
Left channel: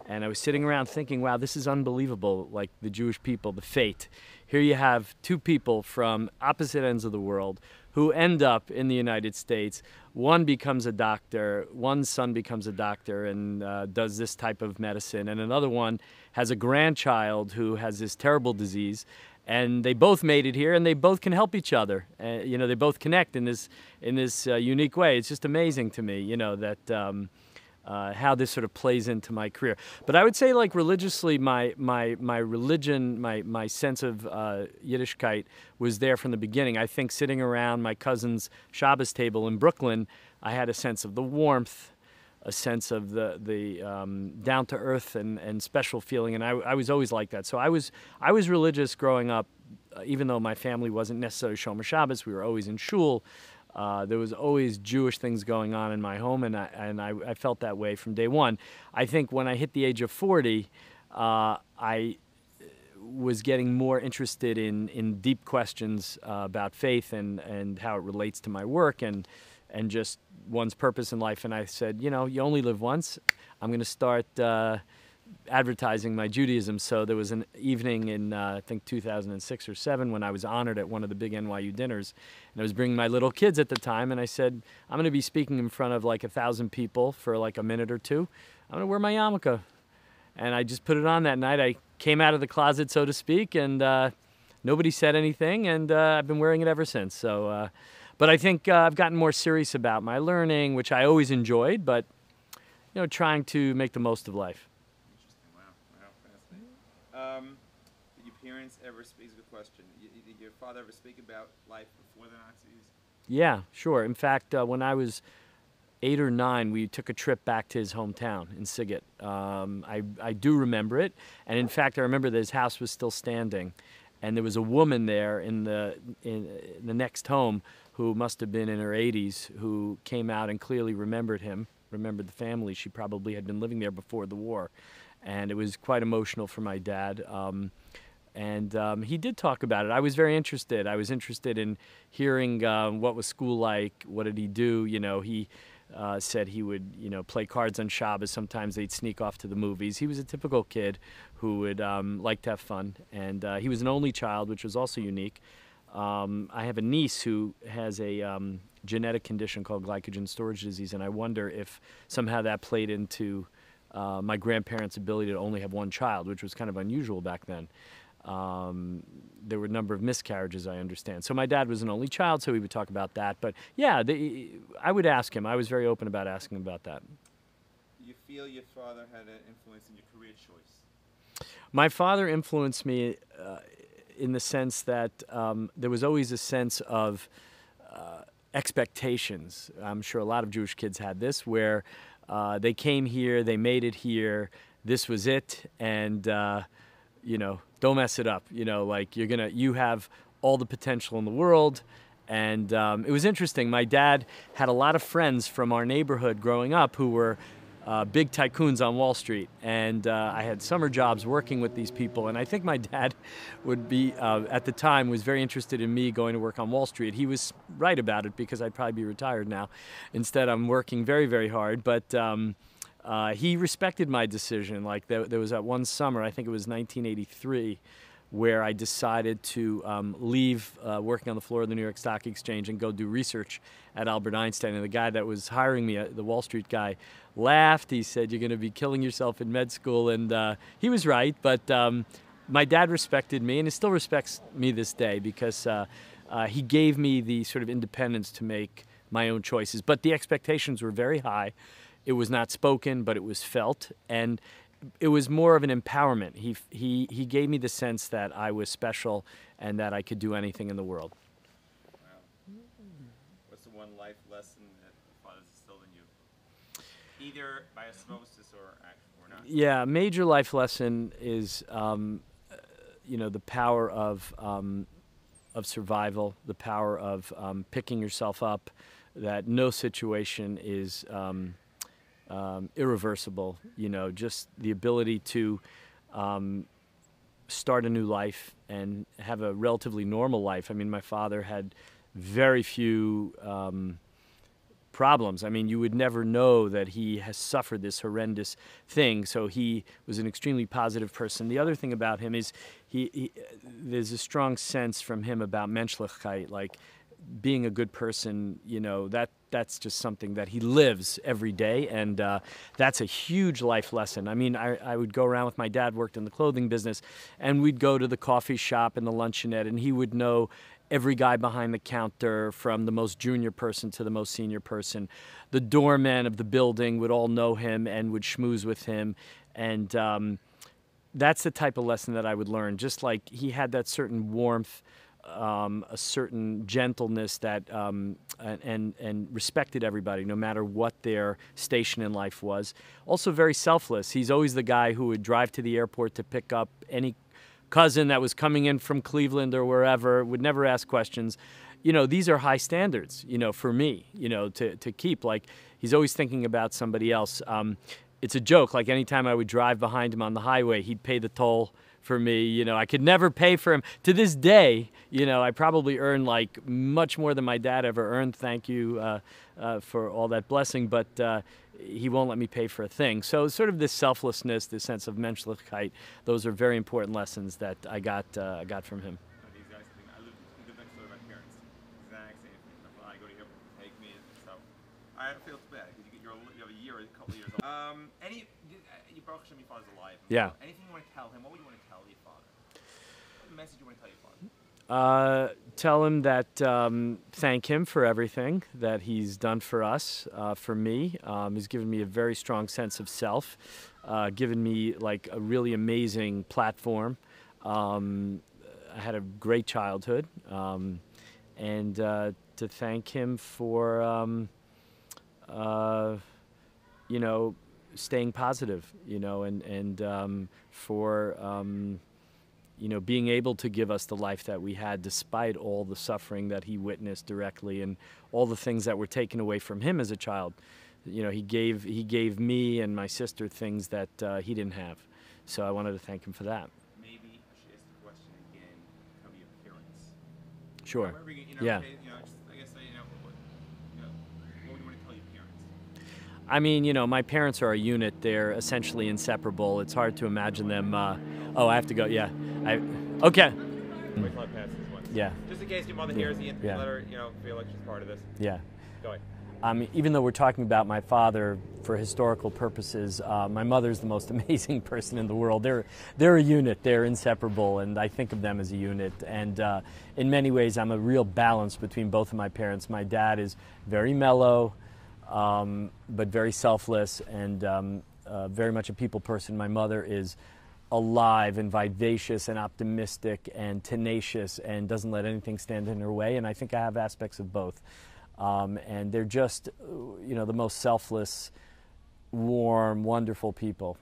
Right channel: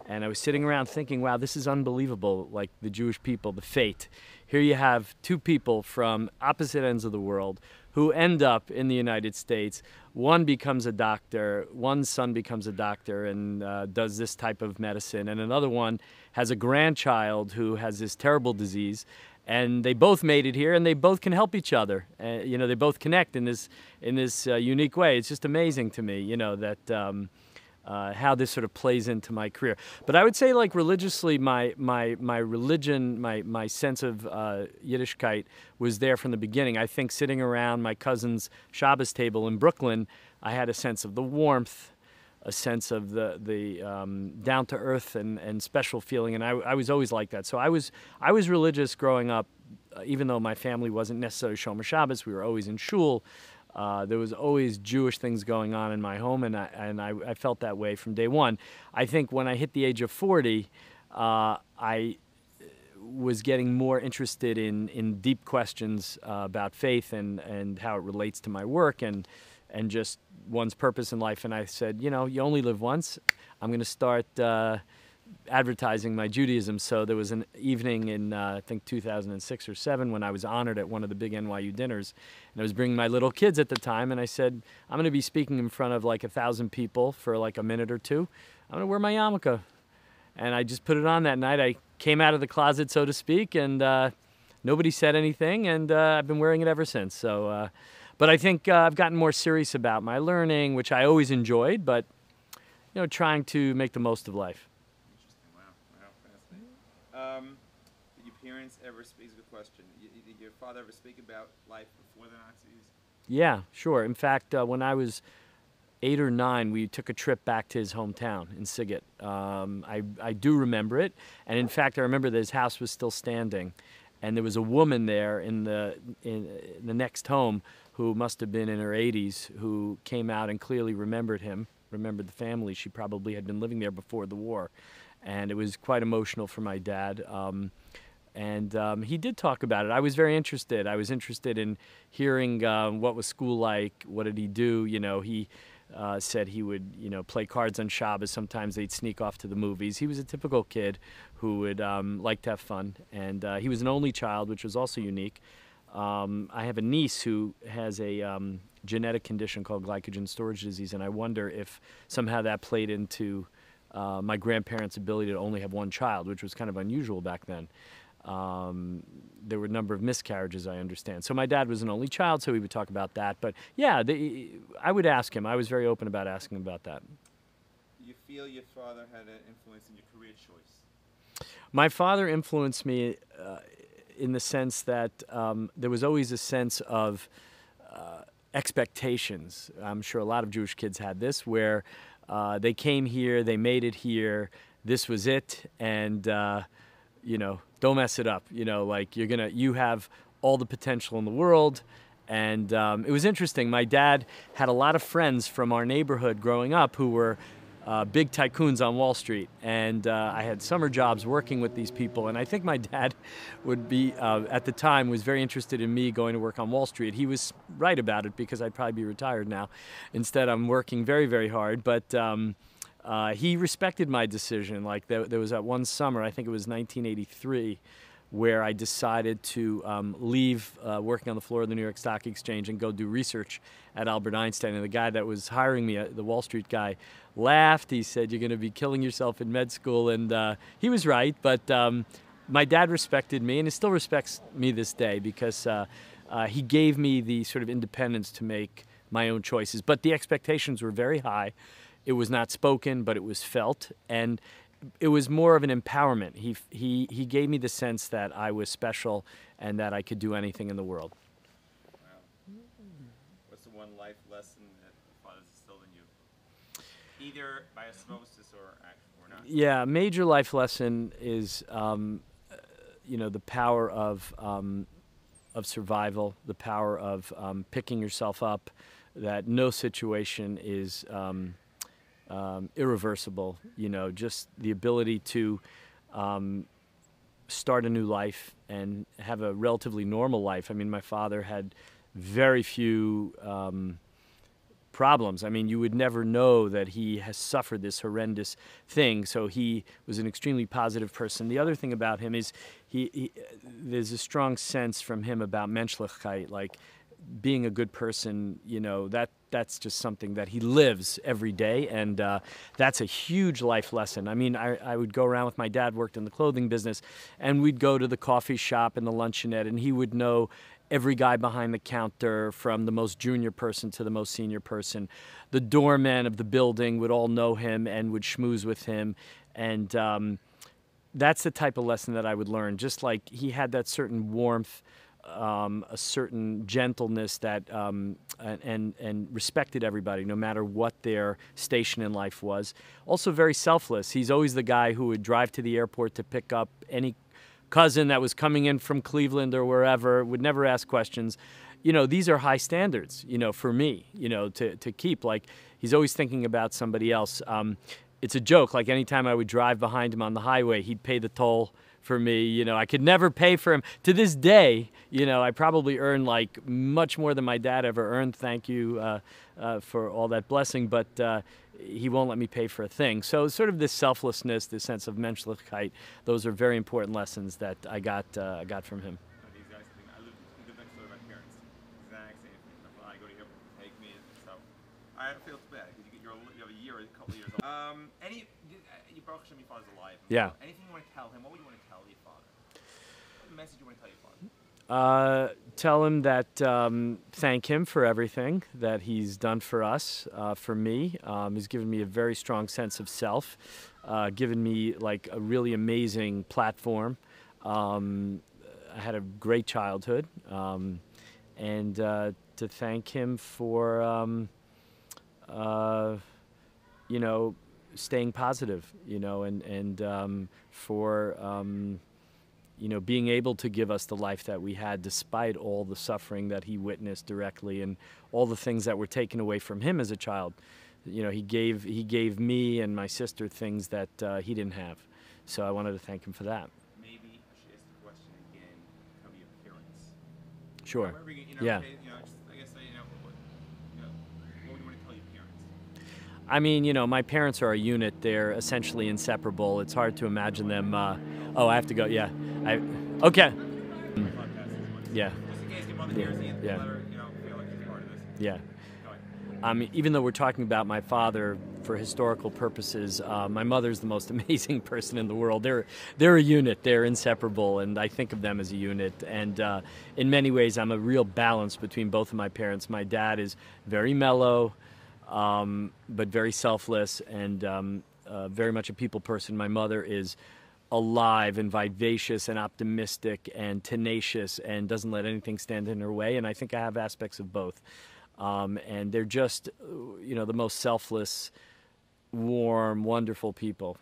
and I was sitting around thinking, wow, this is unbelievable, like the Jewish people, the fate. Here you have two people from opposite ends of the world who end up in the United States. One becomes a doctor, one son becomes a doctor and does this type of medicine, and another one has a grandchild who has this terrible disease. And they both made it here, and they both can help each other. You know, they both connect in this unique way. It's just amazing to me, you know, that how this sort of plays into my career. But I would say, like, religiously, my religion, my sense of Yiddishkeit was there from the beginning. I think sitting around my cousin's Shabbos table in Brooklyn, I had a sense of the warmth, a sense of the down-to-earth and special feeling, and I was always like that. So I was religious growing up, even though my family wasn't necessarily Shomer Shabbos. We were always in shul. There was always Jewish things going on in my home, and I felt that way from day one. I think when I hit the age of 40, I was getting more interested in deep questions about faith and how it relates to my work and just one's purpose in life. And I said, you know, you only live once. I'm going to start advertising my Judaism. So there was an evening in, I think, 2006 or 7 when I was honored at one of the big NYU dinners. And I was bringing my little kids at the time. And I said, I'm going to be speaking in front of like 1,000 people for like a minute or two. I'm going to wear my yarmulke. And I just put it on that night. I came out of the closet, so to speak, and nobody said anything. And I've been wearing it ever since. So, but I think I've gotten more serious about my learning, which I always enjoyed, but, you know, trying to make the most of life. Fascinating. Did your parents ever speak? Good question. Did your father ever speak about life before the Nazis? Yeah, sure. In fact, when I was 8 or 9, we took a trip back to his hometown in Siget. I do remember it, and in fact, I remember that his house was still standing, and there was a woman there in the next home who must have been in her 80s, who came out and clearly remembered him, remembered the family. She probably had been living there before the war. And it was quite emotional for my dad. He did talk about it. I was very interested. I was interested in hearing what was school like, what did he do. You know, he said he would, you know, play cards on Shabbos. Sometimes they'd sneak off to the movies. He was a typical kid who would like to have fun. And he was an only child, which was also unique. I have a niece who has a genetic condition called glycogen storage disease, and I wonder if somehow that played into my grandparents' ability to only have one child, which was kind of unusual back then. There were a number of miscarriages, I understand. So my dad was an only child, so we would talk about that. But yeah, I would ask him. I was very open about asking him about that. Do you feel your father had an influence in your career choice? My father influenced me in the sense that there was always a sense of expectations. I'm sure a lot of Jewish kids had this, where they came here, they made it here, this was it, and you know, don't mess it up. You know, like you have all the potential in the world. And it was interesting. My dad had a lot of friends from our neighborhood growing up who were big tycoons on Wall Street. And I had summer jobs working with these people. And I think my dad would be, at the time, was very interested in me going to work on Wall Street. He was right about it because I'd probably be retired now. Instead, I'm working very, very hard. But he respected my decision. Like there was that one summer, I think it was 1983, where I decided to leave working on the floor of the New York Stock Exchange and go do research at Albert Einstein. And the guy that was hiring me, the Wall Street guy, laughed. He said, "You're going to be killing yourself in med school." And he was right. But my dad respected me, and he still respects me this day because he gave me the sort of independence to make my own choices. But the expectations were very high. It was not spoken, but it was felt. And it was more of an empowerment. He gave me the sense that I was special and that I could do anything in the world. Wow. What's the one life lesson that your father's instilled in you? Either by osmosis or not? Yeah, a major life lesson is, you know, the power of survival, the power of picking yourself up, that no situation is irreversible. You know, just the ability to start a new life and have a relatively normal life. I mean, my father had very few problems. I mean, you would never know that he has suffered this horrendous thing. So he was an extremely positive person. The other thing about him is there's a strong sense from him about menschlichkeit, like being a good person. You know, that's just something that he lives every day, and that's a huge life lesson. I mean, I would go around with my dad, worked in the clothing business, and we'd go to the coffee shop and the luncheonette, and he would know every guy behind the counter, from the most junior person to the most senior person. The doorman of the building would all know him and would schmooze with him, and that's the type of lesson that I would learn. Just like he had that certain warmth, a certain gentleness that and respected everybody, no matter what their station in life was. Also very selfless. He's always the guy who would drive to the airport to pick up any cousin that was coming in from Cleveland or wherever, would never ask questions. You know, these are high standards, you know, for me, you know, to keep. Like, he's always thinking about somebody else. It's a joke. Like, anytime I would drive behind him on the highway, he'd pay the toll for me. You know, I could never pay for him. To this day, you know, I probably earn like much more than my dad ever earned. Thank you for all that blessing. But he won't let me pay for a thing. So sort of this selflessness, this sense of Menschlichkeit, those are very important lessons that I got from him. The exact same thing. I live next door to my parents. Exact same thing. When I go to the airport, they take me, and so I don't feel too bad because you have a year, a couple of years old. You Baruch Hashem, your father's alive. Yeah. Anything you want to tell him? What would you want to tell your father? What message you want to tell your father? Tell him that thank him for everything that he's done for us, for me. He's given me a very strong sense of self, given me like a really amazing platform. I had a great childhood, and to thank him for, you know, staying positive, you know, and for, you know, being able to give us the life that we had despite all the suffering that he witnessed directly and all the things that were taken away from him as a child. You know, he gave me and my sister things that he didn't have. So I wanted to thank him for that. Maybe I should ask the question again, how your appearance? Sure. You know, Yeah. You know, just, I guess, you know, what would you want to tell your parents? I mean, you know, my parents are a unit. They're essentially inseparable. It's hard to imagine them. Oh, I have to go. Yeah. Okay. Yeah. Just in case your mother hears the Yeah. let her, you know, feel like she's part of this. Yeah. Go ahead. Even though we're talking about my father for historical purposes, my mother's the most amazing person in the world. They're a unit. They're inseparable, and I think of them as a unit. And in many ways, I'm a real balance between both of my parents. My dad is very mellow, but very selfless and very much a people person. My mother is alive and vivacious and optimistic and tenacious and doesn't let anything stand in her way. And I think I have aspects of both. And they're just, you know, the most selfless, warm, wonderful people.